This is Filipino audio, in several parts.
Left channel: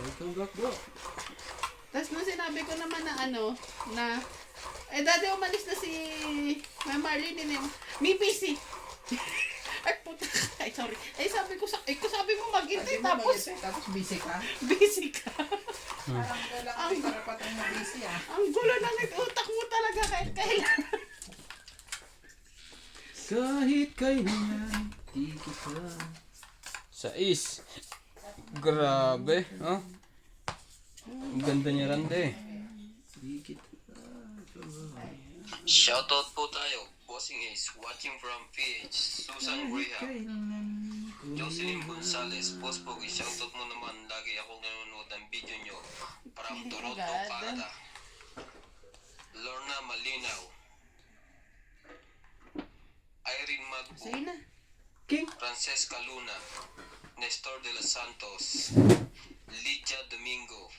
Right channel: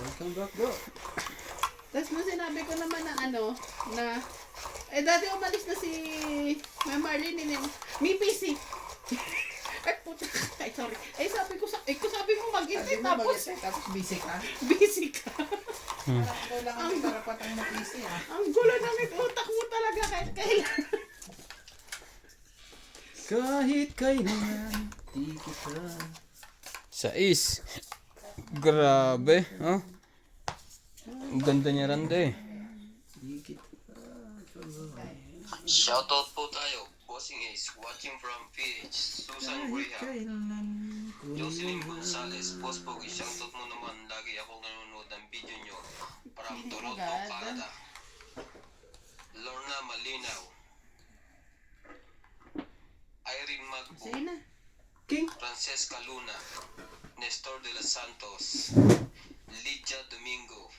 Welcome back, bro. Tapos nung sinabi ko naman na dati umalis na si Ma'am Marlene, may PC. Ay, puta. Ay, sorry. Sabi mo mag-intay, Tapos busy ka. busy ka. Parang kailangan may karapatan mo busy Ang gulo ng utak mo talaga kahit kailan. Kahit kailan, di kita. 6. Grabe, ha? Ang ganda niya Rande. Di kita. Shoutout po tayo. Bossing Ace, watching from PH, Susan Graham, Kailan. Jocelyn Gonzalez, Boss Pogi, shoutout mo naman. Lagi ako nanonood ng video nyo. From Toronto, Canada. Lorna Malinaw, Irene Magbo, Sige na. King. Francesca Luna, Nestor de los Santos, Lydia Domingo,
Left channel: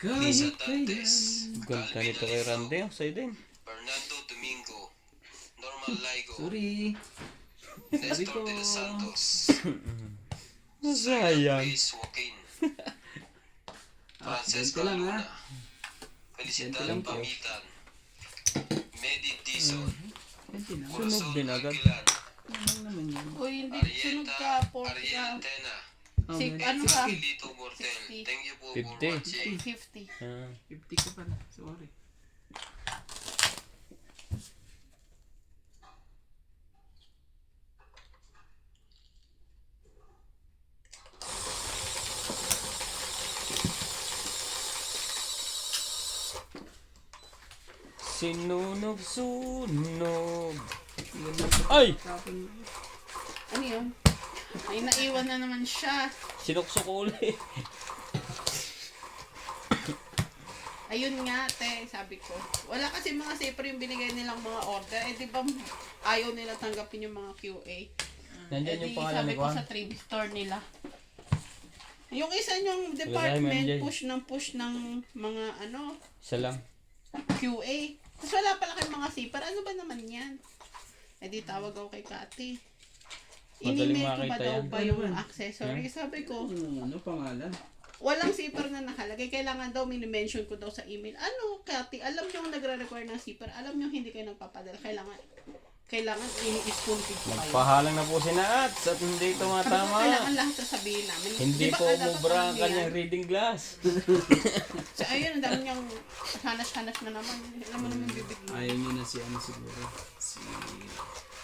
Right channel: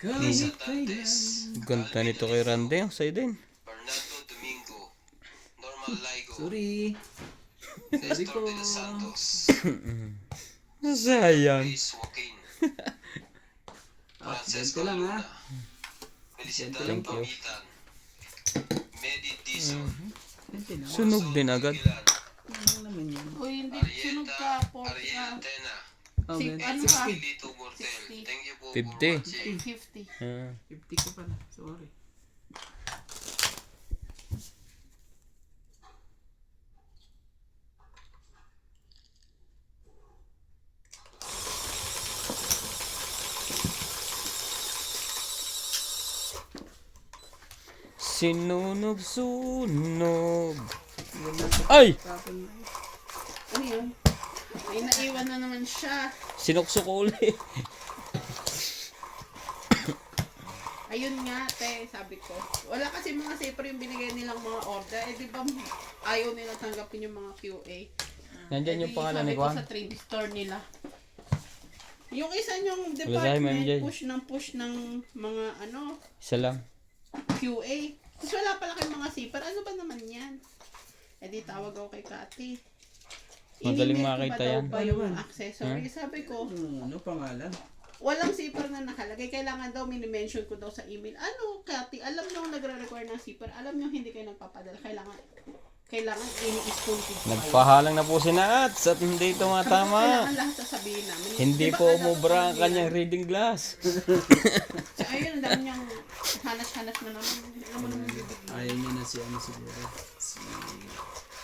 Lisa Kahit kailan. Dantes, Ganda nito kay Rande. Ang sa'yo din. Fernando Domingo, Norman Laigo, Sorry. Nestor de los Santos, Sayang. Luis Joaquin, Ganito Francesca lang, ha? Luna, Felicitas lang po. Pamitan, Medi Dizon, Sunog din agad. Kilan, Ano naman yan? Uy, hindi. Sunog ka po. Ariel Tena, Oh, Si- man. ano ka? Lito Mortel. Thank you po 50. for watching. 50. 50 ko pala. Sorry. Sinunog-sunog. Ay! Tapon na yun. Ano yun? May naiwan na naman siya. Sinuksok ko uli. Ayun nga, te, sabi ko. Wala kasi mga zipper yung binigay nilang mga order. Di ba ayaw nila tanggapin yung mga QA? Nandyan yung pangalan sabi ni ko Juan. sa trade store nila. Yung isa niyong Wala, department, MJ. push ng mga Isa lang. QA. Tapos wala pala kayong mga zipper. Ano ba naman yan? Di tawag ako kay Kati. Madaling In-email ko makita ba daw yan. ba Ano yung ba? accessory? Sabi ko, Ano pangalan? walang zipper na nakalagay. Kailangan daw, minimension ko daw sa email. Ano, Kati, alam nyo nagre-require ng zipper. Alam nyo hindi kayo nagpapadala. Kailangan ini-spoon feed ko kayo. Nagpahalang na po si Nats at hindi Sabi ko, tumatama. kailangan lahat sasabihin namin. Hindi Di ba po dapat umubra ang ano kanyang yan? reading glass. So, ayun, ang dami niyang hanas-hanas na naman. Hindi naman naman bibigyan. Ayaw niya na si ano siguro. Si...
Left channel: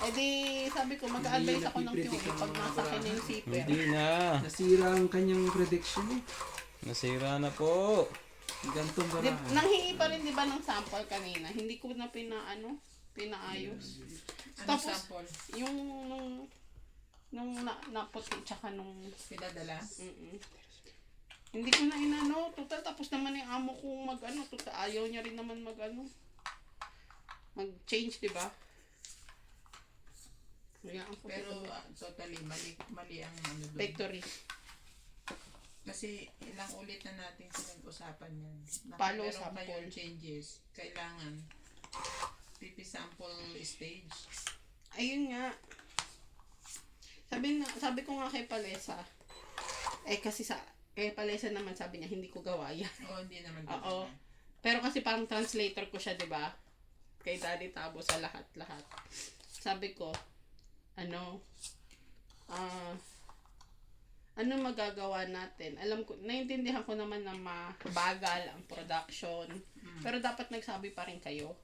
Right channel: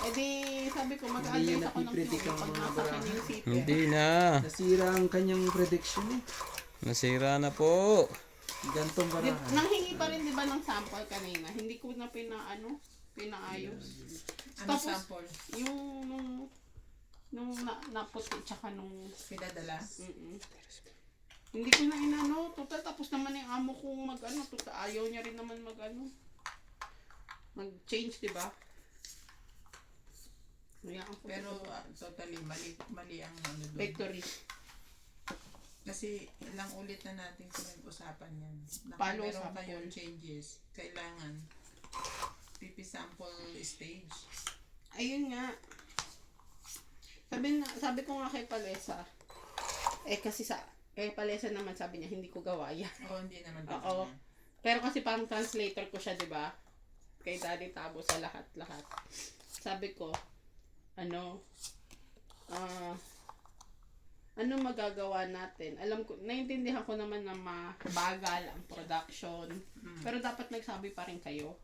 Di, sabi ko, mag-advise ako ng napipredict QA ang pag mga nasa akin baraha. yung zipper. Hindi na. Nasira ang kanyang prediction eh. Nasira na po. Gantong barahan. Nanghingi pa rin, di ba, ng sample kanina. Hindi ko na pinaayos. Ano Tapos, sample? yung naputi tsaka nung Pinadala? hindi ko na inano, total tapos naman yung amo kong total ayaw niya rin naman mag-change, di ba? Pero totally mali ang ano doon. Factory. Kasi ilang ulit na natin pinag-usapan yan. Palo Meron sample. kayong changes. Kailangan sample stage. Ayun nga. Sabi ko nga kay Palesa, kasi kay Palesa naman sabi niya, hindi ko gawa yan. Oo, hindi naman. Oo. Pero kasi parang translator ko siya, di ba? Kay Daddy Tabo sa lahat-lahat. Sabi ko, ano magagawa natin? Alam ko, naiintindihan ko naman na mabagal ang production. Pero dapat nagsabi pa rin kayo.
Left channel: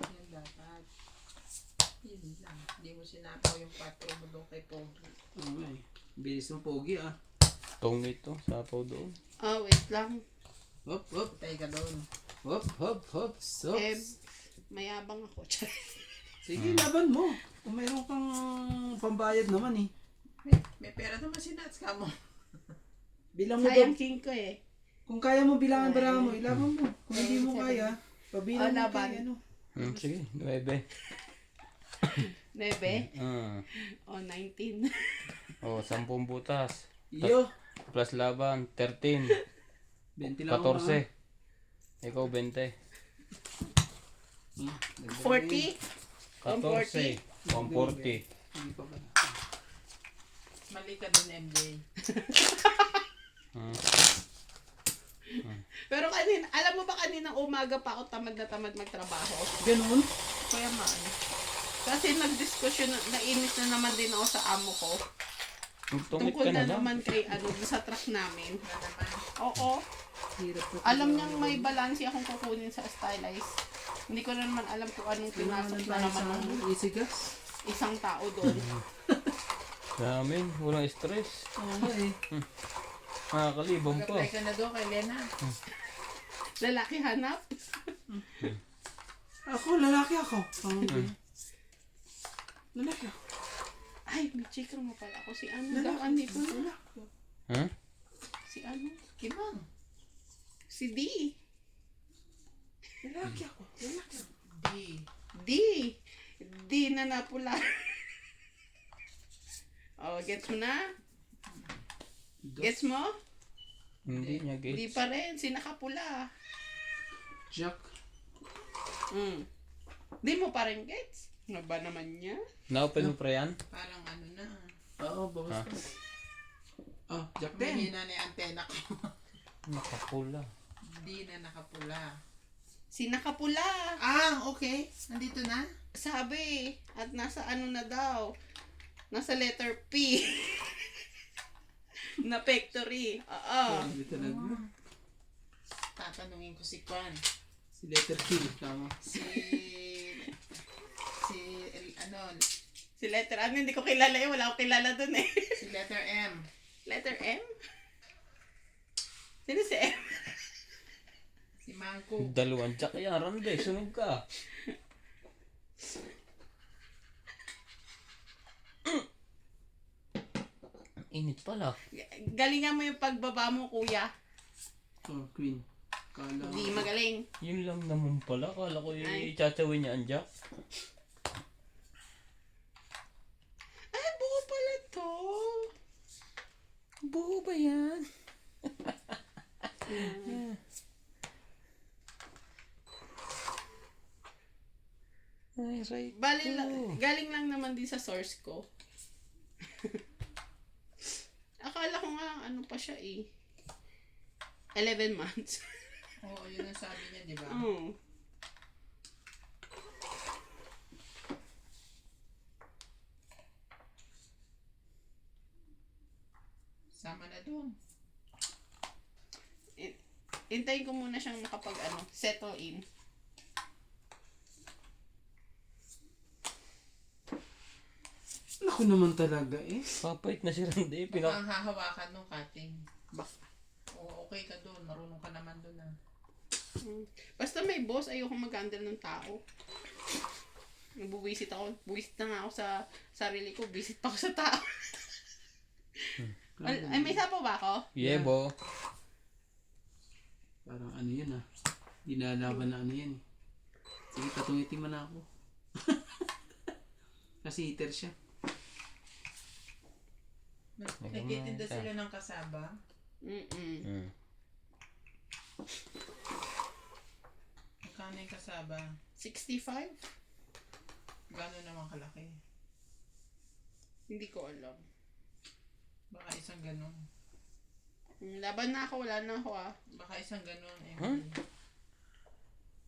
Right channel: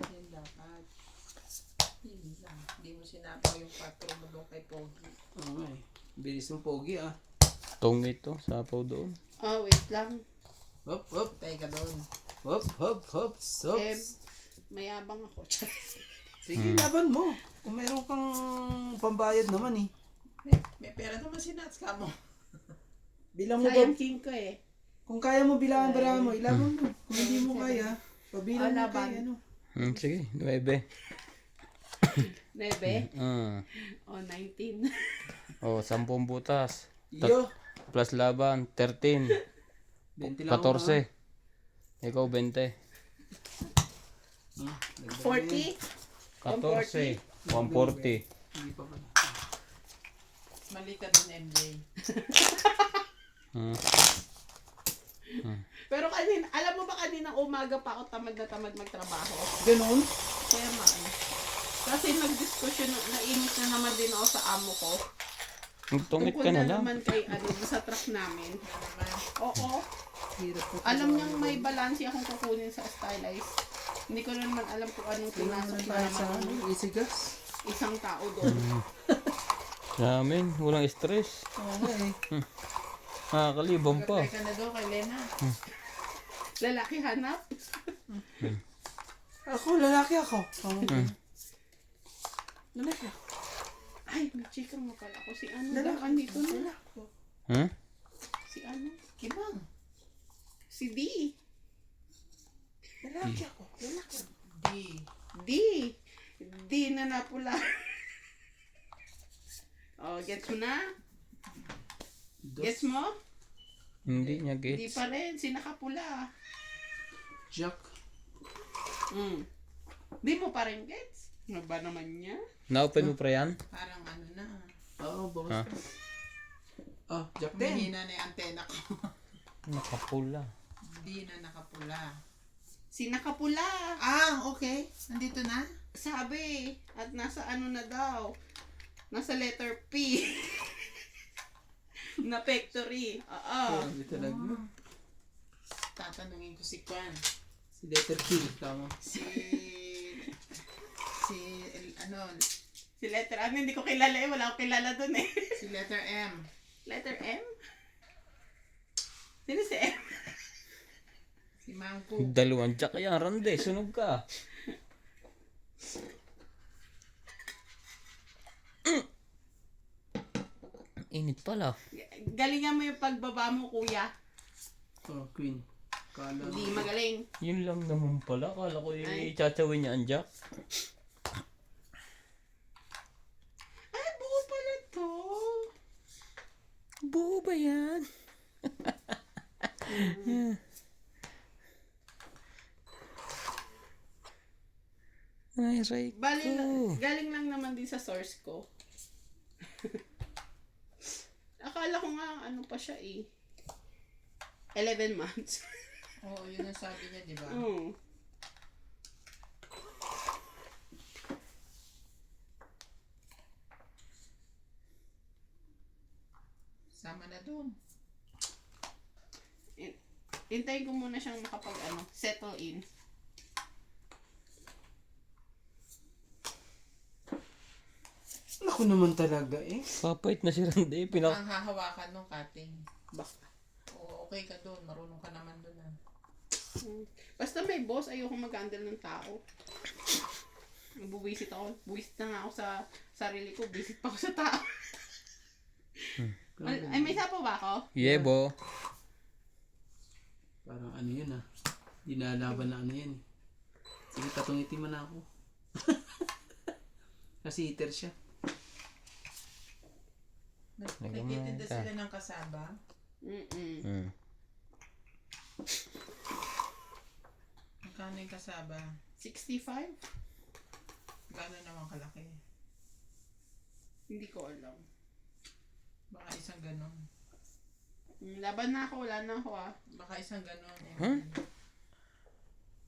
Yan dapat. Yun lang. Hindi mo sinabi yung 4 mo doon kay Pogi. Okay. Bilis ng pogi ah. Tong ito. Sapaw doon. Wait lang. Hop, hop. Tay ka doon. Hop, hop, hop. Hop. Mayabang ako. Sige, laban mo. Kung mayroon kang pambayad naman eh. May pera naman si Nats ka mo. Bilang mo ba? Sayang king ko eh. Kung kaya mo bilangan barahan mo, ilaban mo. Kung hindi mo kaya, pabilang mo laban. kay ano. Sige, 9. 9? Ah. O 19. Oh, 10 butas. Yo! Plus laban, 13. 20 lang ako, 14. Ikaw, 20. ha? Dagdag 40? 14. 140. Hindi pa pala. Mali ka dun, MJ. Hmm. Pero kanina, alam mo ba kanina umaga pa ako tamad na tamad magtrabaho? Ganun? Kaya man. Kasi nagdiskusyon, nainis na naman din ako sa amo ko. Tungit Tungkol ka na na lang. naman kay ano, sa truck namin. Oo. Hirap na. Alam niyang may balansi akong kukunin sa stylize. Hindi ko na naman alam kung anong pinasok Kailangan na tayo sa naman ano, ng easy gas. isang tao doon. Namin, walang stress. Oo nga eh. Nakakalibong pa. Apply ka na doon kay Lena. Lalaki hanap. Ako, lalaki ako. Lalaki ako. Ay, may chika mo pala ako. Si ano daw, Lalaki. andito na. Hmm? Si ano? Kimang. Si D. Lalaki ako. Lalaki ako. D. D na napula. Oh, gets mo na? Gets mo? Hindi niya Di gets. pa rin. Si nakapula. Jack. Di mo pa rin gets? Ano ba naman niya? Na-open mo pa yan? Parang ano na. Oo, bawas Ha? ka. Ah, Jack 10. Humihina na yung antena ko. Nakapula. Hindi na nakapula. Si nakapula. Ah, okay. Nandito na? Sabi. At nasa ano na daw. Nasa letter P. Na factory. Oo. Grabe talaga. Tatanungin ko si Kwan. Si letter Q. Tama. Si ano, Si letter M, hindi ko kilala eh. Wala akong kilala dun eh. si letter M. Letter M? Sino si M? Si Mangko. Dalawang jack yan, Rande. Sunog ka. Init pala. Galingan mo yung pagbaba mo, kuya. Oh, Queen. Kala. Hindi magaling. Yun lang naman pala. Kala ko Ay. i-chachawin niya ang jack. Ay, buo pala to. Buo ba yan? Ay, right. Bali galing lang naman din sa source ko. Akala ko nga, ano pa siya eh. 11 months. Oo, yun ang sabi niya, di ba? Mm. Sama na doon. Hintayin ko muna siyang settle in. Ako naman talaga eh. Papait na si Rande. Ang hahawakan ng cutting. Baka. Oo, okay ka doon. Marunong ka naman doon ah. Basta may boss, ayoko mag-handle ng tao. Buwisit ako. Buwisit na nga ako sa sarili ko. Buwisit pa ako sa tao. Ay, may sapo ba ako? Yebo. Parang ano yun ah. Di nalaban na ano yan eh. Sige, tatungitin mo na ako. Kasi hitter siya. Nagtitinda sila ng kasaba. Mm. Magkano yung kasaba? 65? Gano'n naman kalaki? Hindi ko alam. Baka isang ganon. Laban na ako, wala na ako ah. Baka isang ganon.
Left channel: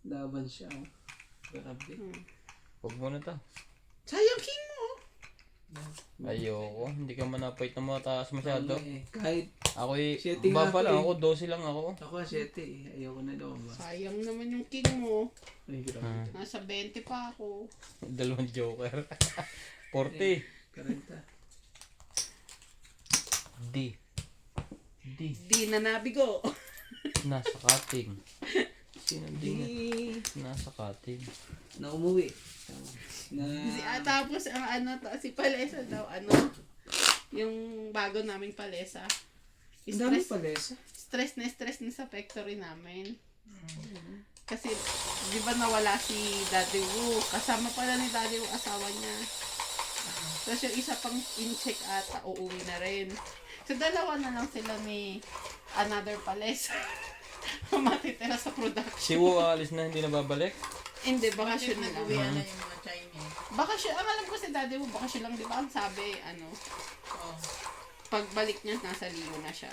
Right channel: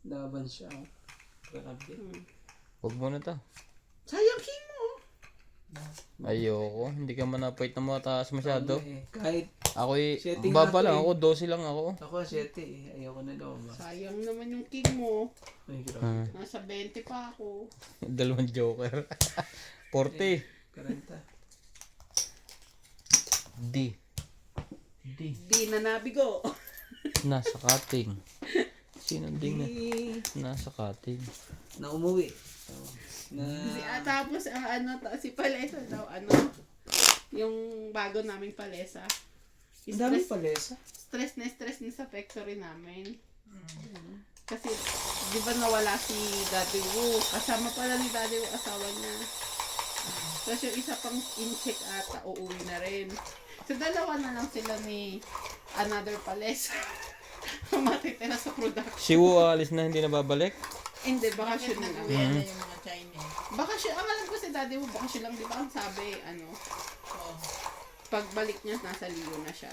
Laban siya oh. Grabe. Huwag mo na to. Sayang king mo! Ayoko. Hindi ka manapait na mataas masyado. Ano eh. Kahit Ako'y Setting nga baba to lang eh. ako. 12 lang ako. ako 7 eh. Ayoko na daw ba. Sayang naman yung king mo. Ay, grabe. Nasa 20 pa ako. Dalawang joker. 40. Karanta. D. Di na nabigo. Nasa cutting. Sino D na? Nasa cutting. Na umuwi. Tama. Na Tapos si Palesa daw, yung bago naming Palesa. ang dami palesa. Stress na sa factory namin. Kasi, di ba nawala si Daddy Wu? Kasama pala ni Daddy Wu, asawa niya. Tapos yung isa pang in-check ata, uuwi na rin. So, dalawa na lang sila ni Another Palace. Matitira sa production. Si Wu alis na, hindi na babalik. Hindi, bakasyon na lang. Uwi na yung mga Chinese. Bakasyon, ang alam ko si daddy mo, bakasyon lang, di ba? Ang sabi, Oo. pagbalik niya, nasa Leo na siya.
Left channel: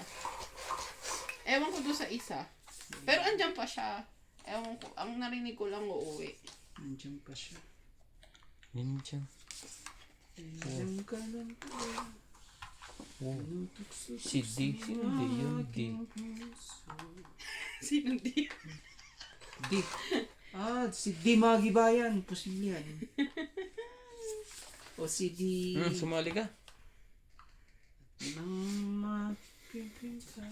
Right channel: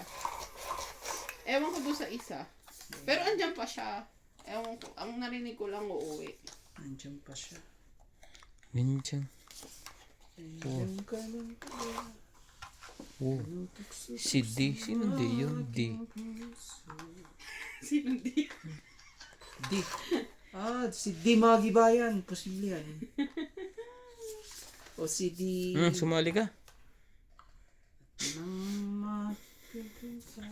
Ewan ko doon sa isa. Pero andyan pa siya. Ewan ko, ang narinig ko lang uuwi. Nandiyan pa siya. Minsan. Nandiyan ka lang pala. Oh. Nutukso Si D. Sino D yun? D. Sino di? D. Si D Magibayan. Posible yan. O si D. Sumali ka. Nang mapipinsa.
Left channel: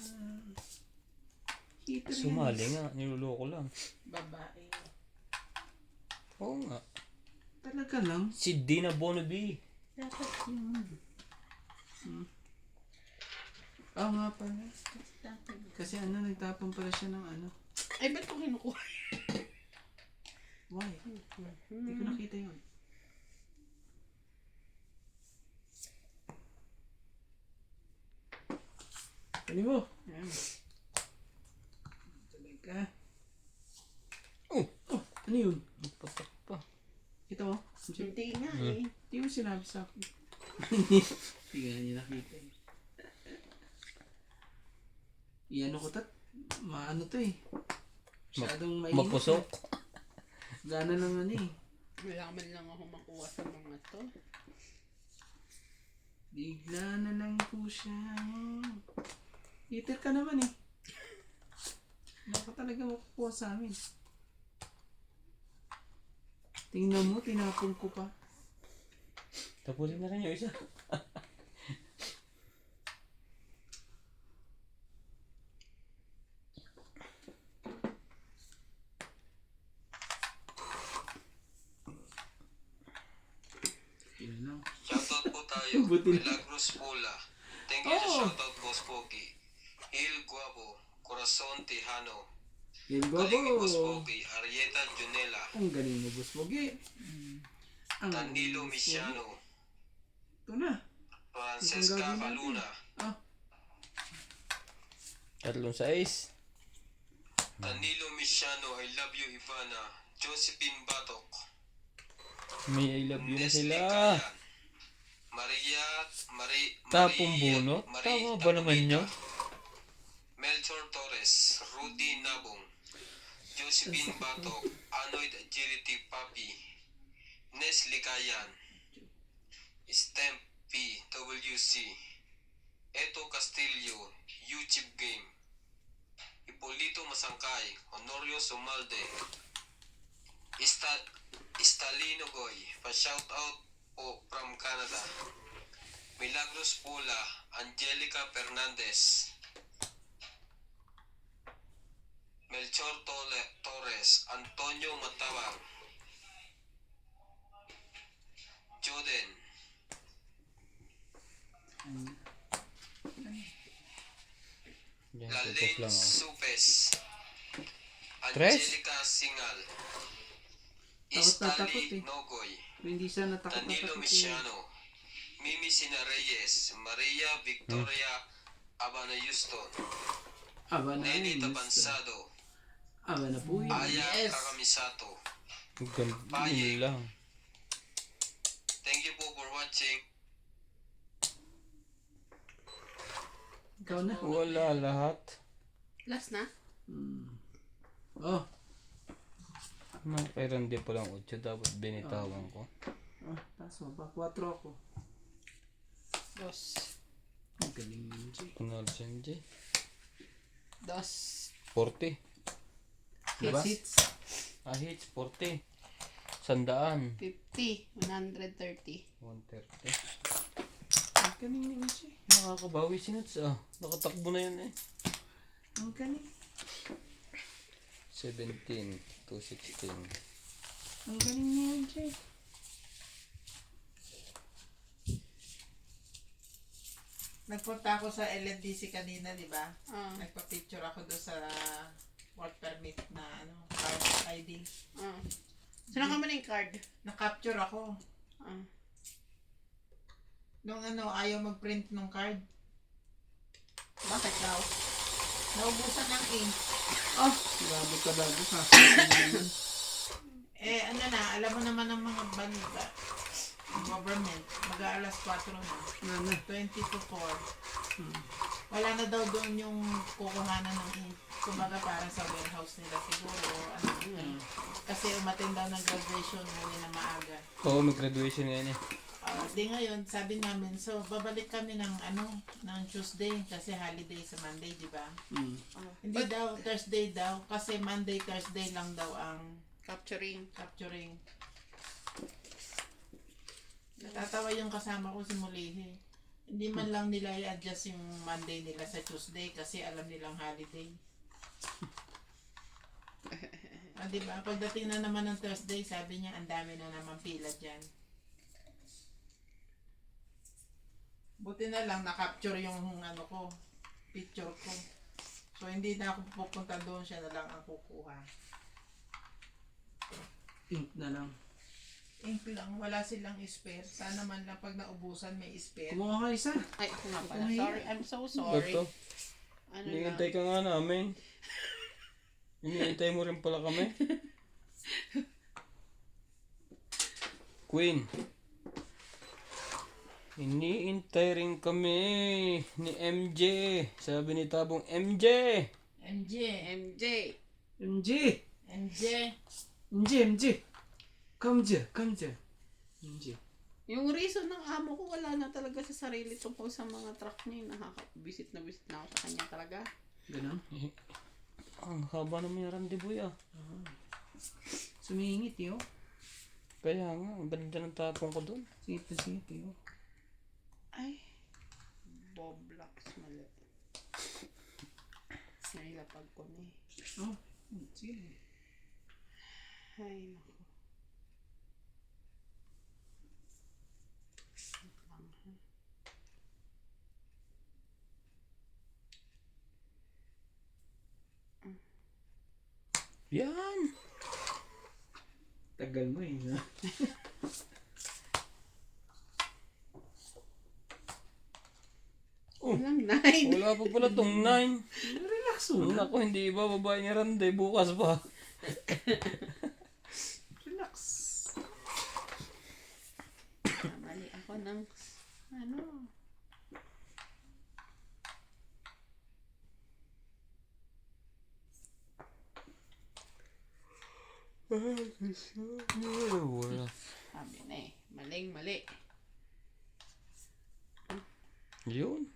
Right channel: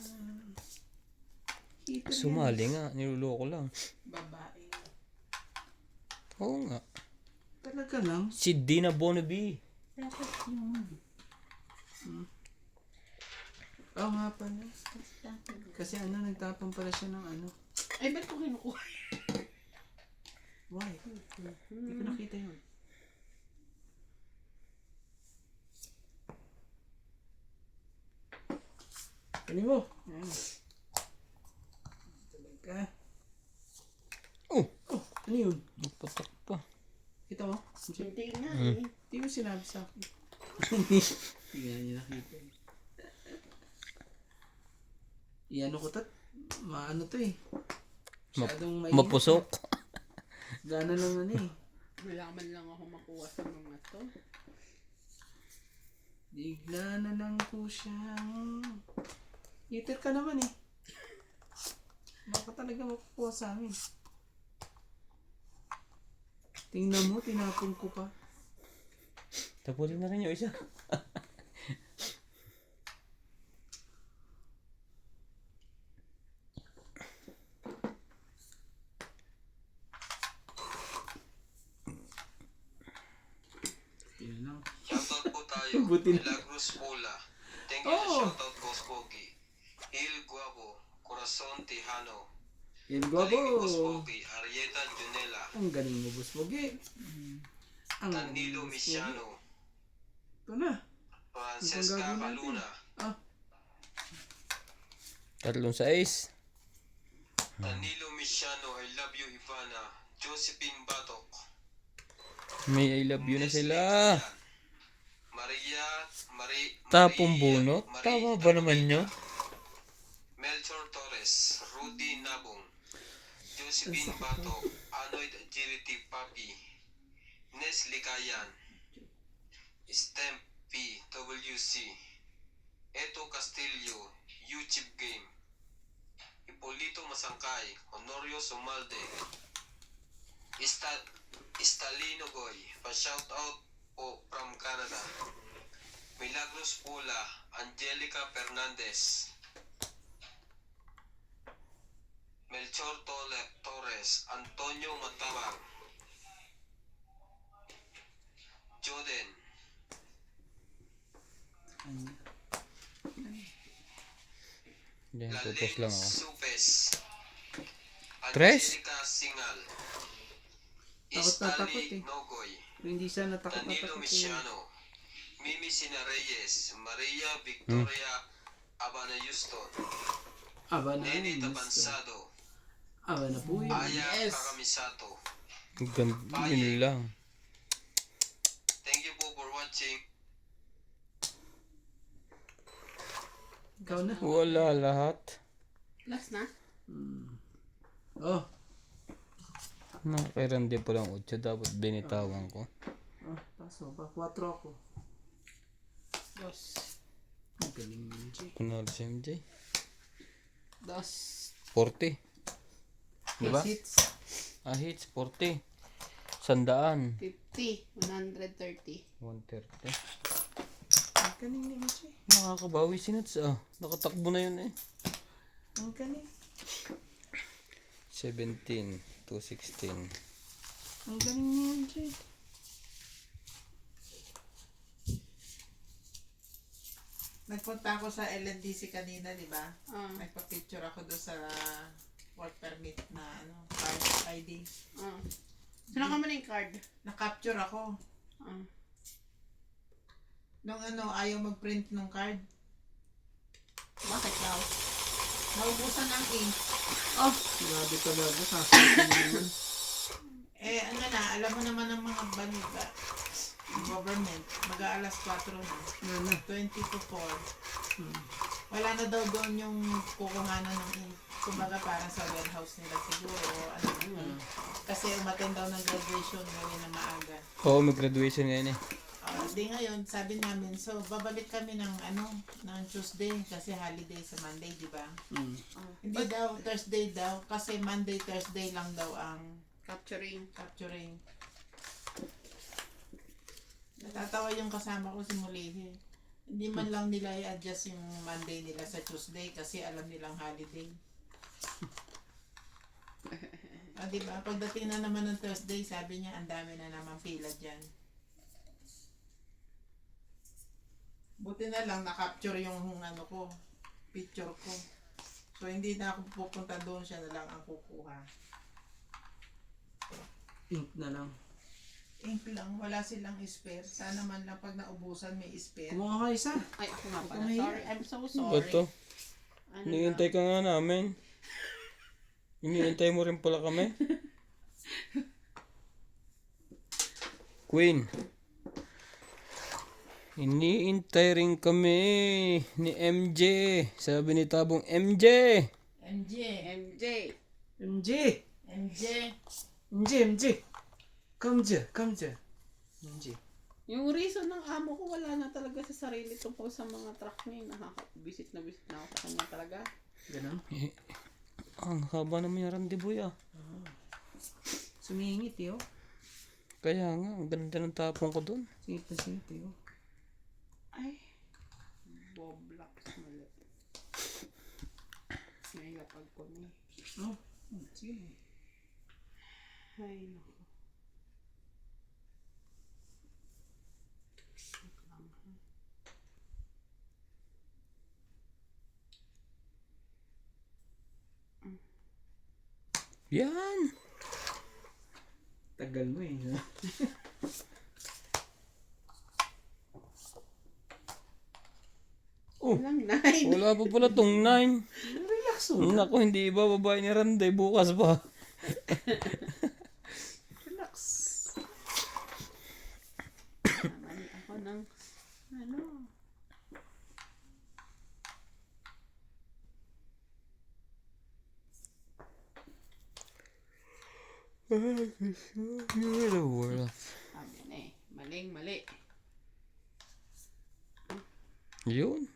Sumali nga. Niluloko lang. Babae. Oo nga. Talaga lang. Si D na Bonaby. Dapat yun. Oo nga pala. Dapat yun. Kasi nagtapon pala siya ng ano. Ay, ba't ko kinukuha? Why? Hindi ko nakita yun. Ano mo? Ayan. Talaga. Oh! Ano yun? Patak pa. Ito mo? Hindi nga eh. Hindi mo sinabi sa akin. Hindi nga niya nakita eh. Iano ko tat. Maano to eh. Masyadong mainit. Mapusok. Gana lang ano eh. Wala man lang ako makuha sa mga to. Bigla na lang po siyang... Heater ka naman eh. Baka talaga makukuha sa amin. Tingnan mo, tinapon ko pa. Tapulin na rin yung isa. Yun lang. Shoutout po tayo. Buti na. Milagros Pola. Thank you sa shoutout, Boss Pogi. Hil Guabo. Corazon Tejano. Yan Galing ni Boss Bobo. Pogi. Arieta Junela. Ang galing mo, Boss Bogi. Ang galing Danilo mo, Boss Bogi. Misiano. Ito na. Francesca gagawin natin? Caluna. Tatlong sais. Danilo Misiano. I love you, Ivana. Josephine Batok. May I love you na sila. Maria. Tapong bunot? Tama ba naman yun? Melchor Torres. Rudy Nabong. Josephine Batok. Anoid Agility Papi. Nes Likayan. Stemp PWC. Eto Castillo. YouTube Game. Hipolito Masangkay. Honorio Sumalde. Stalino Goy. Pa-shoutout po from Canada. Milagros Pula. Angelica Fernandez. Melchor Torres. Antonio Matawang. Joden. Yan, tutos Lalin lang oh. Supes. Tres? Angelica Singal. Takot na takot Stanley eh. Nogoy. Kung hindi siya natakot na Danilo takot eh. Misiano. Mimi Sina Reyes. Maria Victoria Abana Houston. Aba na Neni yun. Tabansado. Aba na po yun. Aya Yes. Takamisato. Ganda yun lang. Thank you po for watching. Ikaw na. Wala lahat. Last na? Oh. Pero hindi pa lang 8. Dapat binitawan ko. Taso ba? 4 ako. Dos. Ang galing mo, Jay. Kunwari si MJ. Dos. 40. Diba? Hits. Hits 40. 100. 50. 130. 130. Ang galing ni Jay. Nakakabawi si Nuts nakatakbo na yun eh. Ang galing. 17 to 16. Ang galing ni Jay. Nagpunta ako sa LNDC kanina, di ba? Ah. Nagpa-picture ako doon sa work permit na card ID. Ah. Saan ka man yung card? Na-capture ako. Ah. Nung ayaw mag-print ng card. Naubusan ng ink. Ah, grabe talaga. Sasabihin mo naman. Eh, ano na, alam mo naman ang mga banda. Government, mag-aalas 4 na. Ano? 20 to 4. Hmm. Wala na daw doon yung kukuhanan ng ink. Kumbaga parang sa warehouse nila siguro. O ano yun. Kasi umattend daw ng graduation ngayon na maaga. Oo, may graduation ngayon eh. Di ngayon, sabi namin, so babalik kami ng ng Tuesday kasi holiday sa Monday, di ba? Hmm. Hindi daw, Thursday daw, kasi Monday, Thursday lang daw ang Capturing. capturing. Natatawa yung kasama ko si Mulihi. Hindi man lang nila i-adjust yung Monday nila sa Tuesday kasi alam nilang holiday. Diba? Pagdating na naman ng Thursday, sabi niya, ang dami na naman pila dyan. Buti na lang na-capture yung ko, picture ko. So hindi na ako pupunta doon, siya na lang ang kukuha. Ink na lang. Ink lang, wala silang spare. Sana man lang pag naubusan may spare. Kumuha ka isa. Ay, ako nga pala. Kumahiya. Sorry. I'm so Ba't sorry. to? Ano Hinihintay ka nga namin. Hinihintay mo rin pala kami. Queen. Hinihintay rin kami ni MJ. Sabi ni Tabong, MJ! MJ, MJ. MJ! MJ. MJ, MJ! Come here, come here. MJ. Yung reason ng amo ko, wala na talaga sa sarili tungkol sa mga truck niya. Nakaka-visit na visit na ako sa kanya talaga. Ganun. Ang haba naman yung randiboy ah. Sumingit eh, oh. Kaya nga, ang ganda ng tapong ko doon. Singit na singit eh, oh. Ay. Bob Locks mali. Nahilapag ko na eh. Oh, sige. Ay, naku. Yan! Tagal mo eh, no? Oh, Ilang line? wala pa pala tong 9. Relax muna. Naku, hindi ba babae ni Randay bukas pa? Relax. Mali ako ng ano. Wala. Sabi na eh. Maling mali. Yun.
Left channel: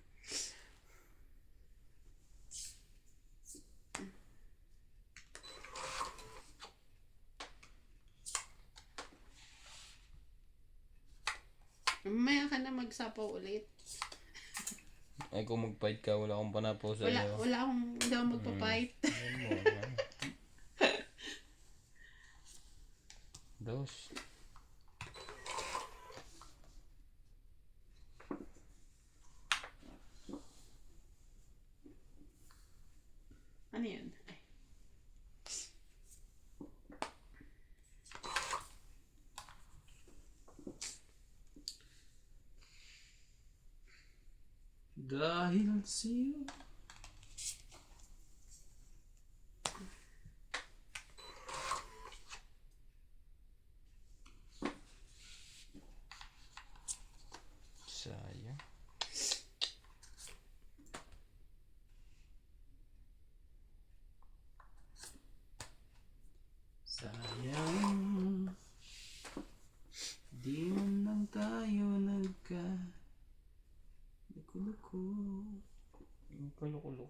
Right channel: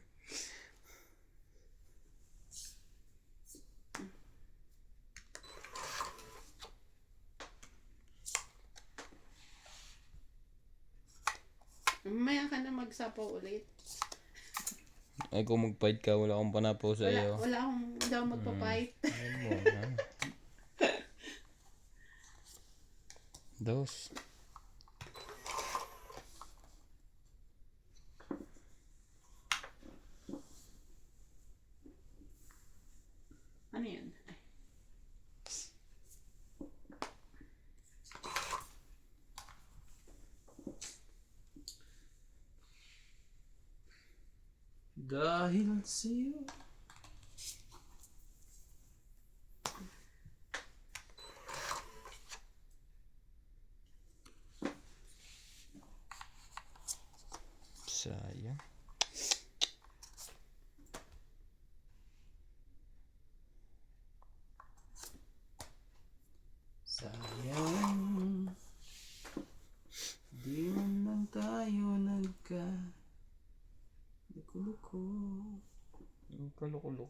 Mamaya ka na magsapaw ulit. Ay kung mag-fight ka, wala akong panapaw sa iyo. Wala akong, hindi ako magpapight. Dos. Ano yan? Ay. Dahil sa'yo. Sayang. Sayang. Di man lang tayo Luko-luko. Ang kalukulo.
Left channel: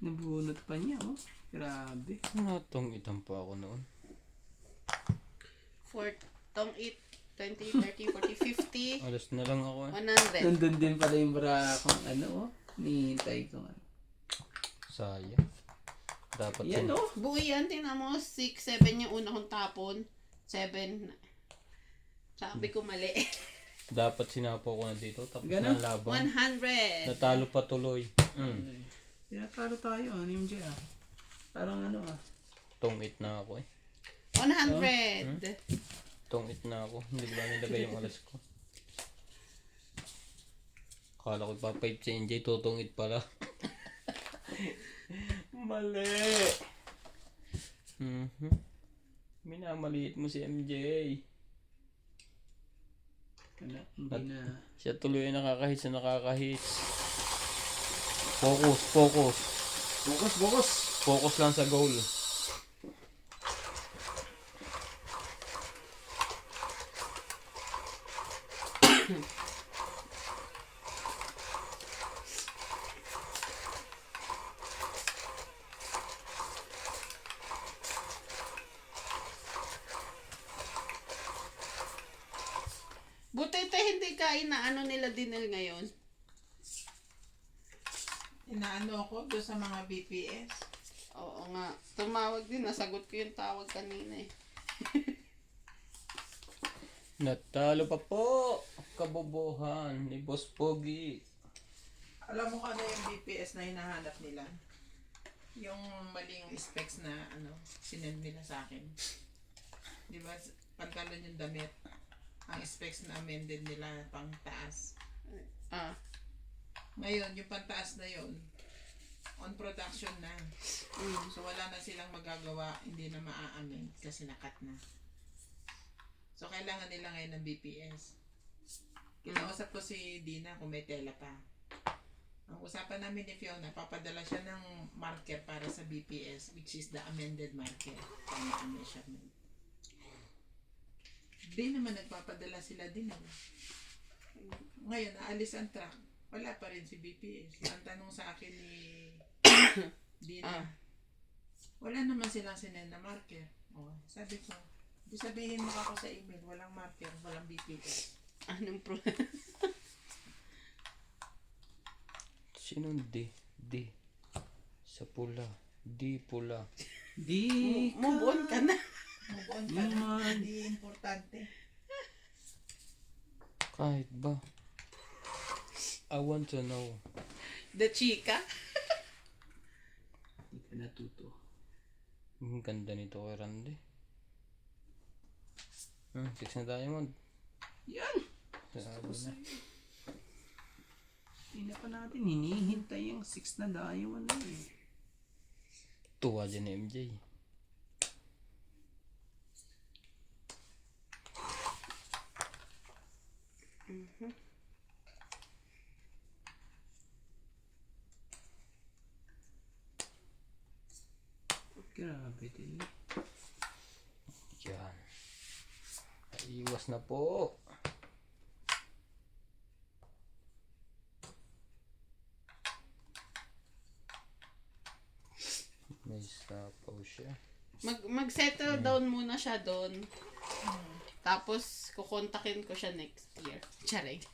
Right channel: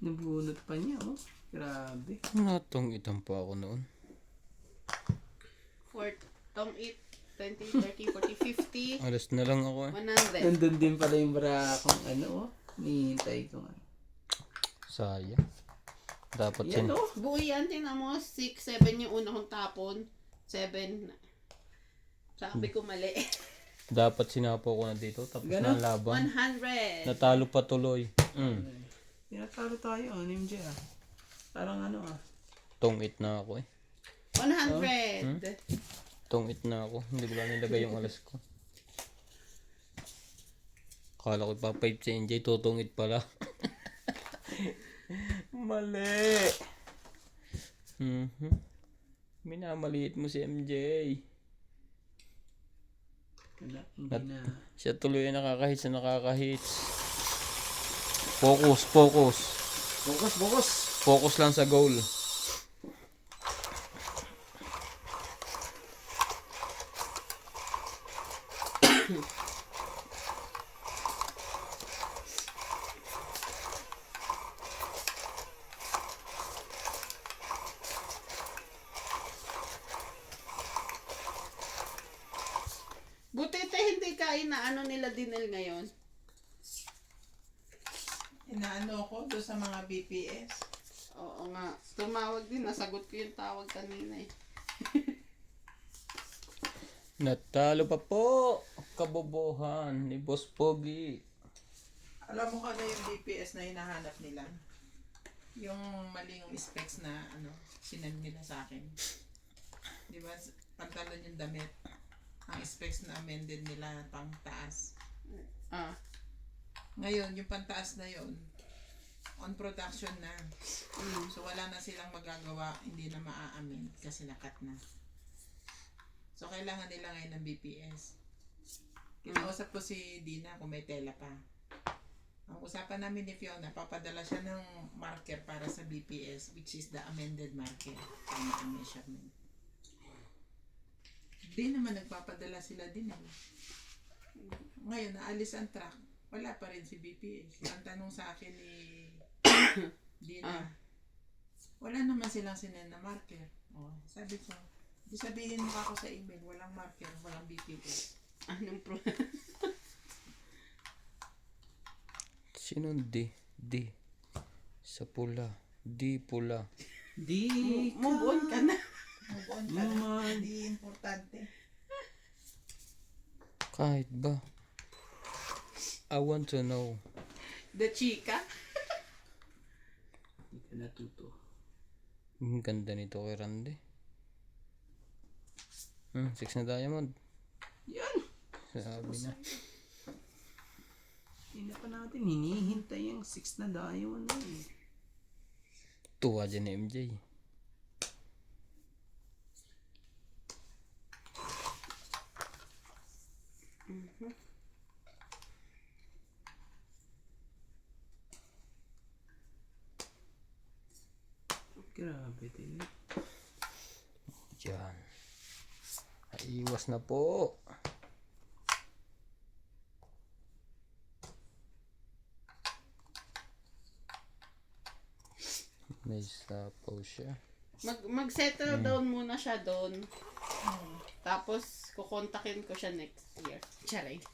Nabunot pa niya, oh. Grabe. Natong itang pa ako noon. Tong 8, 20, 30, 40, 50, Alas na lang ako eh. 100. Nandun din pala yung bra kung ano, oh. Nihintay ko ano. Sayang. Dapat Yan, oh. Buo yan, tingnan mo. 6, 7 yung una kong tapon. 7. Sabi ko mali. Dapat sinapo ko na dito. Tapos Gano? na laban. 100. Natalo pa tuloy. Tinatalo tayo, ano yung MJ, ah. Parang ano, ah. Tongit na ako eh. 100. Tongit na ako. Hindi ko lang nilagay yung alas ko. Kala ko pa 5 si NJ. Tutungit pala. Mali. Minamaliit mo si MJ. Wala, hindi na. Siya tuloy ay nakakahit sa nakakahit. Focus, focus. Bukas, bukas. Focus lang sa goal. Buti ito hindi ka inaano nila dinel ngayon. Inaano ko doon sa mga BPS. Oo nga. Tumawag din. Nasagot ko yung tawag kanina eh. Natalo pa po. Kabobohan ni Boss Pogi. Alam mo kung ano yung BPS na hinahanap nila? Yung maling specs na ano, sinend nila sa akin. Di ba? Pantalon yung damit. Ang specs na amended nila pang taas. Ah. Ngayon, yung pantaas na yun, on production na. So wala na silang magagawa, hindi na maa-amend kasi nakat na. So kailangan nila ngayon ng BPS. Kinausap ko si Dina kung may tela pa. Ang usapan namin ni Fiona, papadala siya ng marker para sa BPS, which is the amended marker. Para ang measurement. Di naman nagpapadala sila din. Ngayon, naalis ang truck. Wala pa rin si BPS. Ang tanong sa akin ni Dina, wala naman silang sinend na marker. Oh, sabi ko, di sabihin mo ako sa email, walang marker, walang BPS. Anong pro? Sinong D? D. Sa pula. D pula. Di Move on ka na. Move on ka na. Hindi importante. Kahit ba? I want to know. The chika. Hindi ka natuto. Ang ganda nito kay Randy. 6 na diamond. Yan! Sabi na. Hindi na pa natin hinihintay yung 6 na diamond na eh. Tuwa dyan ni MJ. Grabe din. Diyan. Iwas na po. May sapaw siya. Mag-settle down muna siya doon. Tapos, kukontakin ko siya next year. Charay.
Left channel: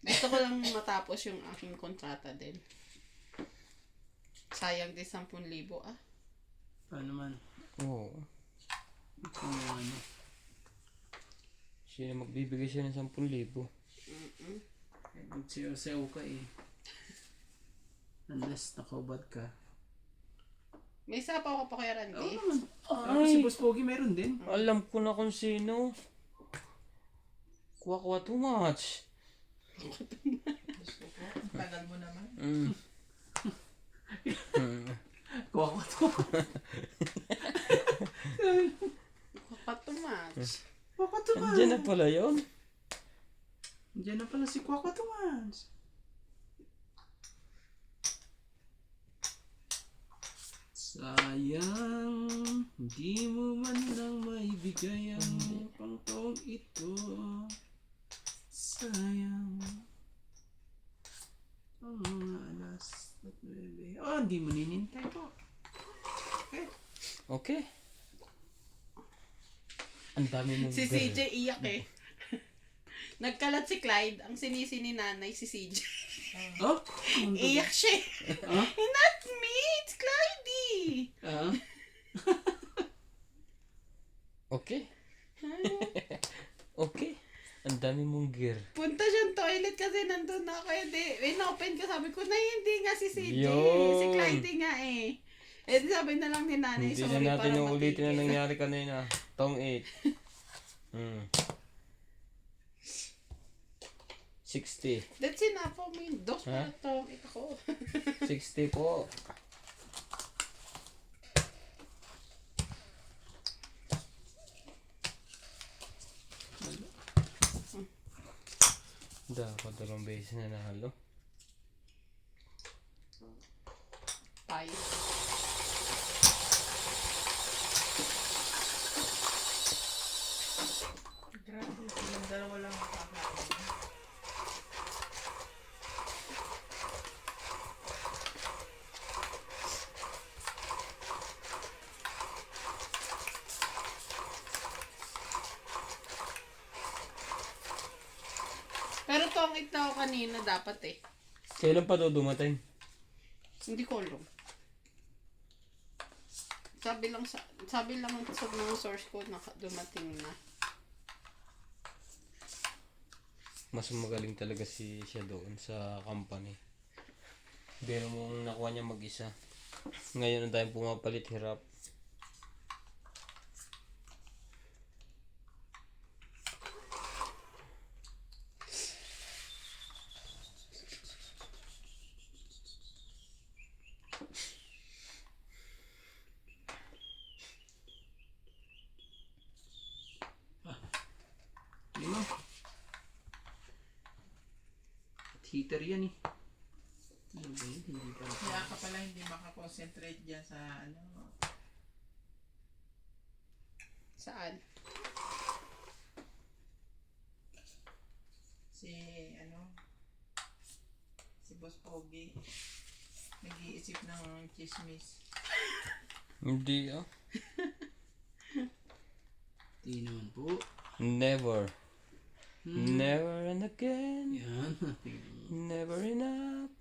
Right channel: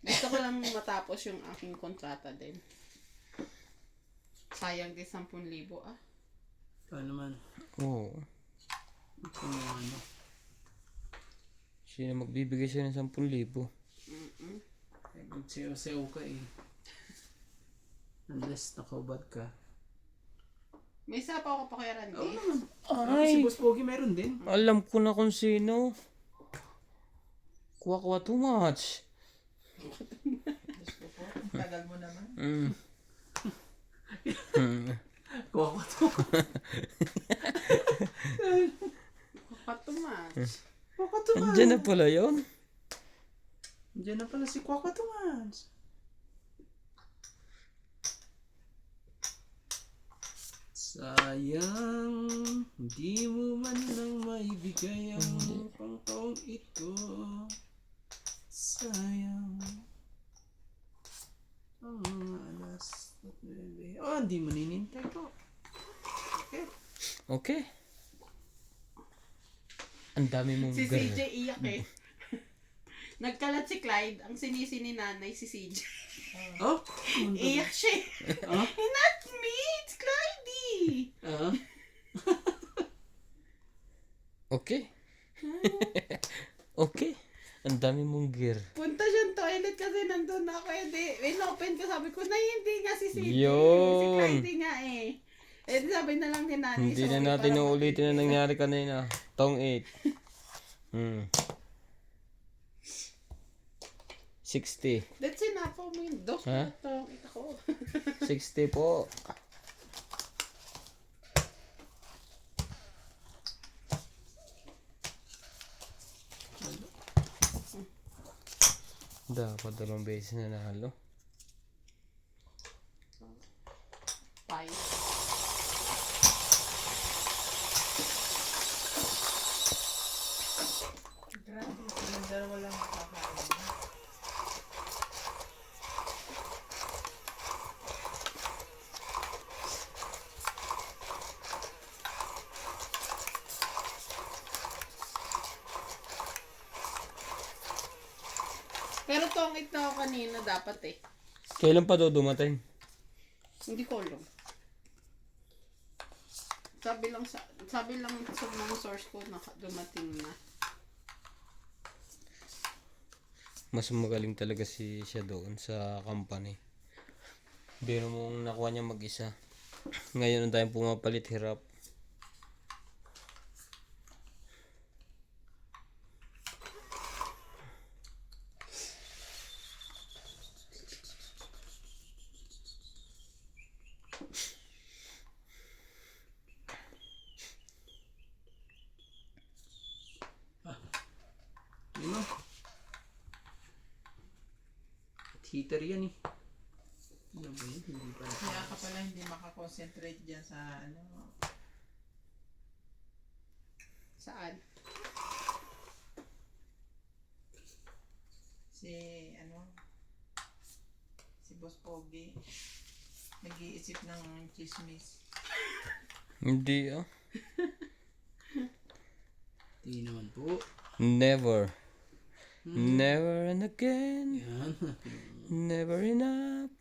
Gusto ko lang matapos yung aking kontrata din. Sayang din 10,000 ah. Paano man? Oo. Kung ano. Sino magbibigay siya ng 10,000? Magsayaw-sayaw ka eh. Unless nakahubad ka. May sapaw ka pa kay Randy? Oo naman. Ako si Boss Pogi meron din. Alam ko na kung sino. Kuha too much. Tagal mo naman. Kuha ko to. Katumatch. Kuha ko to man. Andiyan na pala yun. Andiyan na pala si Kuha ko to man. Sayang, hindi mo man lang maibigay ang pangtaong ito. Sayang. Ang mga alas at 9. On! di mo ninintay po. Okay. Okay. Ang dami mong Si girl. CJ iyak eh. Nagkalat si Clyde, ang sinisi ni nanay si CJ. Oh? Iyak siya. Ah? Not me, it's Clyde. Ah? Okay. Okay. Ang dami mong gear. Punta siyang toilet kasi nandun na ako. Hindi, in-open ko, sabi ko, hindi nga si CJ. Yun. Si Clyde nga eh. Eh, di sabi na lang ni nanay, Hindi sorry, na natin parang uulitin na nakikita. nangyari kanina. Tong 8. 60. That's enough for me. Dos Ha? na to. Ito. 60 po. Dapat dalawang beses na nahalo. Bye. Grabe, yung dalawa lang makakain. Pero tongit na ako kanina dapat eh. Kailan pa daw dumating? Hindi ko alam. Sabi lang sa mga source ko na dumating na. Mas magaling talaga siya doon sa company. Biro mo nakuha niya mag-isa. Ngayon ang tayong pumapalit hirap. Yun o. At heater yan eh. Ano ba yun? Hindi pa. Kaya ka pala hindi makakonsentrate dyan sa ano. Saan? Si Boss Pogi. Nag-iisip ng chismis. Hindi ah. Di naman po. Never. Never and again. Yan. Never enough.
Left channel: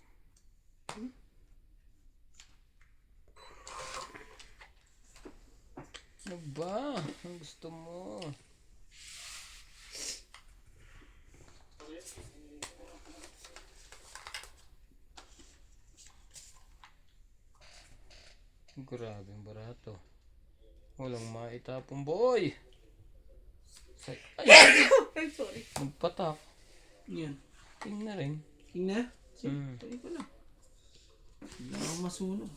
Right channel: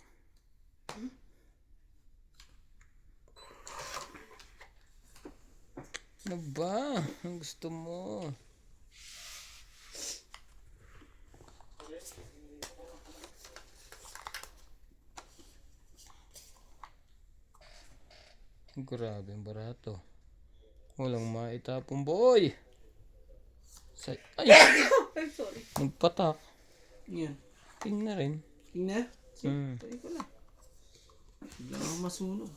Ano ba? Ang gusto mo? Grabe ang barato. Walang maitapong boy. Ay! I'm sorry. Nagpatak. Yan. King na rin. King na? Hmm. Pwede ko lang. Hindi lang ako masunog.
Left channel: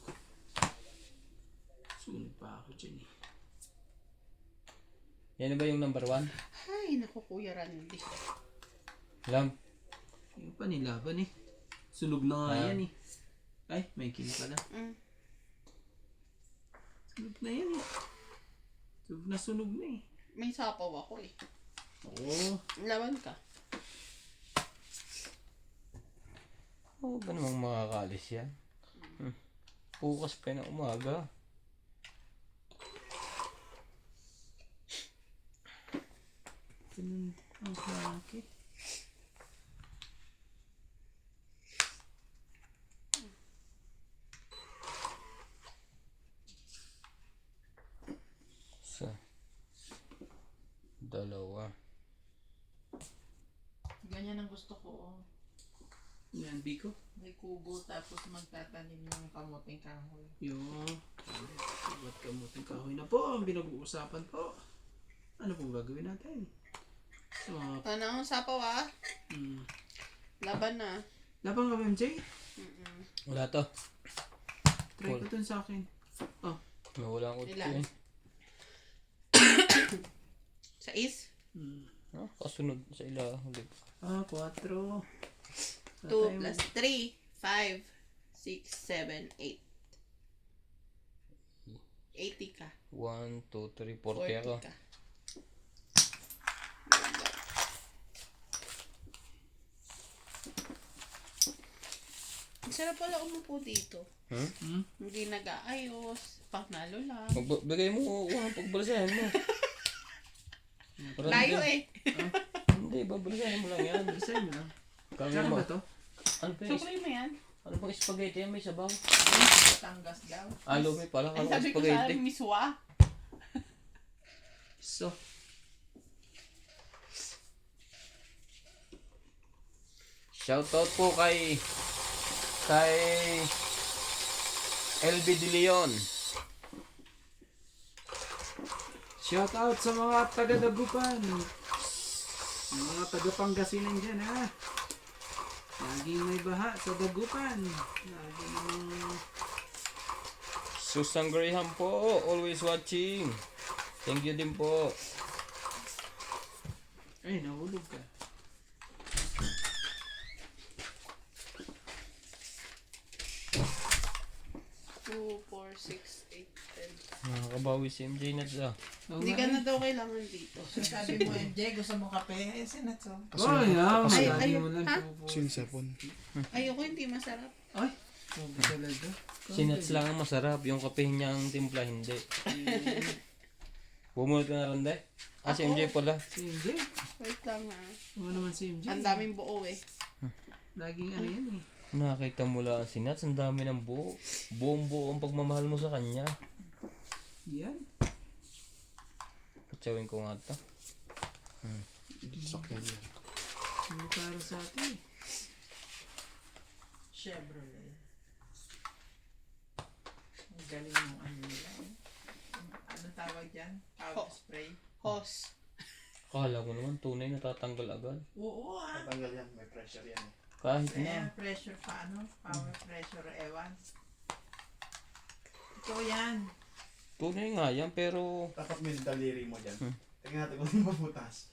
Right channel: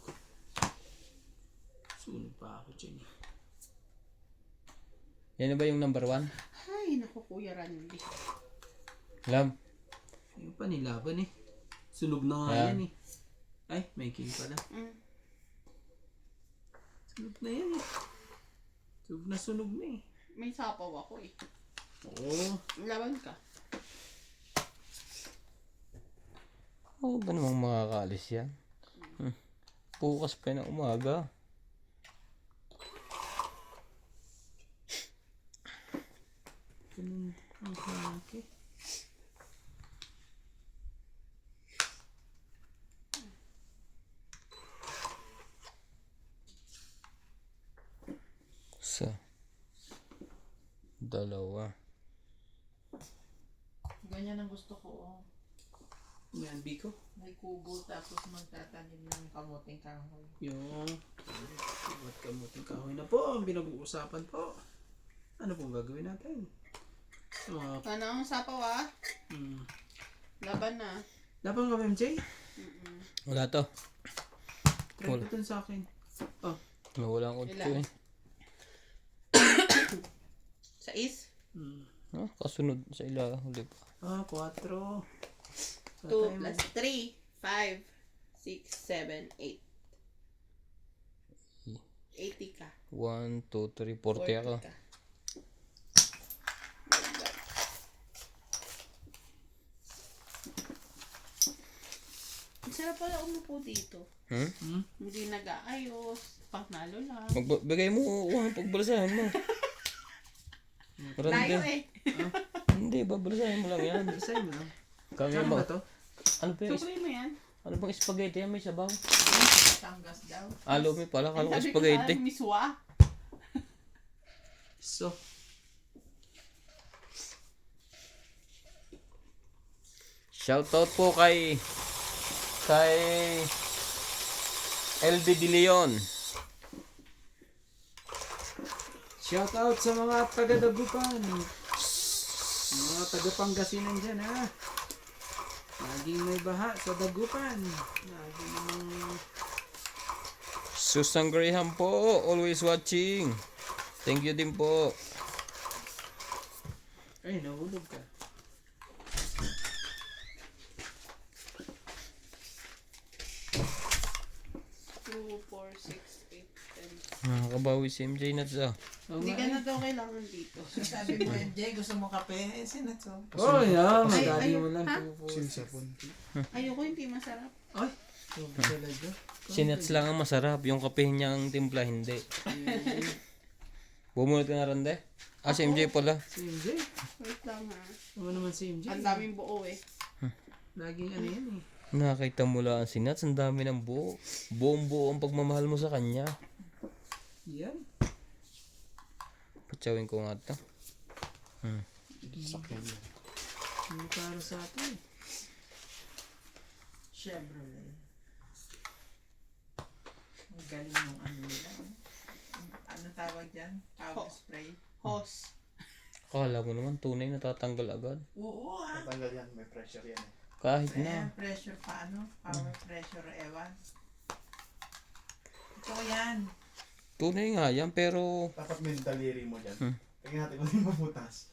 Sunog pa ako dyan eh. Yan na ba yung number 1? Ay, naku Kuya Randy. Lam. Yung pa nilaban eh. Sunog na nga Ah. yan eh. Ay, may king pala. Sunog na yan eh. Sunog na eh. May sapaw ako eh. Oo. Laban ka. Oo ba namang makakalis yan? Bukas pa ng umaga. Ganun ang hake. Isa. Dalawa. Ganyan ang gusto ko. Oh. Yan, Biko. May kubo tapos magtatanim ng kamuting kahoy. Yung ba't kamuting kahoy na po ang pinag-uusapan po. Ano pong gagawin natin? Sa mga... Ano ang sapaw ah? Laban na. Laban ka ba, MJ? Wala to. Try ko dun sa akin. Oh. Wala ko to Ilan? eh. Sa is? Ha? Kasunod sa ulit. 4. 2 plus 3, 5, 6, 7, 8. 80 ka. 1, 2, 3, 40 ako. 40 ka. Masarap pala umupo dito. Hmm? Hindi nag-aayos. Pangnalo lang. Bigay mo ang pagbalasahan mo. Layo eh. Hindi, babalasahin mo lang yan. Sa'yo mo lang. Kami Saan mo. ba to? Ano pa yung, Sukli mo yan. ano bang spaghetti yan? May sabaw. Batangas daw. Lumi pala. Ang Kala ko sabi ko sa spaghetti. miswa. So, Shoutout po kay LB De Leon. shout out sa mga taga-Dagupan. Mga taga-Pangasinan dyan ha. Laging may baha sa Dagupan. Laging namang... Susan Graham po, always watching. Thank you din po. Ay, nahulog ka. Two, four, six, eight, 10. Nakakabawi si MJ na sa. Hindi ka na daw kailangan dito. Sabi mo, MJ, gusto mo kape? Eh, sinatso. Oh, yeah. Ay, Magali ay, mo lang ha? po. Ayoko, hindi masarap. Ay, sobrang talaga. Sinats lang ang masarap. Yung kape niya ang timpla hindi. Bumunot ka na rin de? Si MJ pala. Si MJ. Wait lang ha. Ano naman si MJ? Ang daming buo eh. Laging ano yan eh. Nakita mo lang ang sinats. Ang dami ng buo. Buong buo ang pagmamahal mo sa kanya. Yan. Patsawin ko nga ito. Hindi para sa atin. Chevrolet. Ang galing ng ano nila. Ano tawag dyan? Power spray. Hose. Akala ko naman tunay natatanggal agad. Oo Tatanggal yan, may pressure yan eh. Kahit Air na. pressure pa ano? Power pressure, ewan. Ito yan. Tunay nga yan pero Dapat may daliri mo dyan. Tingnan natin kung hindi mabutas.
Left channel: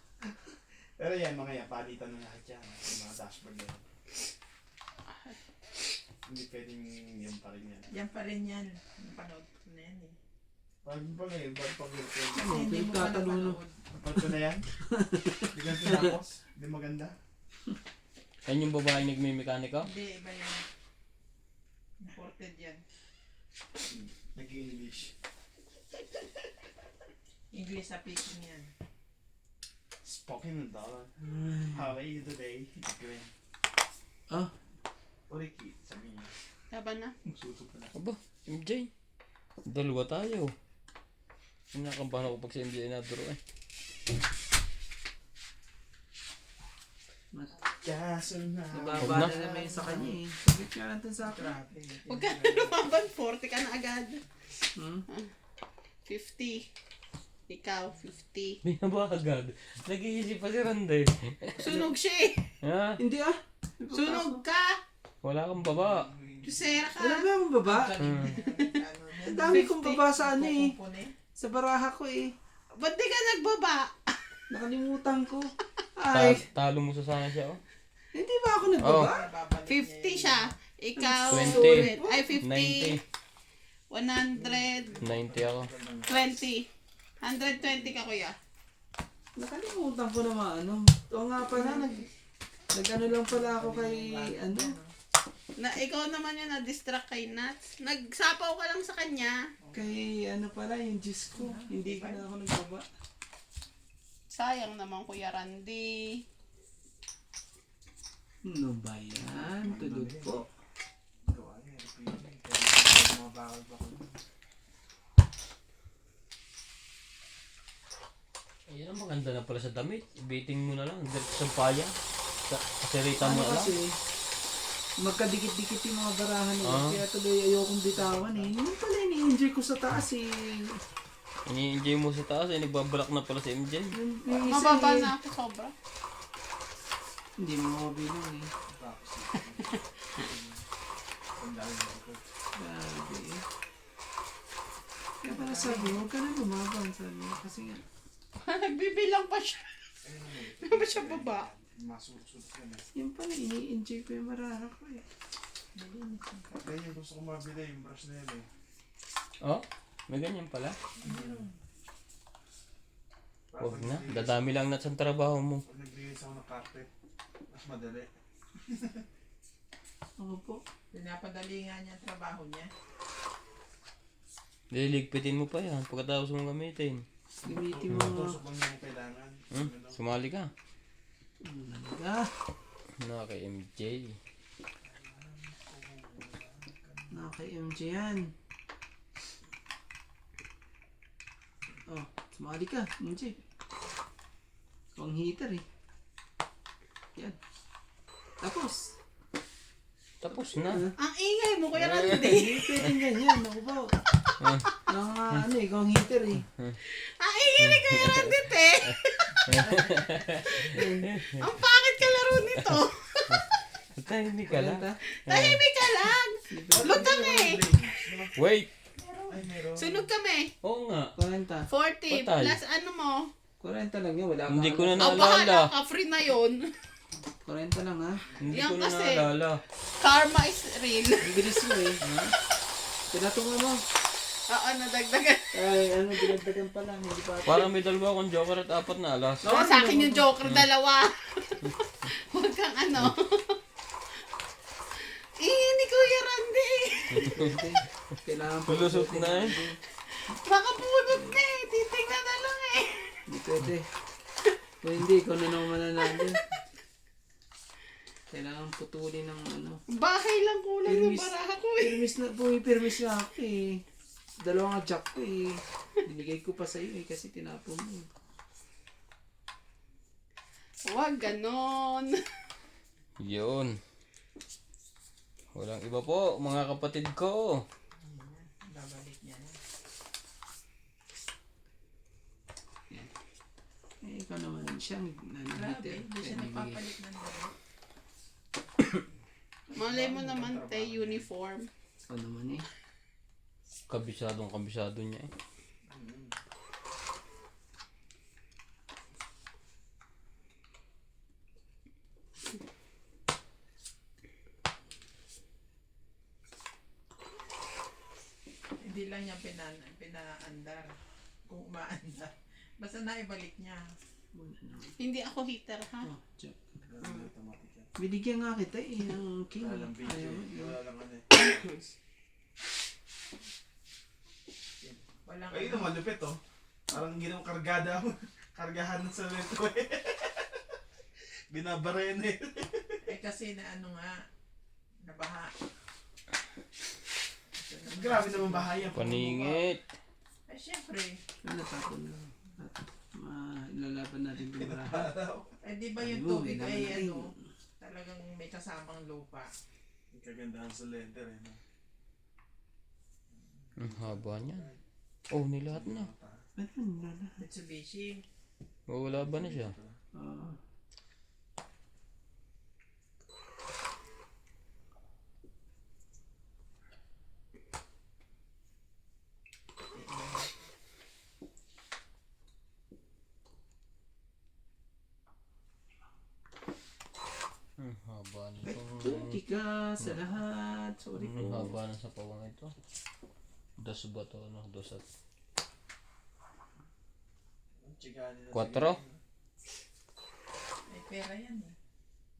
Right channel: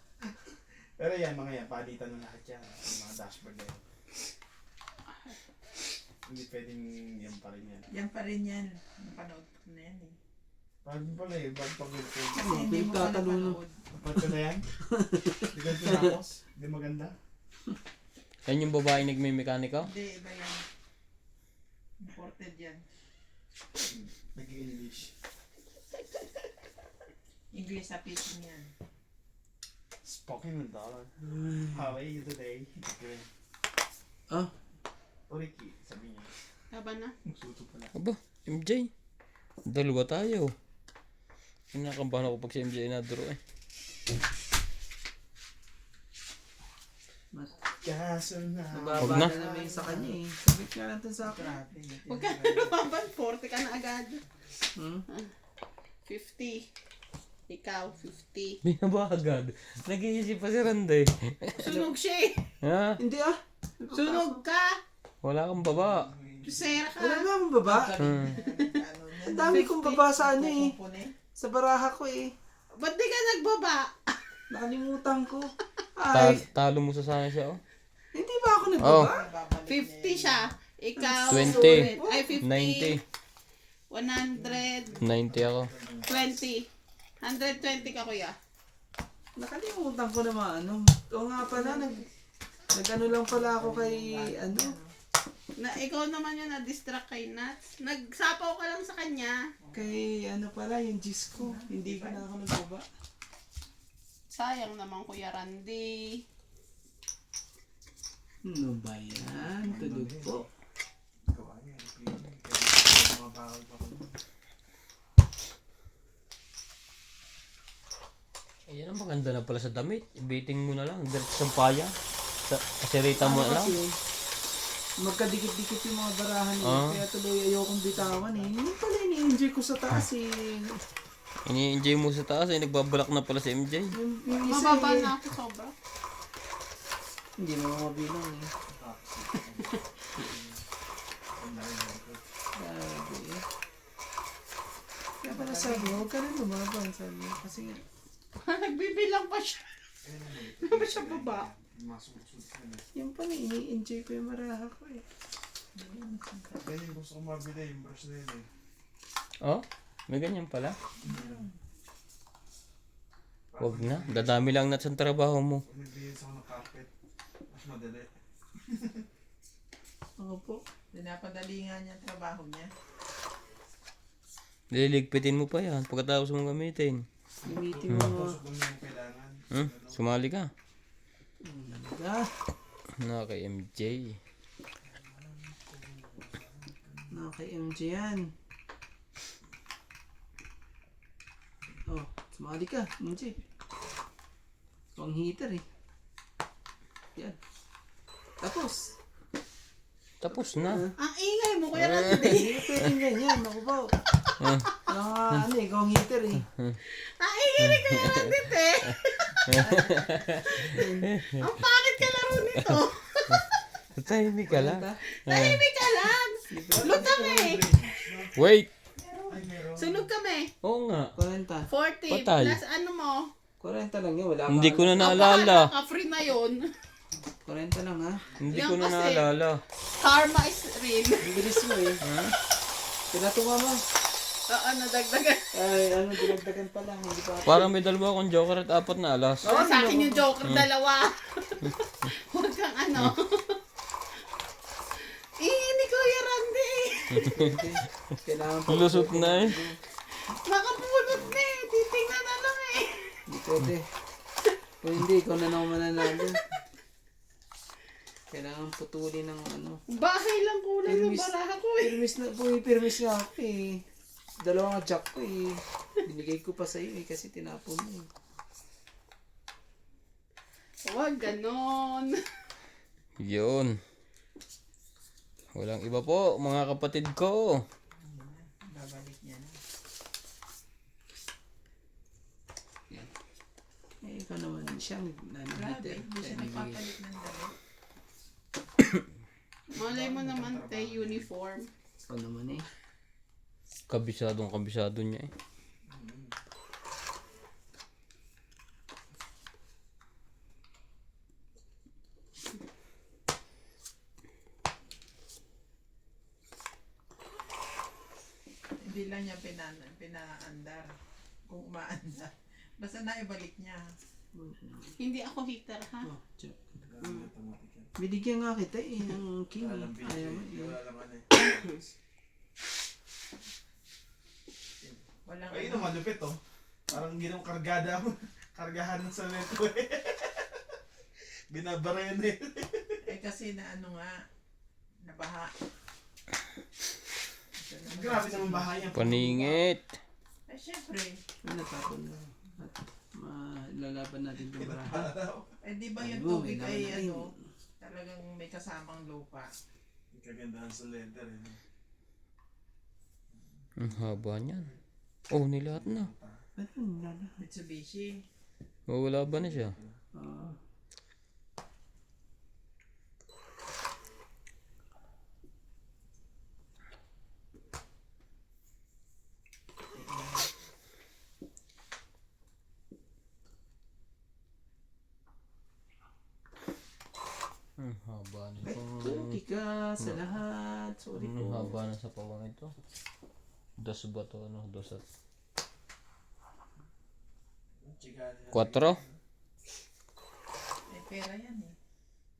Pero yan, mga yan, palitan na lahat yan. Yung mga dashboard na yan. Hindi pwedeng yan pa rin yan. Yan pa rin yan. Napanood ko na yan eh. Pag pala eh, pag Kasi Oh, hindi mo pa pinagtatalunan. napanood. ko na yan. Hindi ganito tapos. Hindi maganda. yan yung babae nagmimekanika. Hindi, iba yan. Imported yan. Nag-English. English na pitching yan. Spoken dollar. How are you today? Green. Ah, Oriki, sabi niya. Laban na. Suso pala. Aba, MJ. Dalawa tayo. Kinakabahan ako pag si MJ naduro eh. mas Kaso na. mababa Huwag na. na naman yun sa kanya eh. Sabit nga natin sa akin. Grabe. Huwag ka na lumaban. 40 ka na agad. Hmm? 50. Ikaw, 50. Hindi na ba agad? Nag-iisip pa si Randay. Sunog siya eh. Ha? Hindi ah. Sunog ka. Wala kang baba. Tusera ka. Wala ba ang baba? Ang dami kong baba sa ano eh. Sa baraha ko eh. Ba't di ka nagbaba? Nakalimutan ko. Ay, Talo mo sa sangin siya oh. hindi ba ako nagbaba? 50 siya. Ikaw, 20. sulit. Ay, 50. 90. 100. 90 ako. 20. 120 ka kuya. Nakalimutan ko naman ano. O nga pala, nag-ano lang pala ako kay ano. Na ikaw naman yun na-distract kay Nats. Nagsapaw ka lang sa kanya. Kay ano pala, yung Diyos ko. Hindi ka na ako nagbaba. Sayang naman Kuya Randy. Ano ba yan? Tulog po. Ayan ang maganda na pala sa damit. Ibiting mo na lang. Diretso sa paya. Kasirita mo Ano na lang. kasi, magkadikit-dikit yung mga barahan eh. Ah. Kaya tuloy ayokong bitawan eh. Yun pala ini-enjoy ko sa taas eh. Ini-enjoy mo sa taas ay nagbabalak na pala si MJ. Yung isa Mababa eh. na ako sobra. Hindi mo mabilang eh. Grabe eh. Kaya pala sabi, huwag ka na lumaban. Sabi niya. Kasi nga, Nagbibilang pa siya. Hindi ba siya baba? yun pala, ini-enjoy ko yung baraha ko eh. Kaya yung gusto ko mabili yung brush na yun eh. Oh, may ganyan pala. Huwag na. Dadami lang na sa trabaho mo. Pag nagbigay sa ako ng carpet, mas madali. Ako po. Pinapadali nga niya ang trabaho niya. Liligpitin mo pa yan pagkatapos mong gamitin. Gamitin mo mga... Tusok lang yung kailangan. Sumali ka. Talaga. Na kay MJ. Kay MJ yan. Oh, sumali ka, MJ. Ikaw ang heater eh. Yan. Tapos. Tapos na. Ang ingay mo, Kuya Randy. Hindi pwedeng ganyan. Ako ba? Ano eh, ikaw ang heater eh. Ang ingay ni Kuya Randy, te. Ang pangit ka laro nito. Tahimik ka lang. Tahimik ka lang. Sunog kami. Wait! Ay, meron. Sunog kami. Oo nga. 40. 40 Patay. plus ano mo. 40 lang yun, wala pa. Hindi ko na Ang naalala. bahala ka, free na yun. 40 lang ha. Hindi Yan ko na kasi. naalala. Karma is real. Ang bilis mo eh. Tinatunga mo. Nadagdagan. Ay, ano, dinagdagan pa lang. Hindi pa. Parang may dalawa akong joker at 4 na alas. Oh, Sa akin yung joker, dalawa. Huwag kang ano. Ni Kuya Randy. Kailangan pa. Lusot na eh. Makabunot na eh. Titingnan na lang eh. Hindi pwede. Kung hindi, ikaw na naman mananalo. Kailangan putulin ng ano. Bahay lang kulang yung baraha ko eh. Pirmis na, pumipirmis na ako eh. Dalawang jack ko eh. Binigay ko pa sa'yo eh kasi tinapon mo eh. Huwag ganon. Yun. Walang iba po, mga kapatid ko. Babalik niya na. Eh, ikaw naman siyang Grabe, nanahiter. hindi siya nagpapalit ng dalawa. Malay mo naman te, uniform. Ikaw naman eh. Kabisado niya eh. Hindi lang niya pinaandar. Kung umaandar. Basta naibalik niya. Hindi ako heater ha. Oh, jack. Automatic yan. Binigyan nga kita eh, ang king. Wala lang BJ. Ayaw mo. eh. Wala lang ano eh. Walang Ay, naman lupit oh. Parang ginawang kargada mo. Kargahan ng semento eh. Binabarin eh. Eh kasi na ano nga, nabaha. Grabe naman bahayan. Paningit. Eh syempre, Ano tapon na. At lalaban natin itong baraha. eh di ba yung Ayun, tubig may ay naman ano, talagang may kasamang lupa. Ang kagandahan sa letter eh. No? Ang haba niyan. Oh, nilahat na. Ano nila? Mitsubishi. Oh, wala ba na siya? Ang haba na Thank ka sa lahat. Sorry Ang po. haba na sa pawang ito. Dos ba to? Ano? Dos at Chika nila. 4? Eh pera yan eh.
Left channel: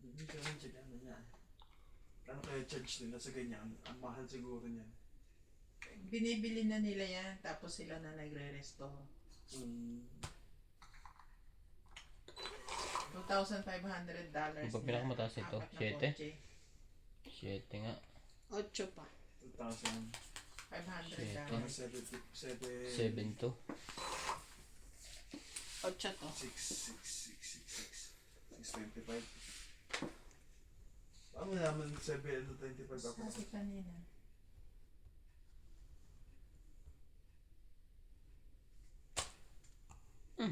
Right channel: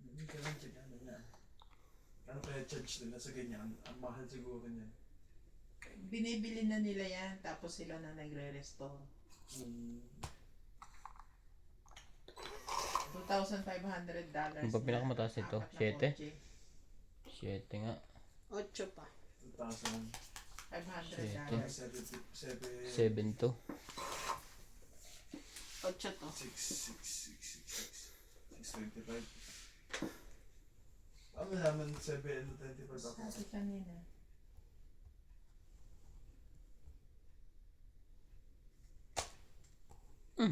Hindi ka lang chika nila. Ano kaya charge nila sa ganyan? Ang mahal siguro niyan. Binibili na nila yan, tapos sila na nagre-restore. $2,500. Yung pa pinakamataas ito? 7? 7 nga. 8 pa. 2,000. $500. 7 to. 8 to. 625. Paano naman 725 ako? Sabi kanina.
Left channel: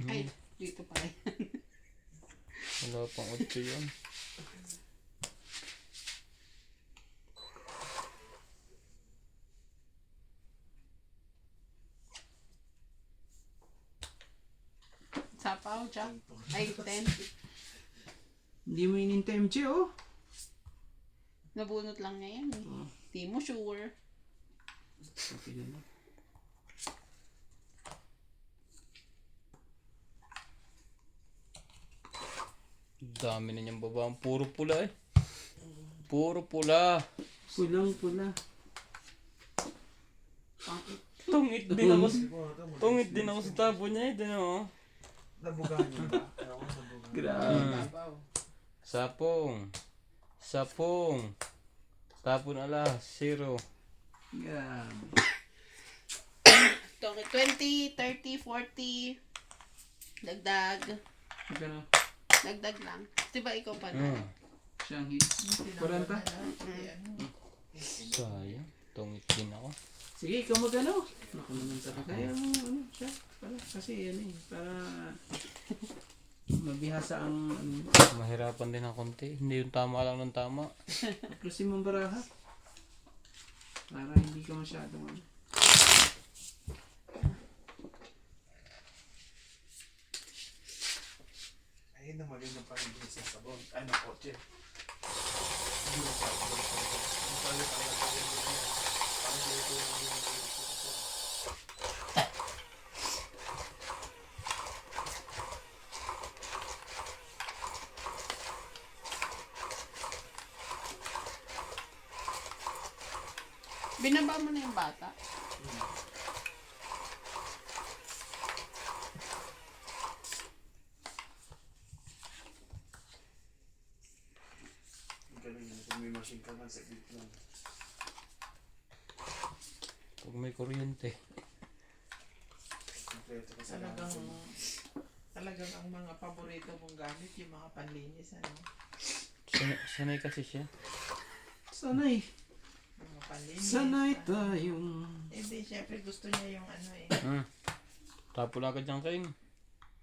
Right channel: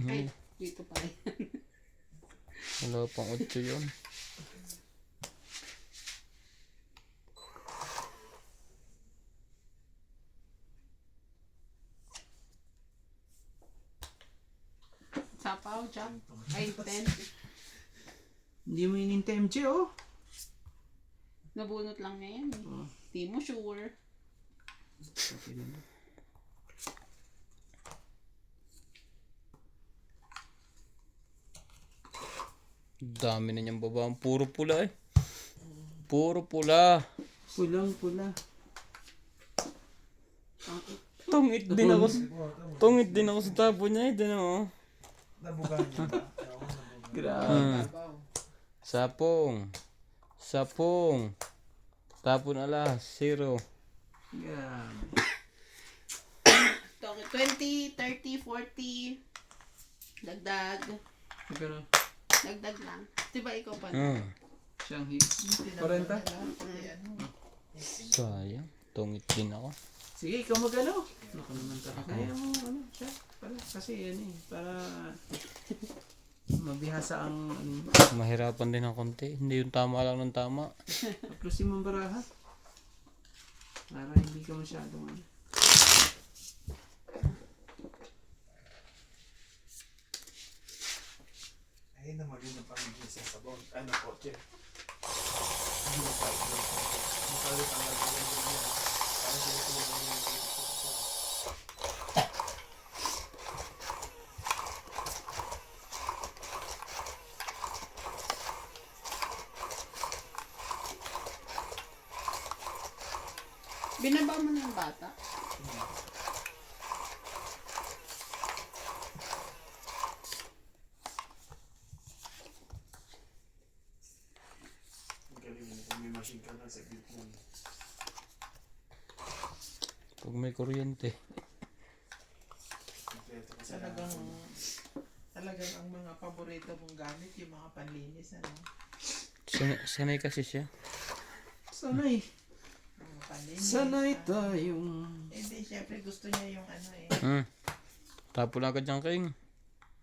Ay, dito pa rin. Wala pang 8 yun. Sapaw, Jack. Ay, 10. Hindi mo inintay MJ oh. Nabunot lang niya yan eh. Di mo sure. Okay na. Dami na niyang babaan. Puro pula eh. Puro pula. Pulang-pula. Tungit din ako. Tungit din ako sa tapo niya. Ito na oh. Nabugahan niyo ba? Ayaw ko nabugahan. Grabe. Babaw. Sapong. Sapong. Tapon alas. 0. Grabe. 20, 30, 40. Dagdag. Magkano? Dagdag lang. Diba ikaw pa? Siyang hits. 40? Sayang. Tungit din ako. Sige, ikaw magano. Naku naman talaga. Kaya mo, ano, siya. Pala, kasi yan eh. Para mabihasa ang, ano, Mahirapan din ng konti. Hindi yung tama lang ng tama. aplusin mong baraha. Para hindi ka masyadong, ano. Ayun na maganda pa rin yung sa sabon. Ay, na kotse. Binaba mo na yung bata. Ang galing yun. Kung may machine ka lang sa gitna. Pag may kuryente. Kompleto kasi Talagang ang mga paborito kong gamit, yung mga panlinis, ano? Sanay kasi siya. Sanay. Mga panlinis. Sanay tayong. Hindi, syempre gusto niya yung ano eh. Tapon agad dyan King.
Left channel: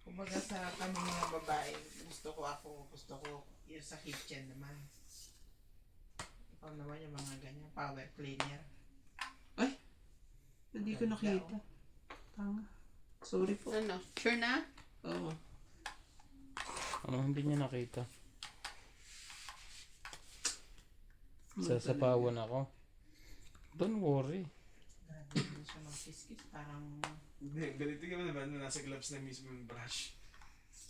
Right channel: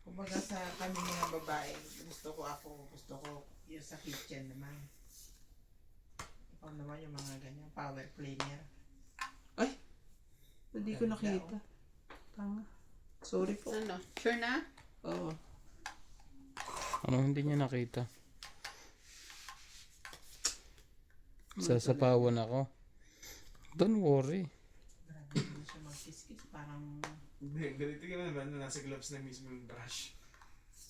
Kumbaga sa kami mga babae, gusto ko yung sa kitchen naman. Ikaw naman yung mga ganyan, power cleaner. Hindi ko nakita. Tanga. Sorry po. Ano? Sure na? Oo. Ano hindi niya nakita? Sasapawan ako. Don't worry. Grabe, hindi siya magkiskis. Parang, Hindi, ganito ka naman na nasa gloves na mismo yung brush.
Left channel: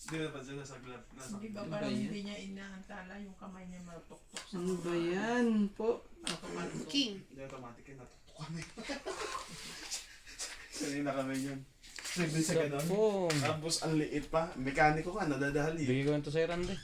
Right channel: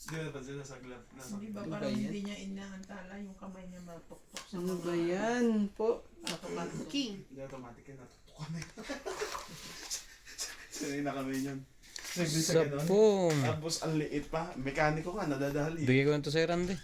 Hindi mo napansin nasa glove. Nasa hindi ba Ano parang ba yan? hindi niya inaantala yung kamay niya matuktok sa Ano mga- ba yan po? Automatic. King. Hindi automatic yun. Natutok kami. Sanay na kami yun. Nagdi sa ganon. Sapong. Tapos ang liit pa. Mekaniko ka, nadadali. Bigay ko lang to sa Randy.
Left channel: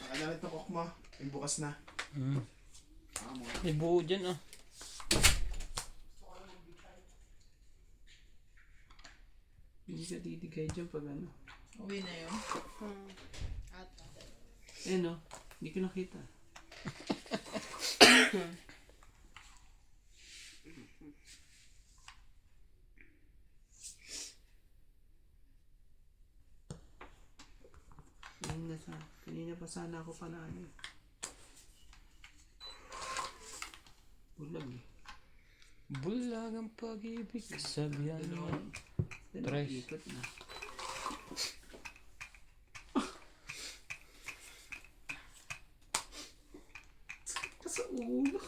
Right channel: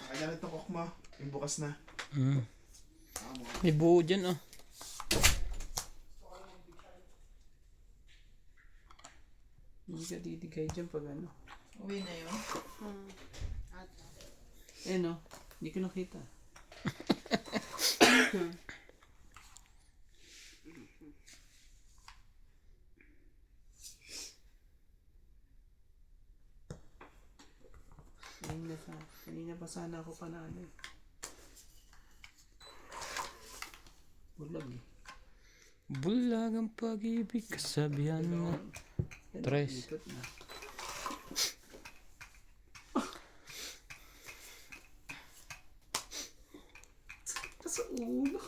Nakagalit ng cook mo. Yung bukas na. Amo. May buo dyan ah. Hindi ka didigay dyan pag ano. Uwi na yun. Ata. Eh no, hindi ko nakita. Kanina pa sana ako panalo eh. Bulag eh. Bulag ang pag-ibig kasabihan mo. Tres. Ikot na. Sakit sa ulo.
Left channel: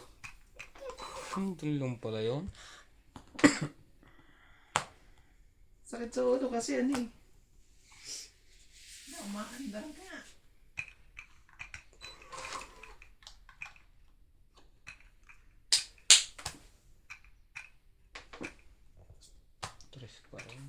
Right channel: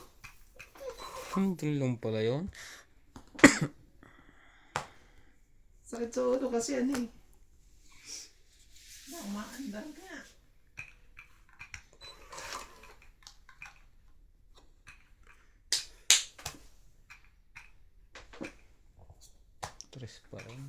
Hindi lang pala yun. Sakit sa ulo kasi ano eh. Na, umaandar ka. Tres pa rin.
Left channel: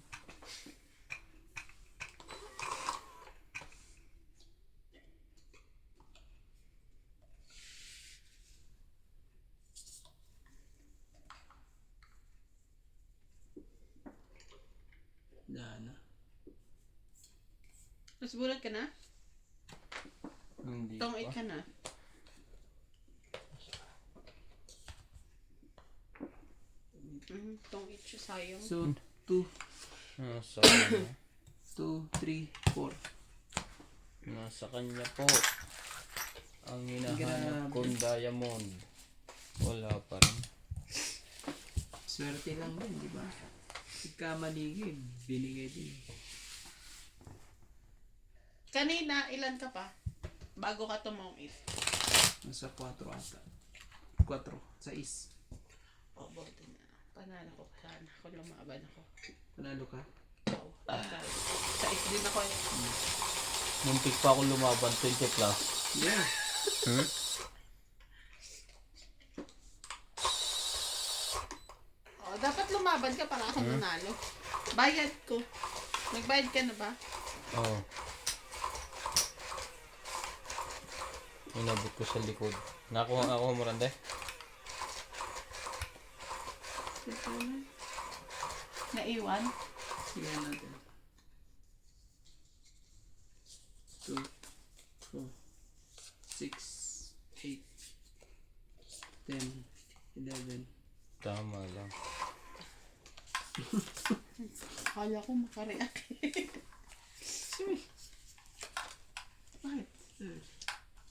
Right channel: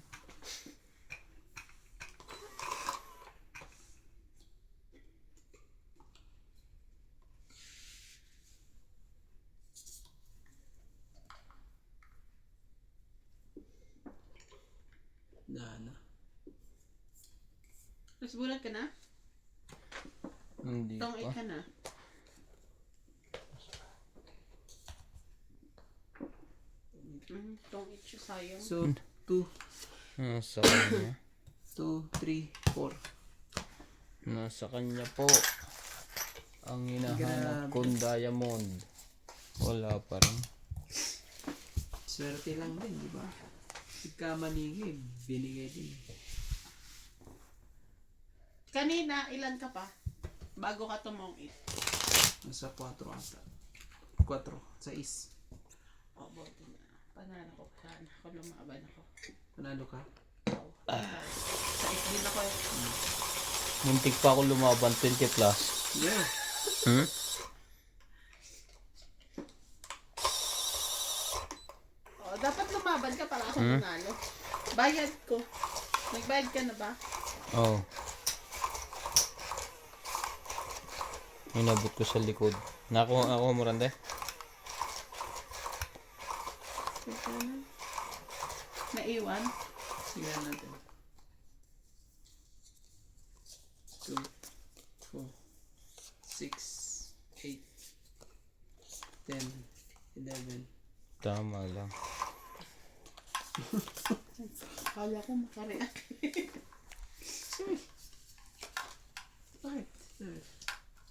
Dana. Mas bulat ka na? Hindi Tong 8 pa. ka na? Tong 8 siya sayang. So, 2, Nasa kanya. 2, 3, 4. Nasa kanya po. Ang hinahanap Grabe. kong diamond. Wala pa rin. Swerte lang din, di ba? Pagka maligid, binigay din. Kanina, ilan ka pa? Bago ka tumungit. Nasa 4 ata. 4. 6. O, buti na. Panalo ko sana. Kung lumaban ako. Panalo ka? Oo. Sa is din ako. Muntik pa ako lumaban 20 plus. Yeah. Hmm? O, dapat lumaban ka para sa manalo. Bayad ko. Nagbayad ka na ba? Oo. Inabot ko sa likod. Nakuha ako mo rande? Teka na. Naiwan? Sige natin. 2, 4, 6, 8, 10, 11. Tama lang. Akala ko makareact. Bakit?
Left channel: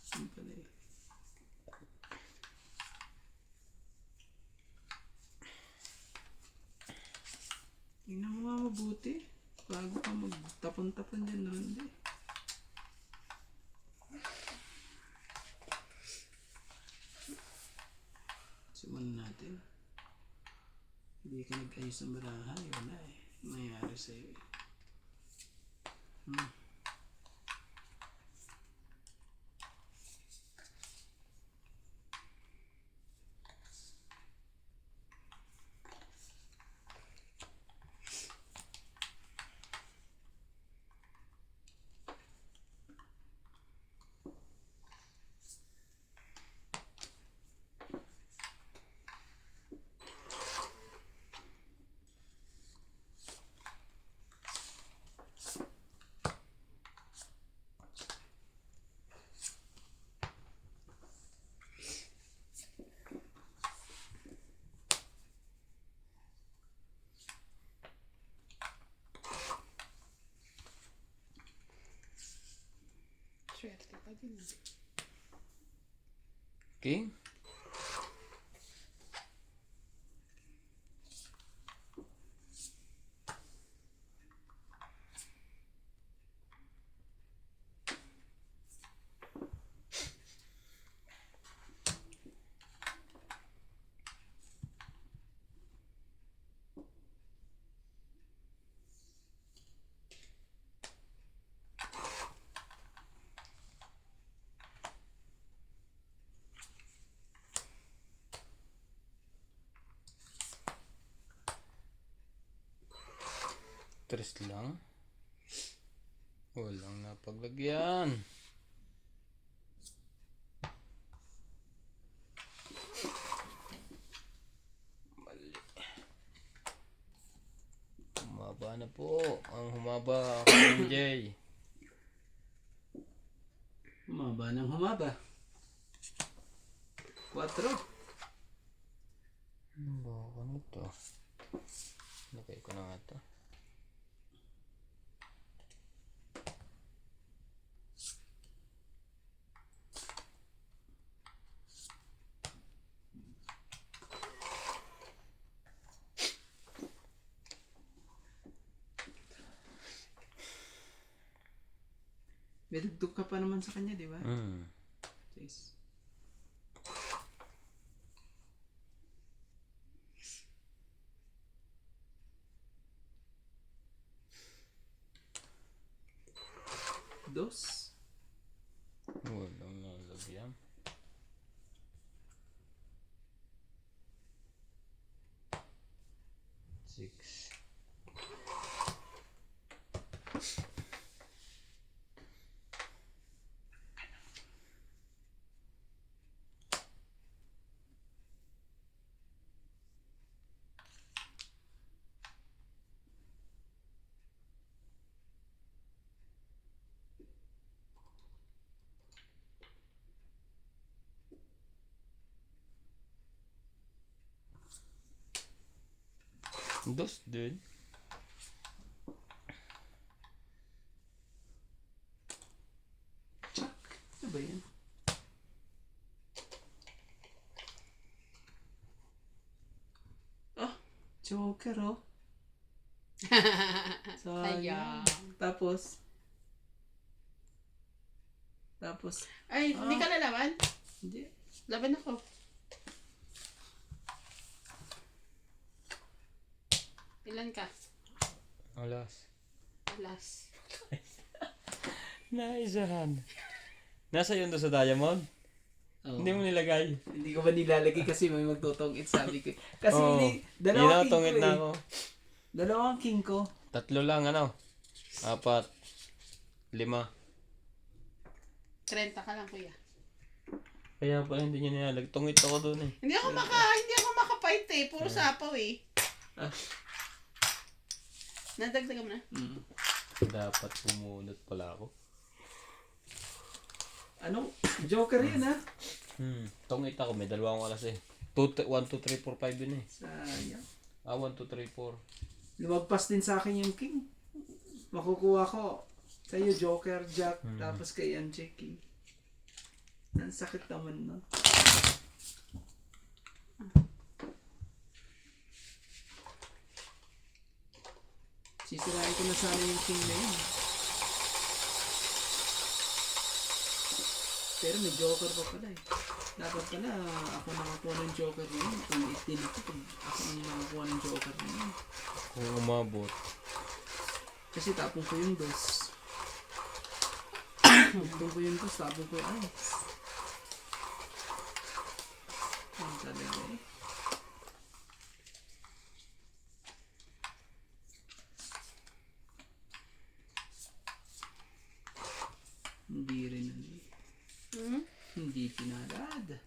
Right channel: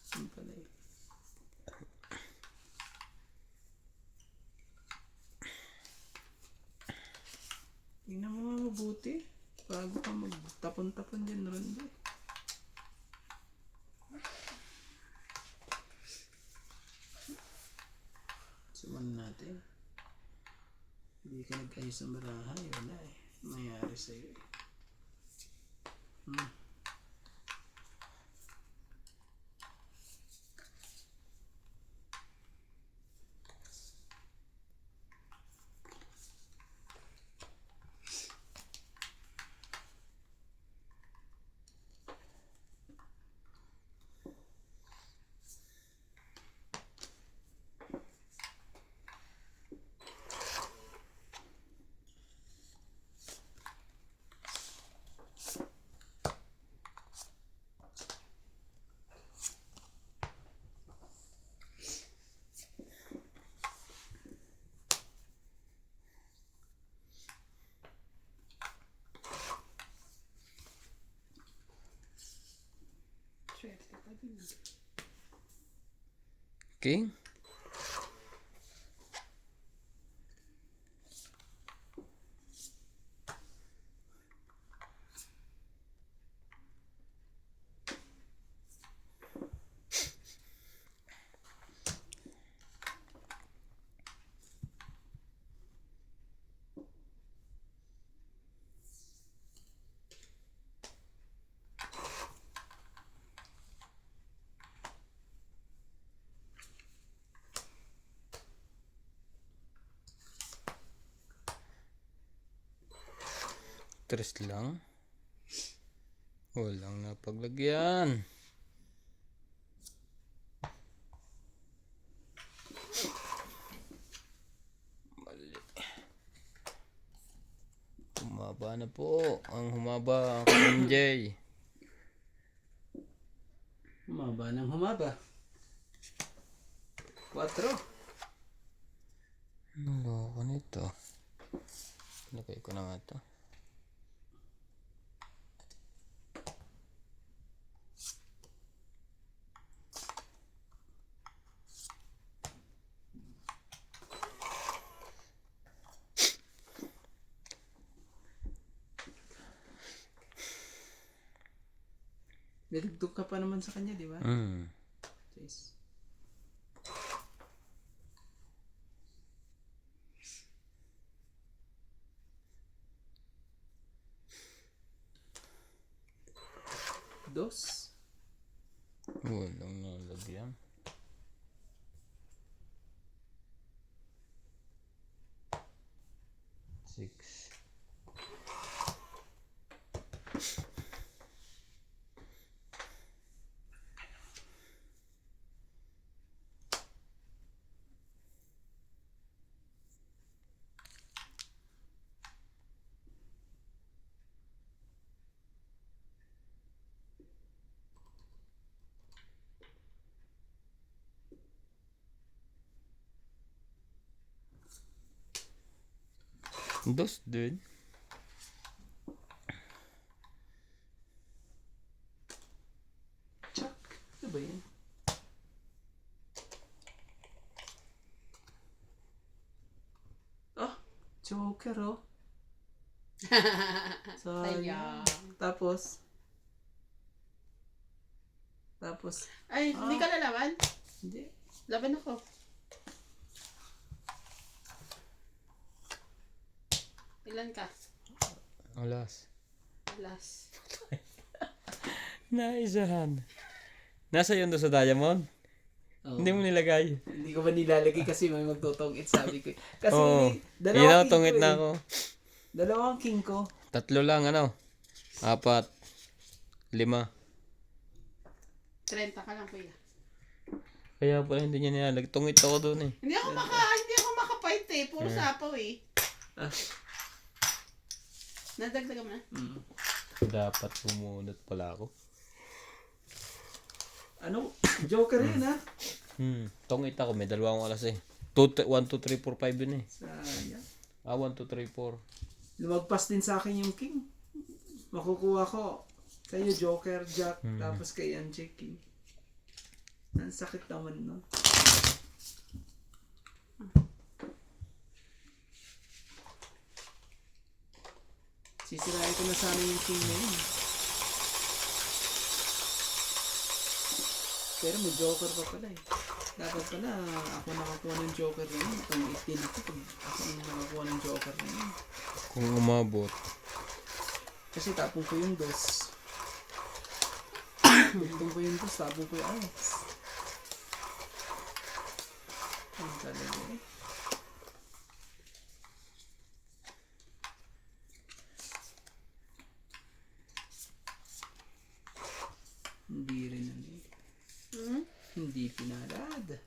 Ano pala eh? Tingnan mo nga mabuti. Bago ka magtapon-tapon dyan ron din. Suman natin. Hindi ka nag-ayos ng barahay. Wala eh. Mayayari sa'yo eh. Swerte ka din. Okay. Tres lang. Walang napaglagyan. Mali. Humaba na po. Ang humaba. MJ. Humaba ng humaba. 4. Ano loko nito? Lagay ko na nga ito. May dugtog ka pa naman sa kanya, di ba? 6. Dos. Walang nalagyan. Six. Dos, dude. Chuck. Ano ba yan? Oh, Joker oh. Sayang. Sayang. Tapos, Tapos, Ay, hindi ka lalaban? hindi. Laban ako. Ilan ka? Alas. Alas. Naisahan. Nasa yun doon sa diamond? Oo. Hindi mo nilagay. Hindi ko ba nilalagay kasi may magtutungit sabi ko. Kasi Oo. dalawang king tungit ko na eh. ako. Dalawang king ko. 3 lang ano. 4. 5. 30 ka lang, kuya. Kaya pala hindi niya nilalagay. Tungit ako doon eh. Hindi ako makapight eh. Puro sapaw eh. Ah. Nadagdagan mo na. Mm. Dapat pumunot pala ako. Ano? Joker yun ha? Tungit ako. May 2 akong alas eh. 1, 2, 3, 4, 5 yun eh. Sayang. 1, 2, 3, 4. Lumagpas din sa akin yung king. Makukuha ko sa'yo Joker, Jack, tapos kay MJ King. Ang sakit naman no. Sisirain ko na sana yung king na yun. Pero may Joker pa pala eh. Dapat pala ako nakakuha ng Joker na yun. Itong 18 ako pag ako yung nakakuha ng Joker na yun. Kung umabot. Kasi tapong ko yung dos. Tapong ko yung dos, tapong ko yung ice. Ang talaga eh. Hindi rin ano. Hmm? Hindi pinalad.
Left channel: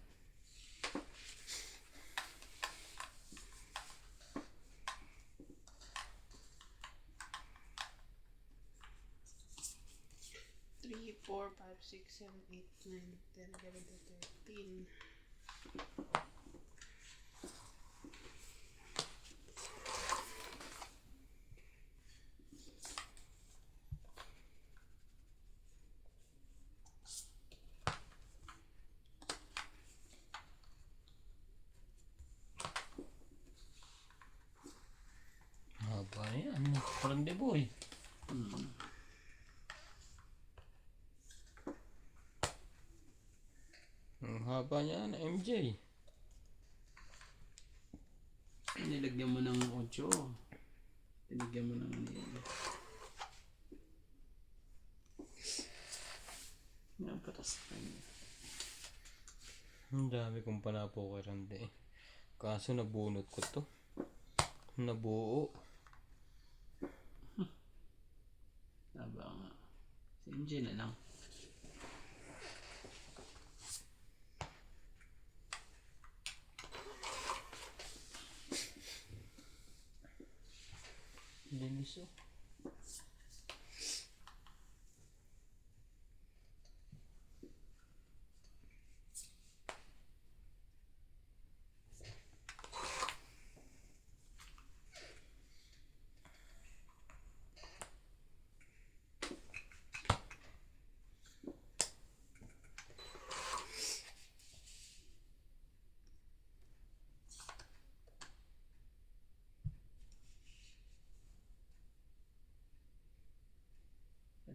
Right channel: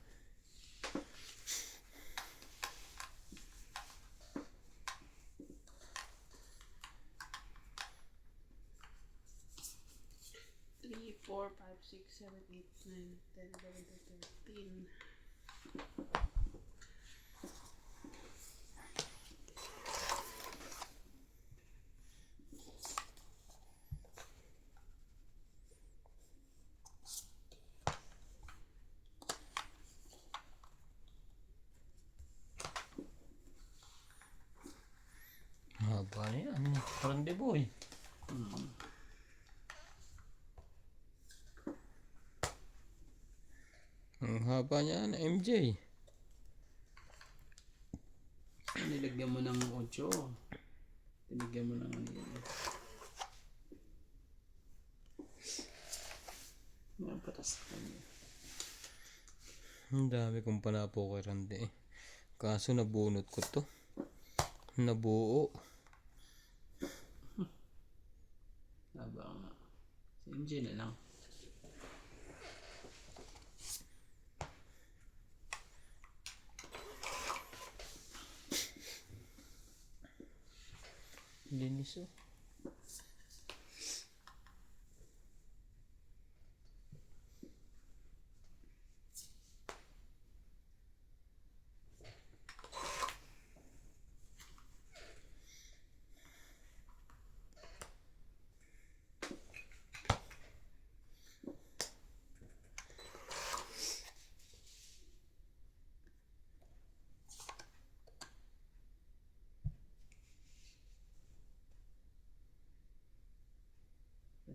Three, 4, 5, 6, 7, 8, 9, 10, 11, 12, 13. Haba yan. Parang de boy. Ang haba niya na MJ. Nilagyan mo ng 8. Nilagyan mo ng ano yan. Yan para sa kanya. Ang dami kong panapo kay Randy eh. Kaso nabunot ko to. Nabuo. Haba nga. Si MJ na lang. Linis oh.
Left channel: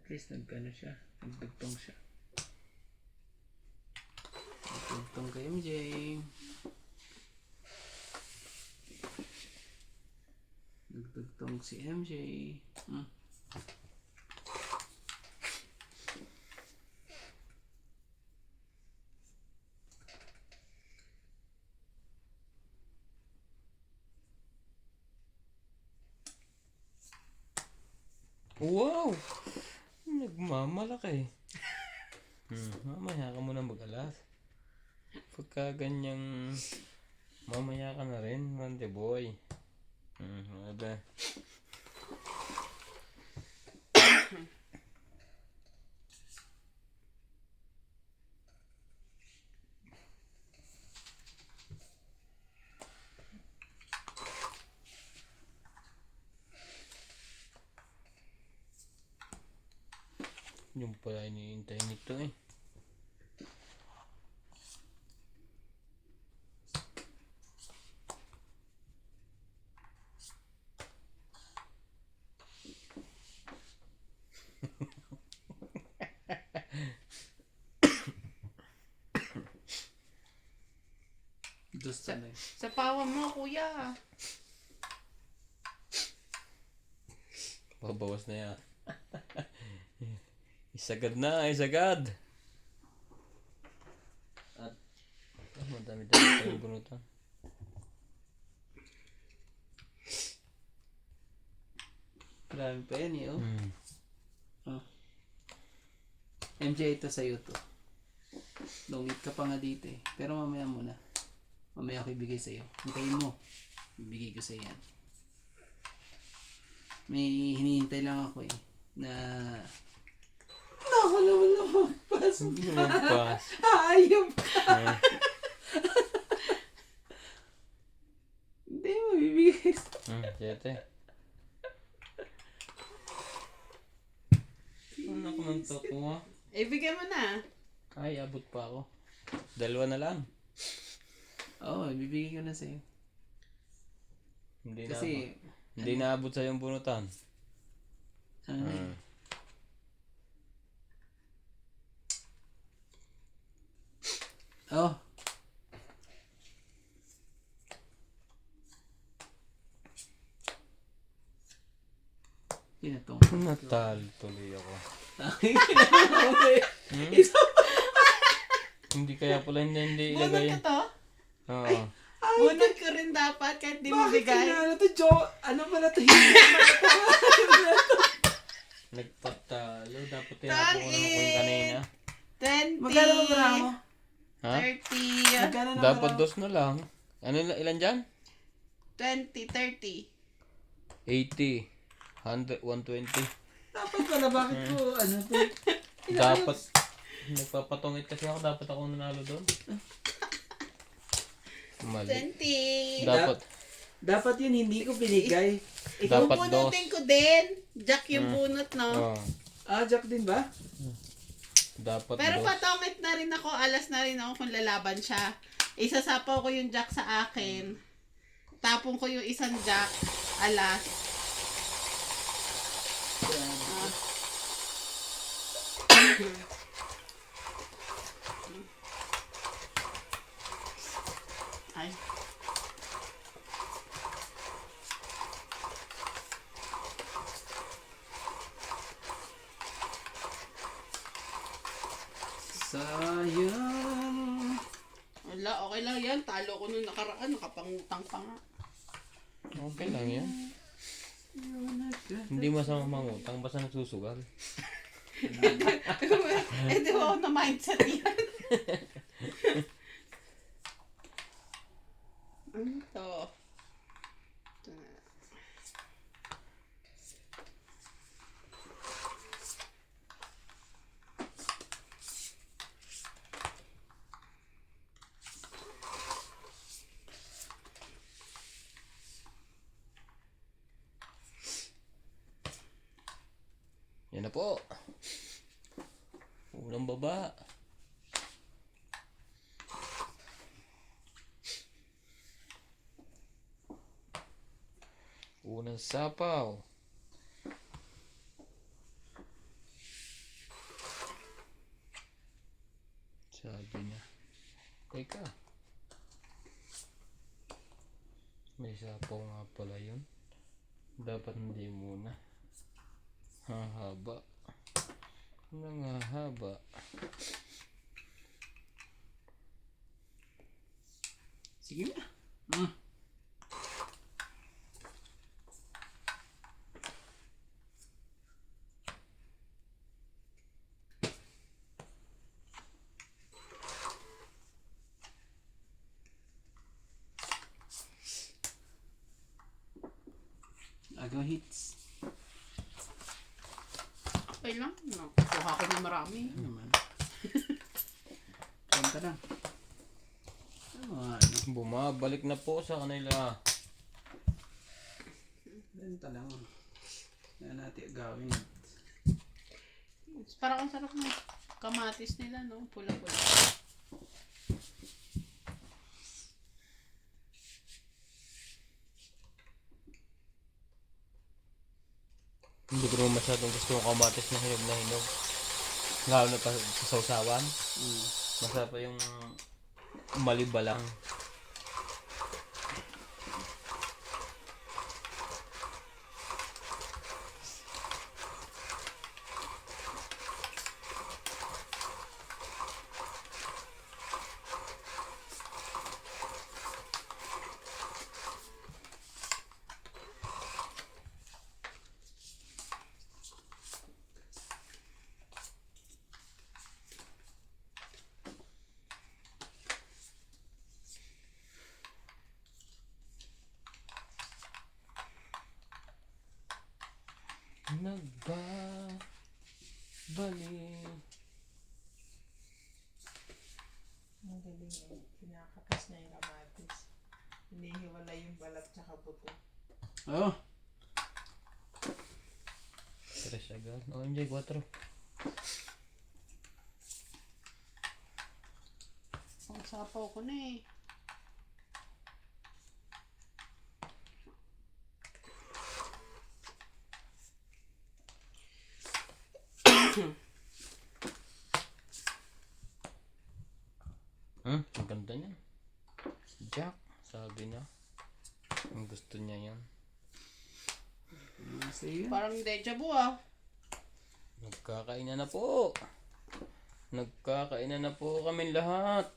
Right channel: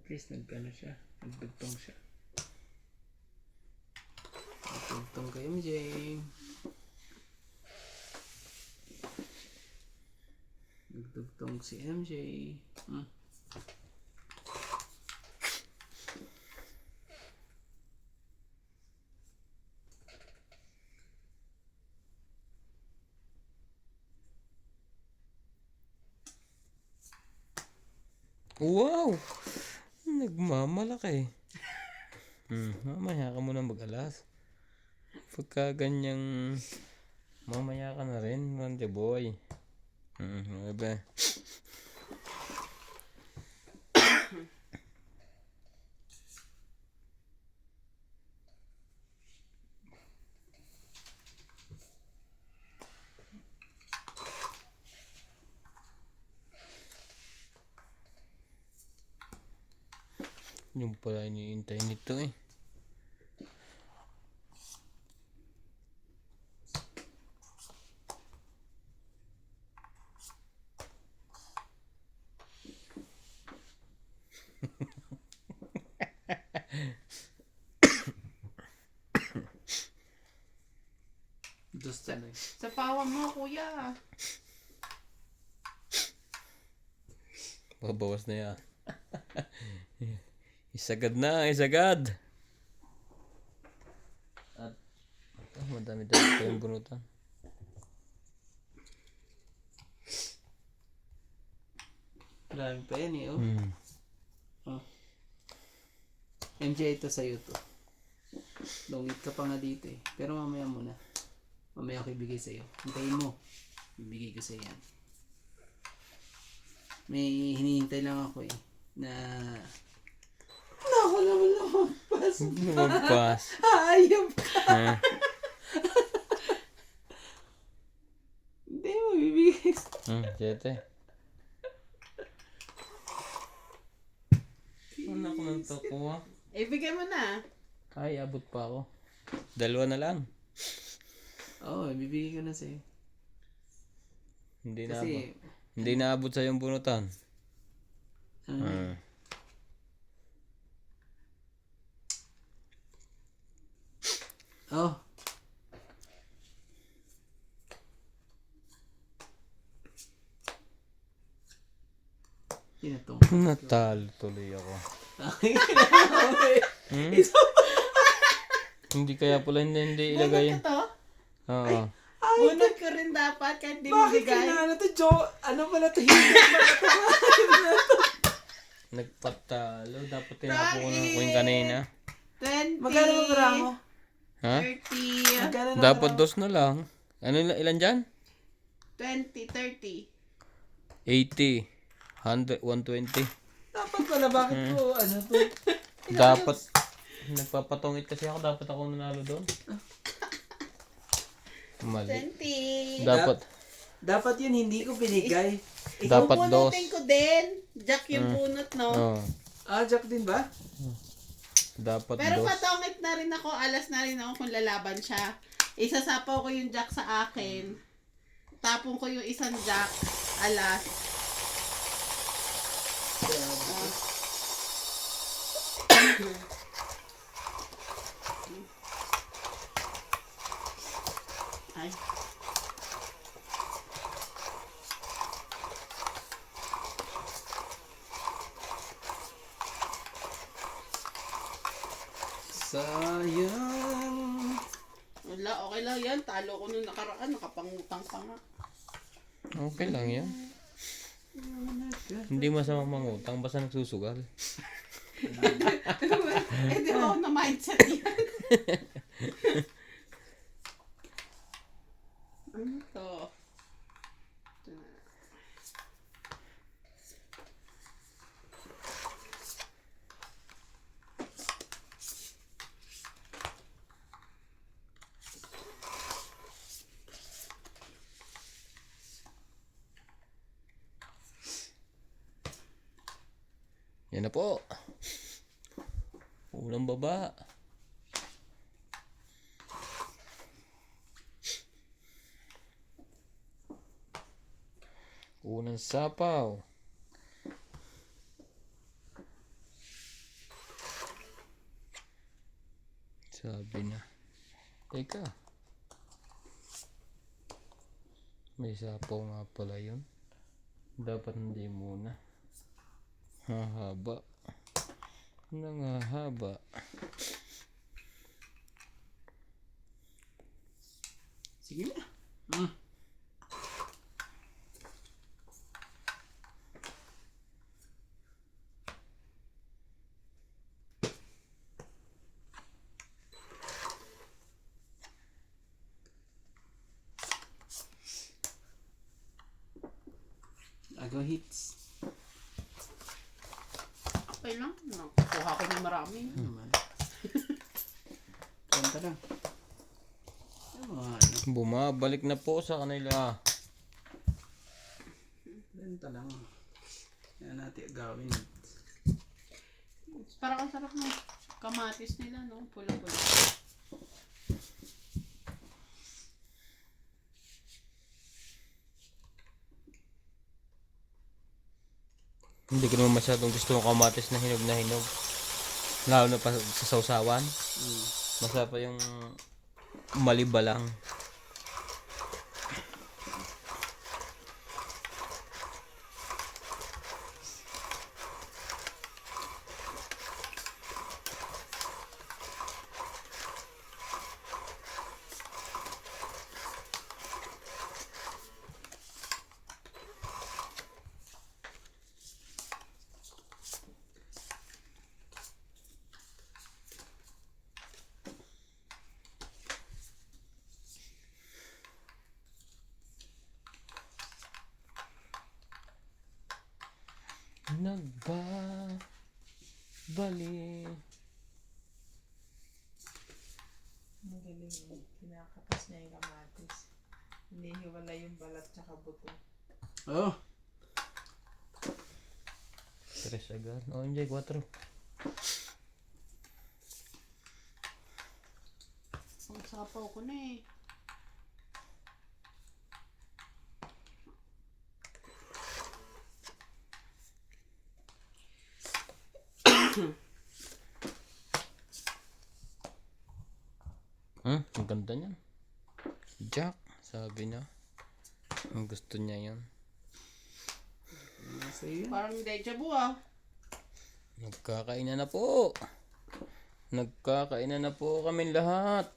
At least nagkano siya. Nagdugtong siya. Nagdugtong kay MJ. Nagdugtong si MJ. Wow! Nagmamalaki. Mamaya ka muna mag-alas. Pagka ganyang mamaya ka na rin, Randy boy. Aba. Yung pala iniintay nito eh. Sanay. Sa pawa mo, kuya. Babawas na yan. Isagad na, isagad. At madami dito yung bunutan. Marami pa yan eh, oh. Hmm. MJ, ito sa'yo to. Lungit ka pa nga dito eh. Pero mamaya muna. Mamaya ako ibigay sa'yo. Hintayin mo. Ibigay ko sa'yo yan. May hinihintay lang ako eh. Na... Wala naman. Lumpas. Ayop ka. Eh, Hindi mo bibigay. Siyete. Ano ako nang takuha? Ibigay mo na. Ay, abot pa ako. Dalawa na lang. Oo, ibibigay ko na sa'yo. Hindi na Kasi, Hindi naabot sa yung bunutan. ano na eh. Oh. Pinatong. Natalo tuloy ako. Hmm? Hindi kaya pala hindi ilagay. Bunot ko to. Oo. Bunot ko rin dapat kahit di mo Bakit bigay. ano to, Joe? Ano pala to? Hindi pala to. Nagpatalo. Dapat tinapo ko na yung kanina. 20. Magkano ba para mo? Ha? 30. Magkano na Dapat para mo? dos na lang. Ano ilan dyan? 20, 30. 80. 100, 120. Dapat pala, bakit ko, ano to? Dapat. Nagpapatungit kasi ako. Dapat ako nanalo doon. Mali. 20. Dapat. Dapat yun, hindi ko binigay. Dapat dos. Bunutin ko din. Jack yung bunot, no? Oo. Ah, Jack din ba? Dapat Pero dos. patongit na rin ako, alas na rin ako kung lalaban siya. Isasapaw ko yung Jack sa akin. Tapon ko yung isang Jack, alas. Ay. Sayang. Wala, okay lang yan. Talo ko nung nakaraan, nakapangutang pa nga. Okay lang yan. Hindi masama mangutang. Basta nagsusugal. Eh, di ba ako na mindset yan? Ano to? Ito na. Yan na po. Unang baba. Unang sapaw. Sabi niya. Teka. May sapaw nga pala yun. Dapat hindi muna. Hahaba. Nangahaba. Sige na. Hmm. Agaw hits. Okay lang. Nakuha ko na marami. Ano naman? Punta lang. Ano? Bumabalik na po sa kanila. Benta lang. Yan natin gawin. Parang ang sarap ng kamatis nila, no? Pula-pula. Hindi ko naman masyadong gusto ng kamatis na hinog na hinog. Lalo na pa sa sausawan. Masarap pa yung maliba lang. Nagbabalik. Ang galing eh. Kinakatas niya yung kamatis. Hinihiwala yung balat tsaka buto. Oh, 3 agad. Oh, MJ, 4. Ang sapaw ko na eh. Ang ganda niya. Jack, sabi niya. Ang gusto niya yan. nasa iyo. Parang deja vu ah. Nagkakainan na po. Nagkakainan na po kami lahat.